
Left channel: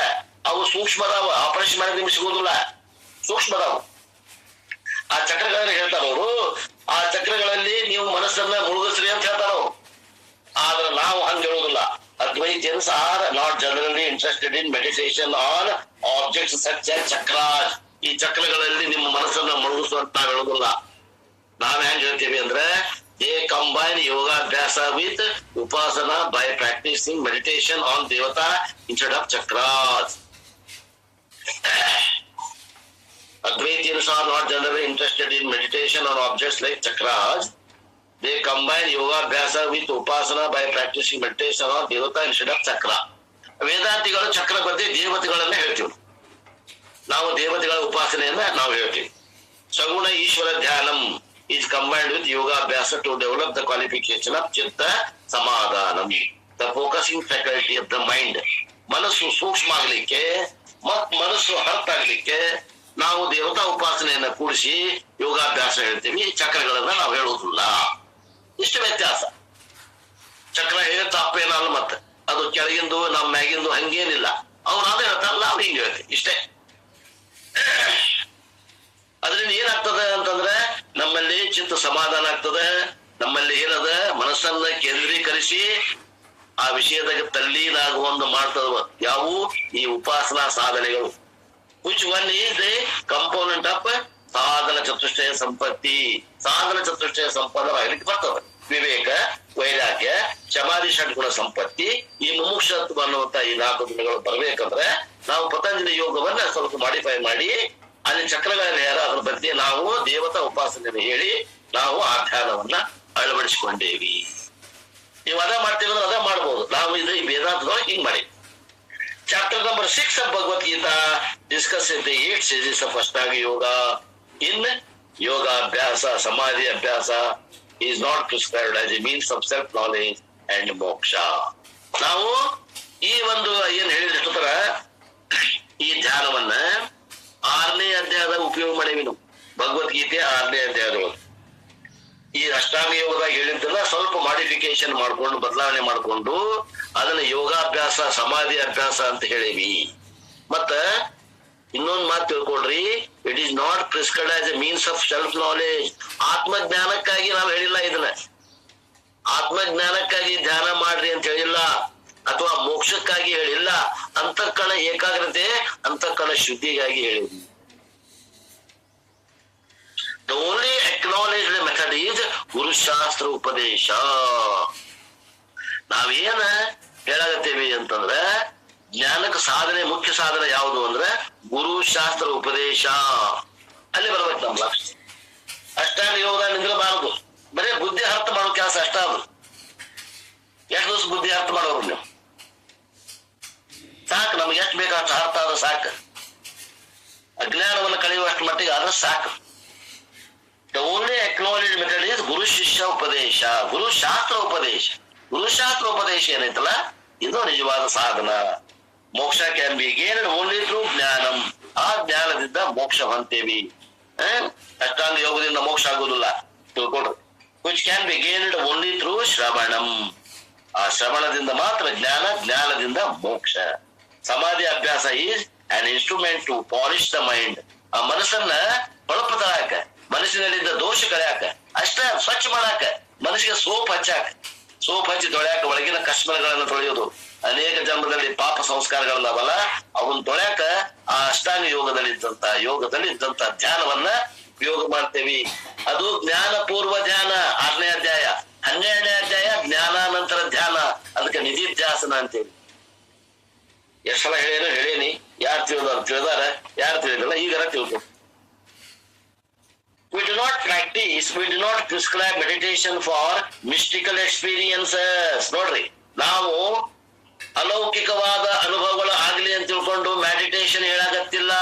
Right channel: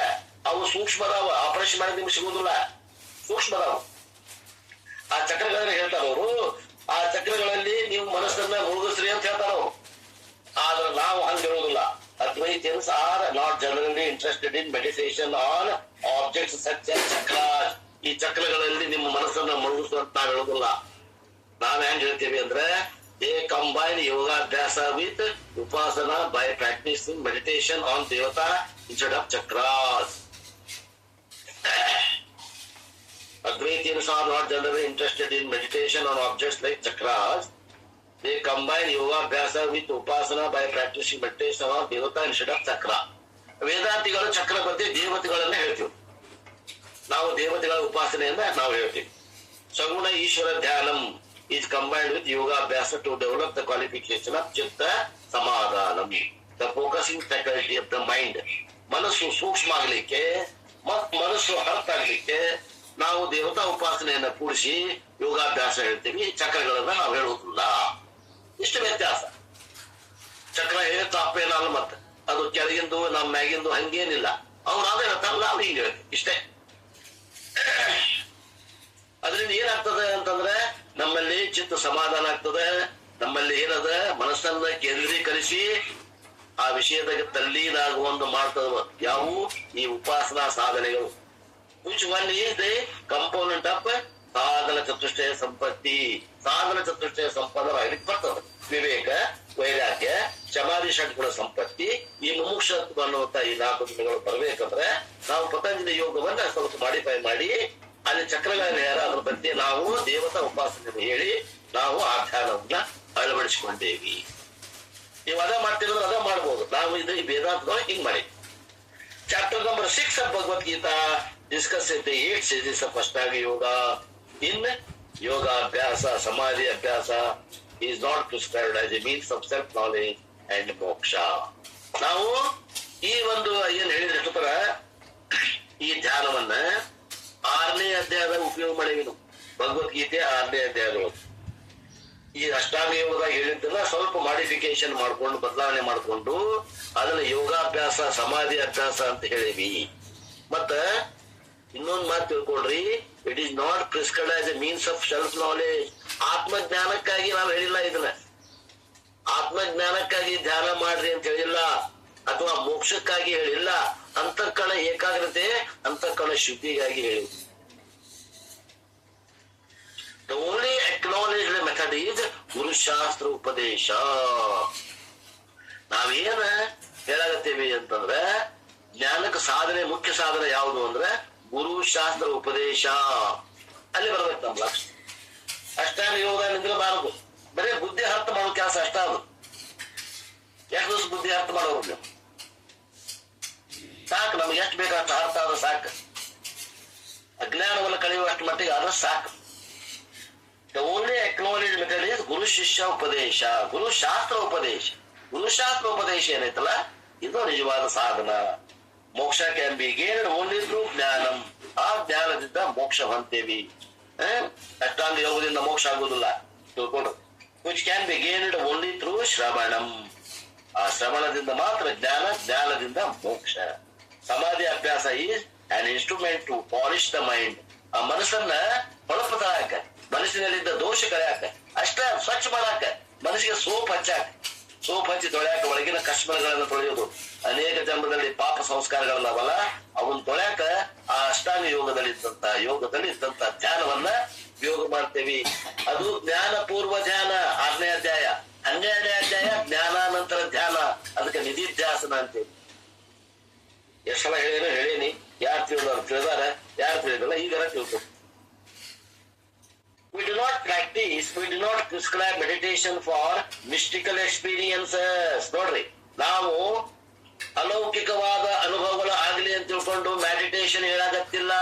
ಅವು ಸೂಕ್ಷ್ಮ ಅದಾವ, ಆಪರೇಷನ್ ಮಾಡಿ ನಿಮ್ಗೆ ಸಿಗೋದಿಲ್ಲ, ಸೂಕ್ಷ್ಮ ಅದಾವ. ಆ ಚಕ್ರಗಳಲ್ಲಿ ಹೇಳ್ತಾರ ಅವರು, ಆ ಚಕ್ರಗಳಲ್ಲಿ ನೀವು ಮನಸ್ಸನ್ನ ಮುಳುಗಿಸ್ರಿ ಅಂತ ಹೇಳ್ತಾರ ಅವರು. ಆದ್ರೆ ನಾವು ಹಂಗ ಹೇಳುದಿಲ್ಲ. Advaitians are not generally interested in meditation on objects such as chakras. ಈ ಚಕ್ರಗಳಲ್ಲಿ ನಿಮ್ಮ ಮನಸ್ಸನ್ನ ಮುಳುಗಿಸುವಂತ ನಾವ್ ಹೇಳುದಿಲ್ಲ. ನಾವ್ ಹೆಂಗ್ ಹೇಳ್ತೀವಿ ಅಂದ್ರೆ, they combine yogaಭ್ಯಾಸ with upasana by practicing meditation on devata instead of chakras. Advaitians are not generally interested in meditation on objects like chakras. They combine yogaಭ್ಯಾಸ with upasana by practicing meditation on devata instead of chakra. ವೇದಾಂತಿಗಳು ಚಕ್ರ ಬಗ್ಗೆ ದೇವತೆಗಳನ್ನ ಹೇಳ್ತೀವಿ, ನಾವು ದೇವತೆಗಳ ಉಪಾಸನೆಯನ್ನ ನಾವು ಹೇಳ್ತೀವಿ. ಸಗುಣ Ishwara ಧ್ಯಾನಂ is combined with yogaಭ್ಯಾಸ to develop the qualification of chitta samadhanam, the focusing faculty of the mind. ಮನಸ್ಸು ಸೂಕ್ಷ್ಮ ಆಗ್ಲಿಕ್ಕೆ ಮತ್ ಮನಸ್ಸು ಹೊರತಾಗ್ಲಿಕ್ಕೆ ನಾವು ದೇವತಾ ಉಪಾಸನೆಯನ್ನ ಕೂಡಿಸಿ ಯೋಗಾಭ್ಯಾಸ ಹೇಳ್ತೀವಿ, ಚಕ್ರಗಳನ್ನ ನಾವು ಹೇಳುವುದಿಲ್ಲ. ಇಷ್ಟು ವ್ಯತ್ಯಾಸ. ಚಕ್ರ ಹೇಳ ತಪ್ಪೇನಲ್ಲ, ಮತ್ತೆ ಅದು ಕೆಳಗಿಂದು ನಮ್ಮ ಮ್ಯಾಗಿಂದು ಹಂಗೇನಿಲ್ಲ. ಅವ್ರು ಅದೇ ಹೇಳ್ತಾರಲ್ಲ, ಅವ್ರು ಹಿಂಗೆ ಹೇಳ್ತೀವಿ, ಇಷ್ಟೇ. ಅದರಿಂದ ಏನಾಗ್ತದೆ ಅಂತಂದ್ರೆ ನಮ್ಮಲ್ಲಿ ಚಿತ್ತ ಸಮಾಧಾನ ಆಗ್ತದೆ. ನಮ್ಮಲ್ಲಿ ಏನದ ಮನಸ್ಸನ್ನ ಕೇಂದ್ರೀಕರಿಸಿ ಆ ವಿಷಯದಾಗ ತಲ್ಲೀನಾಗುವಂದು ಮಾಡ್ತದ ಯಾವು ಈ ಉಪಾಸನಾ ಸಾಧನೆಗಳು. which one is the component of ಸಾಧನ ಚತುಷ್ಟಯ ಸಂಪತ್ತಿ. ಸಾಧನ ಚತುಷ್ಟಯ ಸಂಪನ್ನವಾಗಲಿಕ್ಕೆ ಬರ್ತದೆ ವಿವೇಕ, ವೈರಾಗ್ಯ, ಸಮಾಧಿ, ಷಡ್ಗುಣ ಸಂಪತ್ತಿ. ಈ ಮುಮುಕ್ಷತ್ವ ಅನ್ನುವಂತ ಈ 4 ಗುಣಗಳು ಬರ್ಬೇಕಂದ್ರೆ ನಾವು ಪತಂಜಲಿ ಯೋಗವನ್ನ ಸ್ವಲ್ಪ ಮಾಡಿಫೈ ಮಾಡಿ ಅಲ್ಲಿ ಚಕ್ರಗಳನ್ನು ಅದ್ರ ಬಗ್ಗೆ ನಾವು ದೇವತಾ ಉಪಾಸನೆಯನ್ನು ಹೇಳಿ ನಾವು ಆ ಧ್ಯಾನವನ್ನ ಅಳವಡಿಸಿಕೊಂಡೇವಿ. ನೀವು ಅದ ಮಾಡ್ತೀವಿ ಅದ ಮಾಡ್ಬೋದು. ನಾವು ಇದು ಈ ವೇದಾಂತದೊಳಗೆ ಹಿಂಗ್ ಮಾಡಿ. Chapter number 6 of Bhagavad Gita discusses the 8 stages of Ashtanga Yoga. In yoga abhyasa, samadhi abhyasa is not prescribed as a means of self-knowledge and moksha. ನಾವು ಈ ಒಂದು ಏನ್ ಹೇಳಿದ್ರ ಈ ಧ್ಯಾನವನ್ನ 6ನೇ ಅಧ್ಯಾಯದ ಉಪಯೋಗ ಮಾಡೇವಿ ನಾವು. ಭಗವದ್ಗೀತೆ 6ನೇ ಅಧ್ಯಾಯದೊಳಗೆ ಈ ಅಷ್ಟಾಂಗ ಯೋಗದಾಗ ಹೇಳಿದ್ದನ್ನ ಸ್ವಲ್ಪ ಮಾಡಿಫಿಕೇಶನ್ ಮಾಡ್ಕೊಂಡು ಬದಲಾವಣೆ ಮಾಡ್ಕೊಂಡು ಅದನ್ನ ಯೋಗಾಭ್ಯಾಸ, ಸಮಾಧಿ ಅಭ್ಯಾಸ ಅಂತ ಹೇಳೇವಿ. ಮತ್ತ ಇನ್ನೊಂದು ಮಾತು ತಿಳ್ಕೊಡ್ರಿ, it is not prescribed as a means of self knowledge. ಆತ್ಮಜ್ಞಾನಕ್ಕಾಗಿ ನಾವು ಹೇಳಿಲ್ಲ ಇದನ್ನ. ಆತ್ಮಜ್ಞಾನಕ್ಕಾಗಿ ಧ್ಯಾನ ಮಾಡ್ರಿ ಅಂತ ಹೇಳಿಲ್ಲ, ಅಥವಾ ಮೋಕ್ಷಕ್ಕಾಗಿ ಹೇಳಿಲ್ಲ. ಅಂತಃಕರಣ ಏಕಾಗ್ರತೆ, ಅಂತಃಕರಣ ಶುದ್ಧಿಗಾಗಿ ಹೇಳಿದ್ವಿ. The only acknowledged method is ಗುರುಶಾಸ್ತ್ರ ಉಪದೇಶ. ನಾವೇನ ಹೇಳಾಗತ್ತೇವೆ ಅಂತಂದ್ರ ಜ್ಞಾನಕ್ಕೆ ಸಾಧನೆ, ಮುಖ್ಯ ಸಾಧನೆ ಯಾವುದು ಅಂದ್ರೆ ಗುರುಶಾಸ್ತ್ರ ಉಪದೇಶ. ಅಲ್ಲಿ ಬರ್ಬೇಕು ನಮ್ಮ ಲಕ್ಷ. ಅಷ್ಟಾಂಗ ಯೋಗ ನಿಂದ್ರಬಾರದು, ಬರೀ ಬುದ್ಧಿ ಅರ್ಥ ಮಾಡೋ ಕೆಲಸ ಅಷ್ಟ. ಅದು ಎಷ್ಟು ದಿವಸ ಬುದ್ಧಿ ಅರ್ಥ ಮಾಡೋರು ನೀವು? ಸಾಕು, ನಮ್ಗೆ ಎಷ್ಟು ಬೇಕು ಅಷ್ಟು ಅರ್ಥ ಆದ್ರೆ ಸಾಕು. ಅಜ್ಞಾನವನ್ನು ಕಳೆಯುವಷ್ಟು ಮಟ್ಟಿಗೆ ಆದ್ರೆ ಸಾಕು. The only acknowledged method is ಗುರು ಶಿಷ್ಯ ಉಪದೇಶ, ಗುರು ಶಾಸ್ತ್ರ ಉಪದೇಶ. ಗುರುಶಾಸ್ತ್ರ ಉಪದೇಶ ಏನೈತಲ್ಲ, ಇದು ನಿಜವಾದ ಸಾಧನ. Moksha can be gained only through jnanam. ಆ ಜ್ಞಾನದಿಂದ ಮೋಕ್ಷ ಹೊಂತೇವಿ. ಅಷ್ಟಾಂಗ ಯೋಗದಿಂದ ಮೋಕ್ಷ ಆಗುವುದಿಲ್ಲ, ತಿಳ್ಕೊಡ್ರಿ. Which can be gained only through shravanam. ಆ ಶ್ರವಣದಿಂದ ಮಾತ್ರ ಜ್ಞಾನ, ಜ್ಞಾನದಿಂದ ಮೋಕ್ಷ. Samadhi abhyasa is an instrument to polish the mind. ಆ ಮನಸ್ಸನ್ನ ಹೊಳಪತಾಕ, ಮನಸ್ಸಿನಲ್ಲಿದ್ದ ದೋಷ ಕಳೆಯಾಕ, ಅಷ್ಟ ಸ್ವಚ್ಛ ಮಾಡಾಕ, ಮನಸ್ಸಿಗೆ ಸೋಪ್ ಹಚ್ಚಾಕ, ಸೋಪ್ ಹಚ್ಚಿ ತೊಳ್ಯಾಕ, ಒಳಗಿನ ಕಶ್ಮಲಗಳನ್ನ ತೊಳೆಯೋದು. ಅನೇಕ ಜನ್ಮದಲ್ಲಿ ಪಾಪ ಸಂಸ್ಕಾರಗಳನ್ನವಲ್ಲ ಅವನ್ನ ತೊಳ್ಯಾಕ ಆ ಅಷ್ಟಾಂಗ ಯೋಗದಲ್ಲಿದ್ದಂತ ಧ್ಯಾನವನ್ನ ಉಪಯೋಗ ಮಾಡ್ತೇವಿ. ಅದು ಜ್ಞಾನ ಪೂರ್ವ ಧ್ಯಾನ 6ನೇ ಅಧ್ಯಾಯ. 12ನೇ ಅಧ್ಯಾಯ ಜ್ಞಾನಾನಂತರ ಧ್ಯಾನ, ಅದಕ್ಕೆ ನಿಧಿಧ್ಯಾಸನ ಅಂತೇಳಿ. ಎಷ್ಟ್ ಸಲ ಹೇಳೇನಿ. ಯಾರು ತಿಳಿದಾರ, ಯಾರು ತಿಳಿದಿಲ್ಲ, ಈಗಾರ ತಿಳ್ಕೊ. We do not practice, we do not prescribe meditation for mystical experiences. ನೋಡ್ರಿ, ನಾವು ಅಲೌಕಿಕವಾದ ಅನುಭವಗಳು ಆಗ್ಲಿ ಅಂತ ತಿಳ್ಕೊಂಡು meditation ಹೇಳಾಗತ್ತಿಲ್ಲ.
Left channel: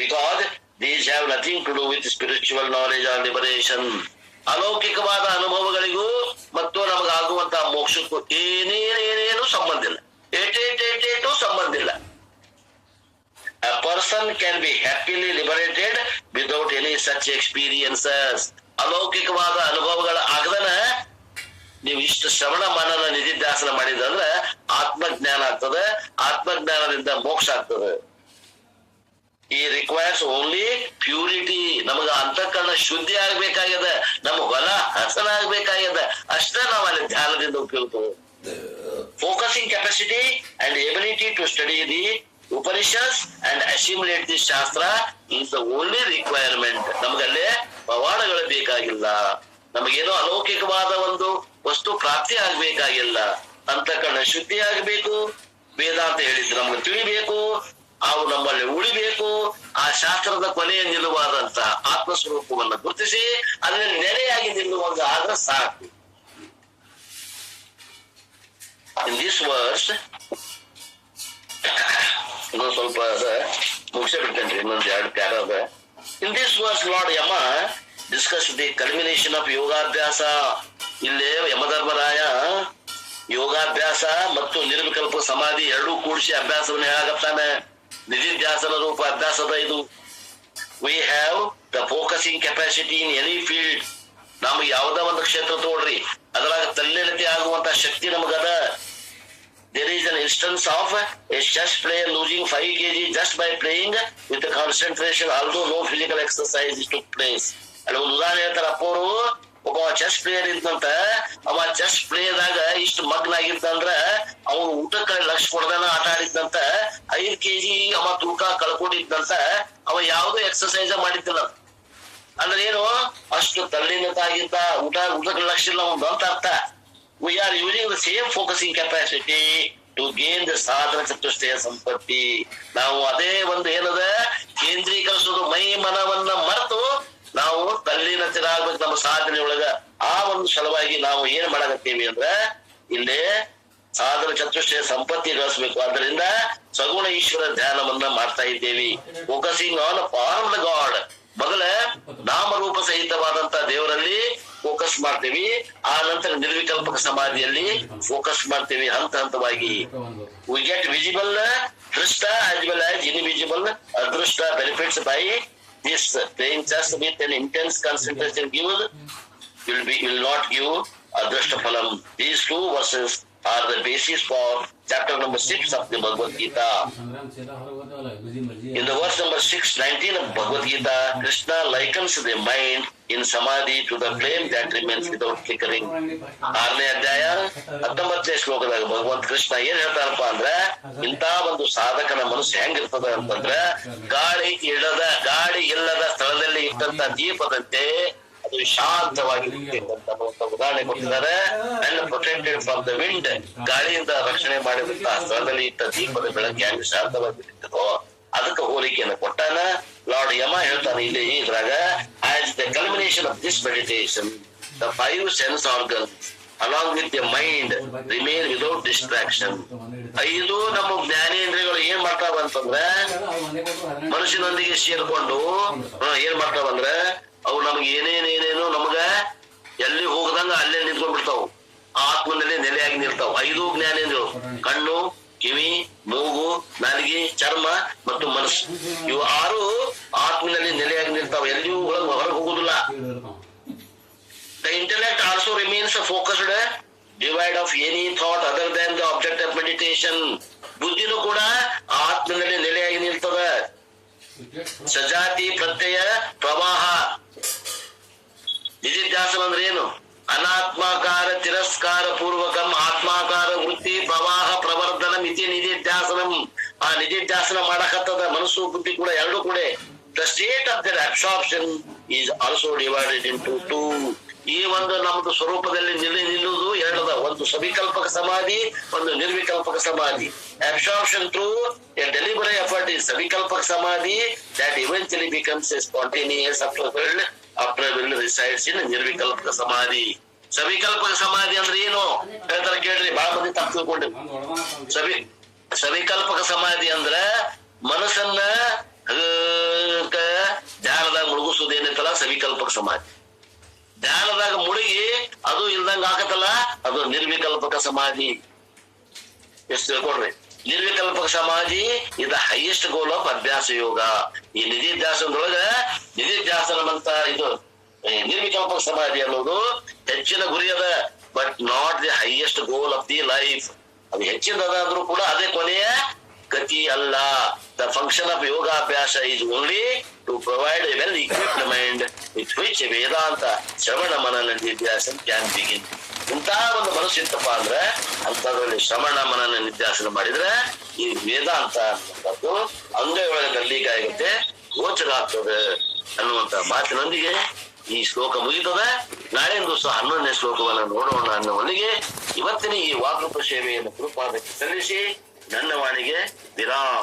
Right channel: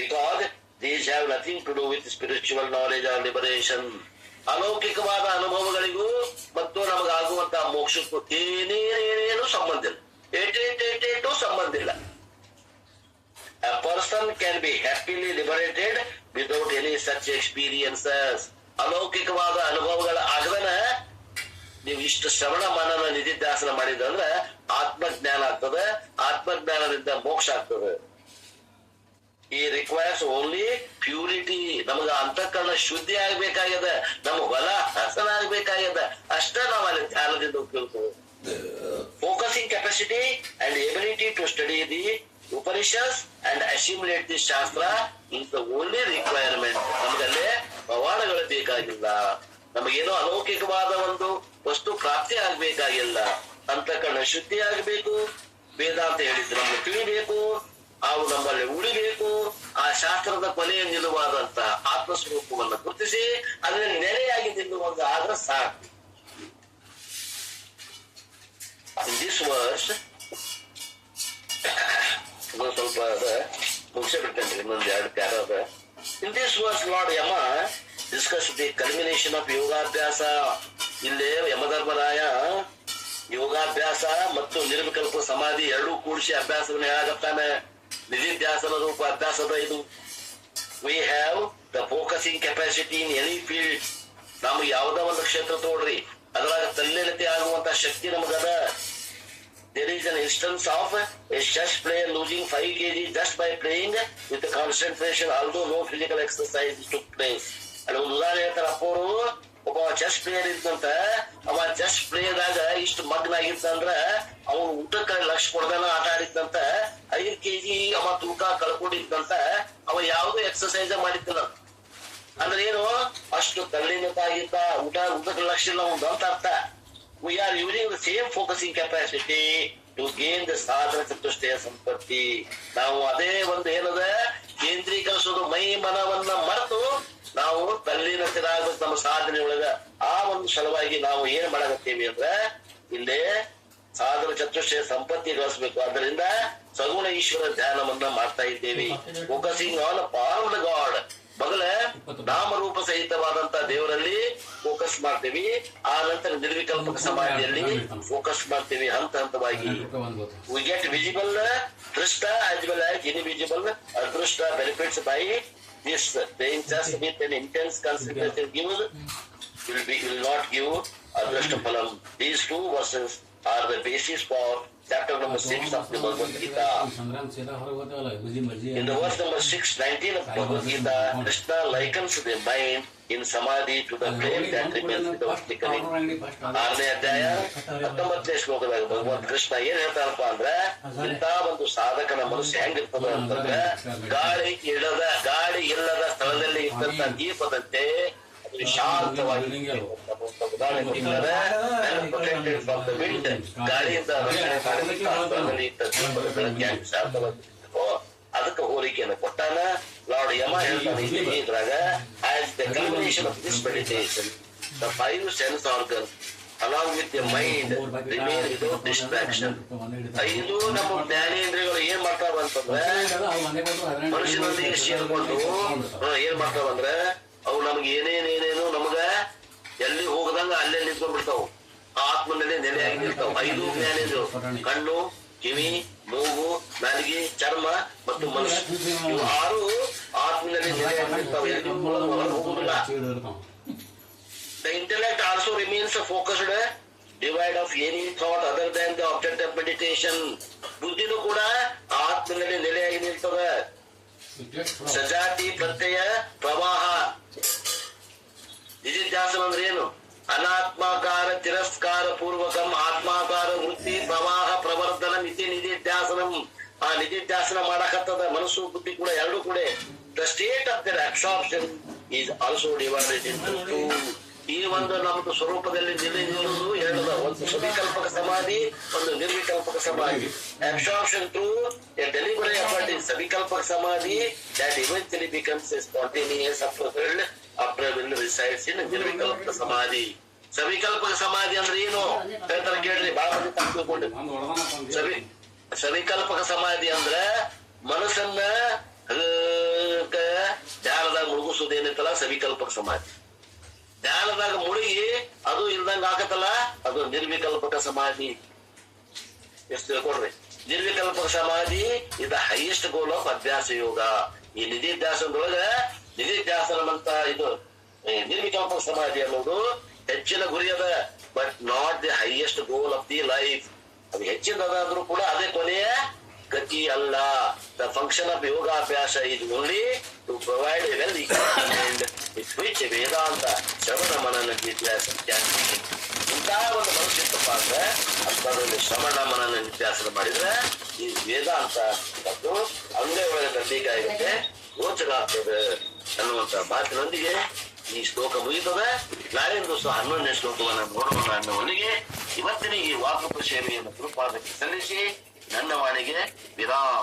Because these have nothing to do with spiritual knowledge or liberation. ಅಲೌಕಿಕವಾದ ಅನುಭವಗಳಿಗೂ ಮತ್ತು ನಮಗಾಗುವಂತಹ ಮೋಕ್ಷಕ್ಕೂ ಏನೇನು ಸಂಬಂಧ ಇಲ್ಲ, ಏಟೇಟು ಸಂಬಂಧ ಇಲ್ಲ. A person can be happily liberated without any such experiences. ಅಲೌಕಿಕವಾದ ಅನುಭವಗಳ ಆಗದನ ನೀವು ಇಷ್ಟು ಶ್ರವಣ ಮನನ ನಿಧಿಧ್ಯಾಸನ ಮಾಡಿದಂದ್ರೆ ಆತ್ಮಜ್ಞಾನ ಆಗ್ತದೆ. ಆತ್ಮಜ್ಞಾನದಿಂದ ಮೋಕ್ಷ ಆಗ್ತದೆ. ಈ ರಿಕ್ವೈರ್ಸ್ ಓನ್ಲಿ ಪ್ಯೂರಿಟಿ. ನಮಗ ಅಂತಃಕರಣ ಶುದ್ಧಿ ಆಗ್ಬೇಕಾಗ್ಯದ, ನಮ್ ಹೊಲ ಹಸನ ಆಗ್ಬೇಕಾಗ್ಯದ, ಅಷ್ಟೇ ನಾವು ಅಲ್ಲಿ ಧ್ಯಾನದಿಂದ ಉಪಯೋಗ. Focusing capacity and ability to study the Upanishads and assimilate the shastra is the only requirement. ನಮಗಲ್ಲೇ ಪವಾಡಗಳು ಬೇಕಾಗಿಲ್ಲ, ನಮಗೇನೋ ಅಲೌಕಿಕವಾದ ಒಂದು ವಸ್ತು ಪ್ರಾಪ್ತಿ ಆಗ್ಬೇಕಾಗಿಲ್ಲ. ಅಂತಃಕರಣ ಶುದ್ಧಿ ಆಗ್ಬೇಕು, ವೇದಾಂತ ಹೇಳಿದ್ರೆ ನಮ್ಗೆ ತಿಳಿಬೇಕು, ಅವು ನಮ್ಮಲ್ಲಿ ಉಳಿಬೇಕು. ಆ ಶಾಸ್ತ್ರದ ಕೊನೆಯ ನಿಲುವಾದಂತಹ ಆತ್ಮಸ್ವರೂಪವನ್ನು ಗುರುತಿಸಿ ಅದರಲ್ಲಿ ನೆಲೆಯಾಗಿ ನಿಲ್ಲುವಂಗ ಆದ್ರೆ ಸಾಕು. ಇನ್ ದಿಸ್ ವರ್ಸ್ ಇನ್ನೊಂದು ಸ್ವಲ್ಪ ಮುಗಿಸೇ ಬಿಡ್ತೇನ್ರಿ, ಇನ್ನೊಂದು 2 ಪ್ಯಾರ ಅದ. In this verse Lord Yama discuss the culmination of ಯೋಗಾಭ್ಯಾಸ. ಇಲ್ಲೇ ಯಮಧರ್ಮರಾಯ ಯೋಗಾಭ್ಯಾಸ ಮತ್ತು ನಿರ್ವಿಕಲ್ಪ ಸಮಾಧಿ ಎರಡೂ ಕೂಡಿಸಿ ಅಭ್ಯಾಸವನ್ನು ಹೇಳಾಗತ್ತಾನೆ. ನಿಧಿಧ್ಯಾಸನ ರೂಪ ಅಭ್ಯಾಸದ ಇದು. We have the focusing capacity in any field. ನಮ್ಗೆ ಯಾವ್ದ ಒಂದು ಕ್ಷೇತ್ರ ತೋಡ್ರಿ, ಅದ್ರಾಗ ತಲ್ಲೀನತೆ ಆಗುವಂತ ಶಕ್ತಿ ನಮಗದ. There is an instance of a chess player losing 5 kg just by playing with the concentration, although no physical exercise took place. ಅಲ್ಲಿ ಒಂದು ಉದಾಹರಣೆ ಹೇಳ್ತಾರ ಅಪ್ಪವರು. ಒಬ್ಬ ಚೆಸ್ ಪ್ಲೇಯರ್ ಇದ್ದಂತ, ಅವ ಚೆಸ್ ಪ್ಲೇಯರ್ದಾಗ ಇಷ್ಟು ಮಗ್ನ ಆಗಿದ್ದಂದ್ರ ಅವನು ಊಟಕ್ಕೆ ಲಕ್ಷ ಕೊಡ್ದಾನ ಆಟ ಆಡಿದ್ದಂತ 5 kg ಅವ ತೂಕ ಕಳ್ಕೊಂಡಿದ್ದಂತ. ಅವ ಯಾವ್ದು ಎಕ್ಸರ್ಸೈಸ್ ಮಾಡಿದ್ದಿಲ್ಲ. ಅಂದ್ರೆ ಏನು, ಅಷ್ಟು ತಲ್ಲೀನತ ಆಗಿದ್ದ, ಊಟಕ್ಕೆ ಲಕ್ಷ ಇಲ್ಲ ಒಂದು ಅಂತ ಅರ್ಥ. We are using the same focusing capacity to gain the ಸಾಧನ ಚತುಷ್ಟಯ ಸಂಪತ್ತಿ. ನಾವು ಅದೇ ಒಂದು ಏನದ ಕೇಂದ್ರೀಕರಿಸೋದು, ಮೈ ಮನವನ್ನ ಮರೆತು ನಾವು ತಲ್ಲೀನತೆರಾಗ್ಬೇಕು ನಮ್ಮ ಸಾಧನೆ ಒಳಗ. ಆ ಒಂದು ಸಲುವಾಗಿ ನಾವು ಏನ್ ಮಾಡಕತ್ತೀವಿ ಅಂದ್ರ ಇಲ್ಲೇ ಸಾಧನ ಚತುಷ್ಟಯ ಸಂಪತ್ತಿ ಗಳಿಸ್ಬೇಕು. ಅದರಿಂದ ಸಗುಣ ಈಶ್ವರ ಧ್ಯಾನವನ್ನ ಮಾಡ್ತಾ ಇದ್ದೇವೆ. Focusing on form god. ಮೊದಲ ನಾಮರೂಪ ಸಹಿತವಾದಂತ ದೇವರಲ್ಲಿ ಫೋಕಸ್ ಮಾಡ್ತೀವಿ, ಆ ನಂತರ ನಿರ್ವಿಕಲ್ಪಕ ಸಮಾಧಿಯಲ್ಲಿ ಫೋಕಸ್ ಮಾಡ್ತೀವಿ ಹಂತ ಹಂತವಾಗಿ. ವಿ ಗೆಟ್ ವಿಸಿಬಲ್ ದೃಷ್ಟ as well as invisible ಅದೃಷ್ಟ benefits by this. Playing chess with an intense concentration will not give adrishta phalam. These 2 verses are the basis for chapter number 6 of the Bhagavad Gita. In the verse number 619 of Bhagavad Gita, Krishna likens the mind in samadhi to the flame that remains without flickering. 6ನೇ ಅಧ್ಯಾಯ 19ನೇ ಶ್ಲೋಕದಾಗ ಭಗವಂತ ಕೃಷ್ಣ ಏನ್ ಹೇಳ್ತಾರಪ್ಪ ಅಂದ್ರ, ಇಂತ ಒಂದು ಸಾಧಕನ ಮನಸ್ಸು ಹೆಂಗಿರ್ತದ ಅಂತಂದ್ರ ಗಾಳಿ ಇಲ್ಲದ ಸ್ಥಳದಲ್ಲಿ ಇಟ್ಟಂತ ದೀಪದಂತೆ ಅದು ಶಾಂತವಾಗಿ ಉದಾಹರಣೆ ಕೊಟ್ಟಿದ್ದಾರೆ. And protected from the wind. ಗಾಳಿಯಿಂದ ರಕ್ಷಣೆ ಮಾಡಿದಂತ ಸ್ಥಳದಲ್ಲಿ ಇಟ್ಟ ದೀಪದ ಬೆಳಕಿಯಾಗಿ ಶಾಂತವಾಗಿರ್ತದೋ ಅದಕ್ಕೆ ಹೋಲಿಕೆಯನ್ನು ಕೊಟ್ಟಾನ. ಲಾರ್ಡ್ ಯಮ ಹೇಳ್ತಾನೆ ಇಲ್ಲಿ ಇದ್ರಾಗ, as the culmination of this meditation the 5 sense organs along with the mind remain without distraction. 5 ನಮ್ಮ ಜ್ಞಾನೇಂದ್ರಿಯಗಳು ಏನ್ ಮಾಡ್ತಾವಂತಂದ್ರೆ ಮನುಷ್ಯನೊಂದಿಗೆ ಸೇರ್ಕೊಂಡು ಏನ್ ಮಾಡ್ತಾವಂದ್ರ ಅವು ನಮ್ಗೆ ಏನೇನೇನೇನು ನಮಗ ಎಲ್ಲಿ ಹೋಗದಂಗ ಅಲ್ಲೇ ನಿಂತ್ಕೊಂಡ್ಬಿಡ್ತಾವ. ಆತ್ಮನಲ್ಲಿ ನೆಲೆಯಾಗಿ ನಿಲ್ತಾವ. 5 ಜ್ಞಾನೇಂದ್ರಿಯಗಳು, ಕಣ್ಣು, ಕಿವಿ, ಮೂಗು, ನಾಲಿಗೆ, ಚರ್ಮ ಮತ್ತು ಮನಸ್ಸು. ಇವು 6 ಆತ್ಮನಲ್ಲಿ ನೆಲೆಯಾಗಿ ನಿಲ್ತಾವ, ಎಲ್ಲಿಯೂ ಹೊರಗೆ ಹೋಗುದಿಲ್ಲ. The intellect also remains focused, devoid of any thought other than the object of meditation. ಬುದ್ಧಿನೂ ಕೂಡ ಆತ್ಮನಲ್ಲಿ ನೆಲೆಯಾಗಿ ನಿಲ್ತದ. ಸಜಾತಿ ಪ್ರತ್ಯಯ ಪ್ರವಾಹ. ನಿಧಿಧ್ಯಾಸನ ಅಂದ್ರೆ ಏನು? ಅನಾತ್ಮಾಕಾರ ತಿರಸ್ಕಾರ ಪೂರ್ವಕಂ ಆತ್ಮಾಕಾರ ವೃತ್ತಿ ಪ್ರವಾಹ ಪ್ರವರ್ಧನ ಮಿತಿ ನಿಧಿಧ್ಯಾಸನಂ. ಆ ನಿಧಿಧ್ಯಾಸನ ಮಾಡಕತ್ತದ ಮನಸ್ಸು ಬುದ್ಧಿ ಕೂಡ ಎರಡು ಕೂಡ. The state of there absorption is also divided into 2. ಈ ಒಂದು ನಮ್ದು ಸ್ವರೂಪದಲ್ಲಿ ನಿಲ್ಲುವುದು 2. ಒಂದು ಸವಿಕಲ್ಪಕ ಸಮಾಧಿ, ಒಂದು ನಿರ್ವಿಕಲ್ಪಕ ಸಮಾಧಿ. ಅಬ್ಸಾರ್ಪ್ಷನ್ ಥ್ರೂ ಎ ಡೆಲಿವರಿ effort is savikalpaka samadhi that eventually becomes a spontaneous after will resides in ನಿರ್ವಿಕಲ್ಪಕ ಸಮಾಧಿ. ಸವಿಕಲ್ಪಕ ಸಮಾಧಿ ಅಂದ್ರೆ ಏನು ಹೇಳ್ತಾರೆ ಕೇಳ್ರಿ, ಬಹಳ ಮಂದಿ ತಪ್ಪು ತಿಳ್ಕೊಂಡ್ರಿ. ಸವಿಕಲ್ಪಕ ಸಮಾಧಿ ಅಂದ್ರ ಮನಸ್ಸನ್ನ ಧ್ಯಾನದಾಗ ಮುಳುಗಿಸುವುದೇನೈತಲ್ಲ ಸವಿಕಲ್ಪಕ ಸಮಾಧಿ. ಧ್ಯಾನದಾಗ ಮುಳುಗಿ ಅದು ಇಲ್ದಂಗ ಆಗತ್ತಲ್ಲ ಅದು ನಿರ್ವಿಕಲ್ಪಕ ಸಮಾಧಿ. ಎಷ್ಟು ತಿಳ್ಕೊಡ್ರಿ. ನಿರ್ವಿಕಲ್ಪಕ ಸಮಾಧಿ ಇದು ಹೈಯೆಸ್ಟ್ ಗೋಲ್ ಆಫ್ ಅಭ್ಯಾಸ ಯೋಗ. ಈ ನಿಧಿಧ್ಯಾಸನದೊಳಗ ನಿಧಿಧ್ಯಾಸನ ಅಂತ ಇದು ನಿರ್ವಿಕಲ್ಪಕ ಸಮಾಧಿ ಅನ್ನೋದು ಹೆಚ್ಚಿನ ಗುರಿಯದ. But not the highest goal of the life. ಅದು ಹೆಚ್ಚಿನದಾದ್ರೂ ಕೂಡ ಅದೇ ಕೊನೆಯ ಗತಿ ಅಲ್ಲ. The function of yogabhyasa is only to provide a well equipped mind with which Vedanta shravana manana ನಿಧ್ಯಾಸನ can begin. ಇಂತಹ ಒಂದು ಮನಸ್ಸು ಇತ್ತಪ್ಪ ಅಂದ್ರೆ ಅಂತದ್ರಲ್ಲಿ ಶ್ರವಣ ಮನನ ನಿಧ್ಯಾಸನ ಮಾಡಿದ್ರೆ ಈ ವೇದಾಂತ ಅಂತಕ್ಕಂಥದ್ದು ಅಂಗೈಯೊಳಗೆ ಕಡ್ಲಿಕ್ಕೆ ಆಗುತ್ತೆ, ಗೋಚರ ಆಗ್ತದೆ ಅನ್ನುವಂತ ಮಾತಿನೊಂದಿಗೆ ಈ ಶ್ಲೋಕ ಮುಗಿತದೆ. ನಾಳೆ ದಿವಸ 11ನೇ ಶ್ಲೋಕವನ್ನು ನೋಡೋಣ ಅನ್ನುವನಿಗೆ ಇವತ್ತಿನ ಈ ವಾಕೃಪ ಸೇವೆಯನ್ನು ಗುರುಪಾದಕ್ಕೆ ಸಲ್ಲಿಸಿ ನನ್ನ ವಾಣಿಗೆ ವಿರಾಮ.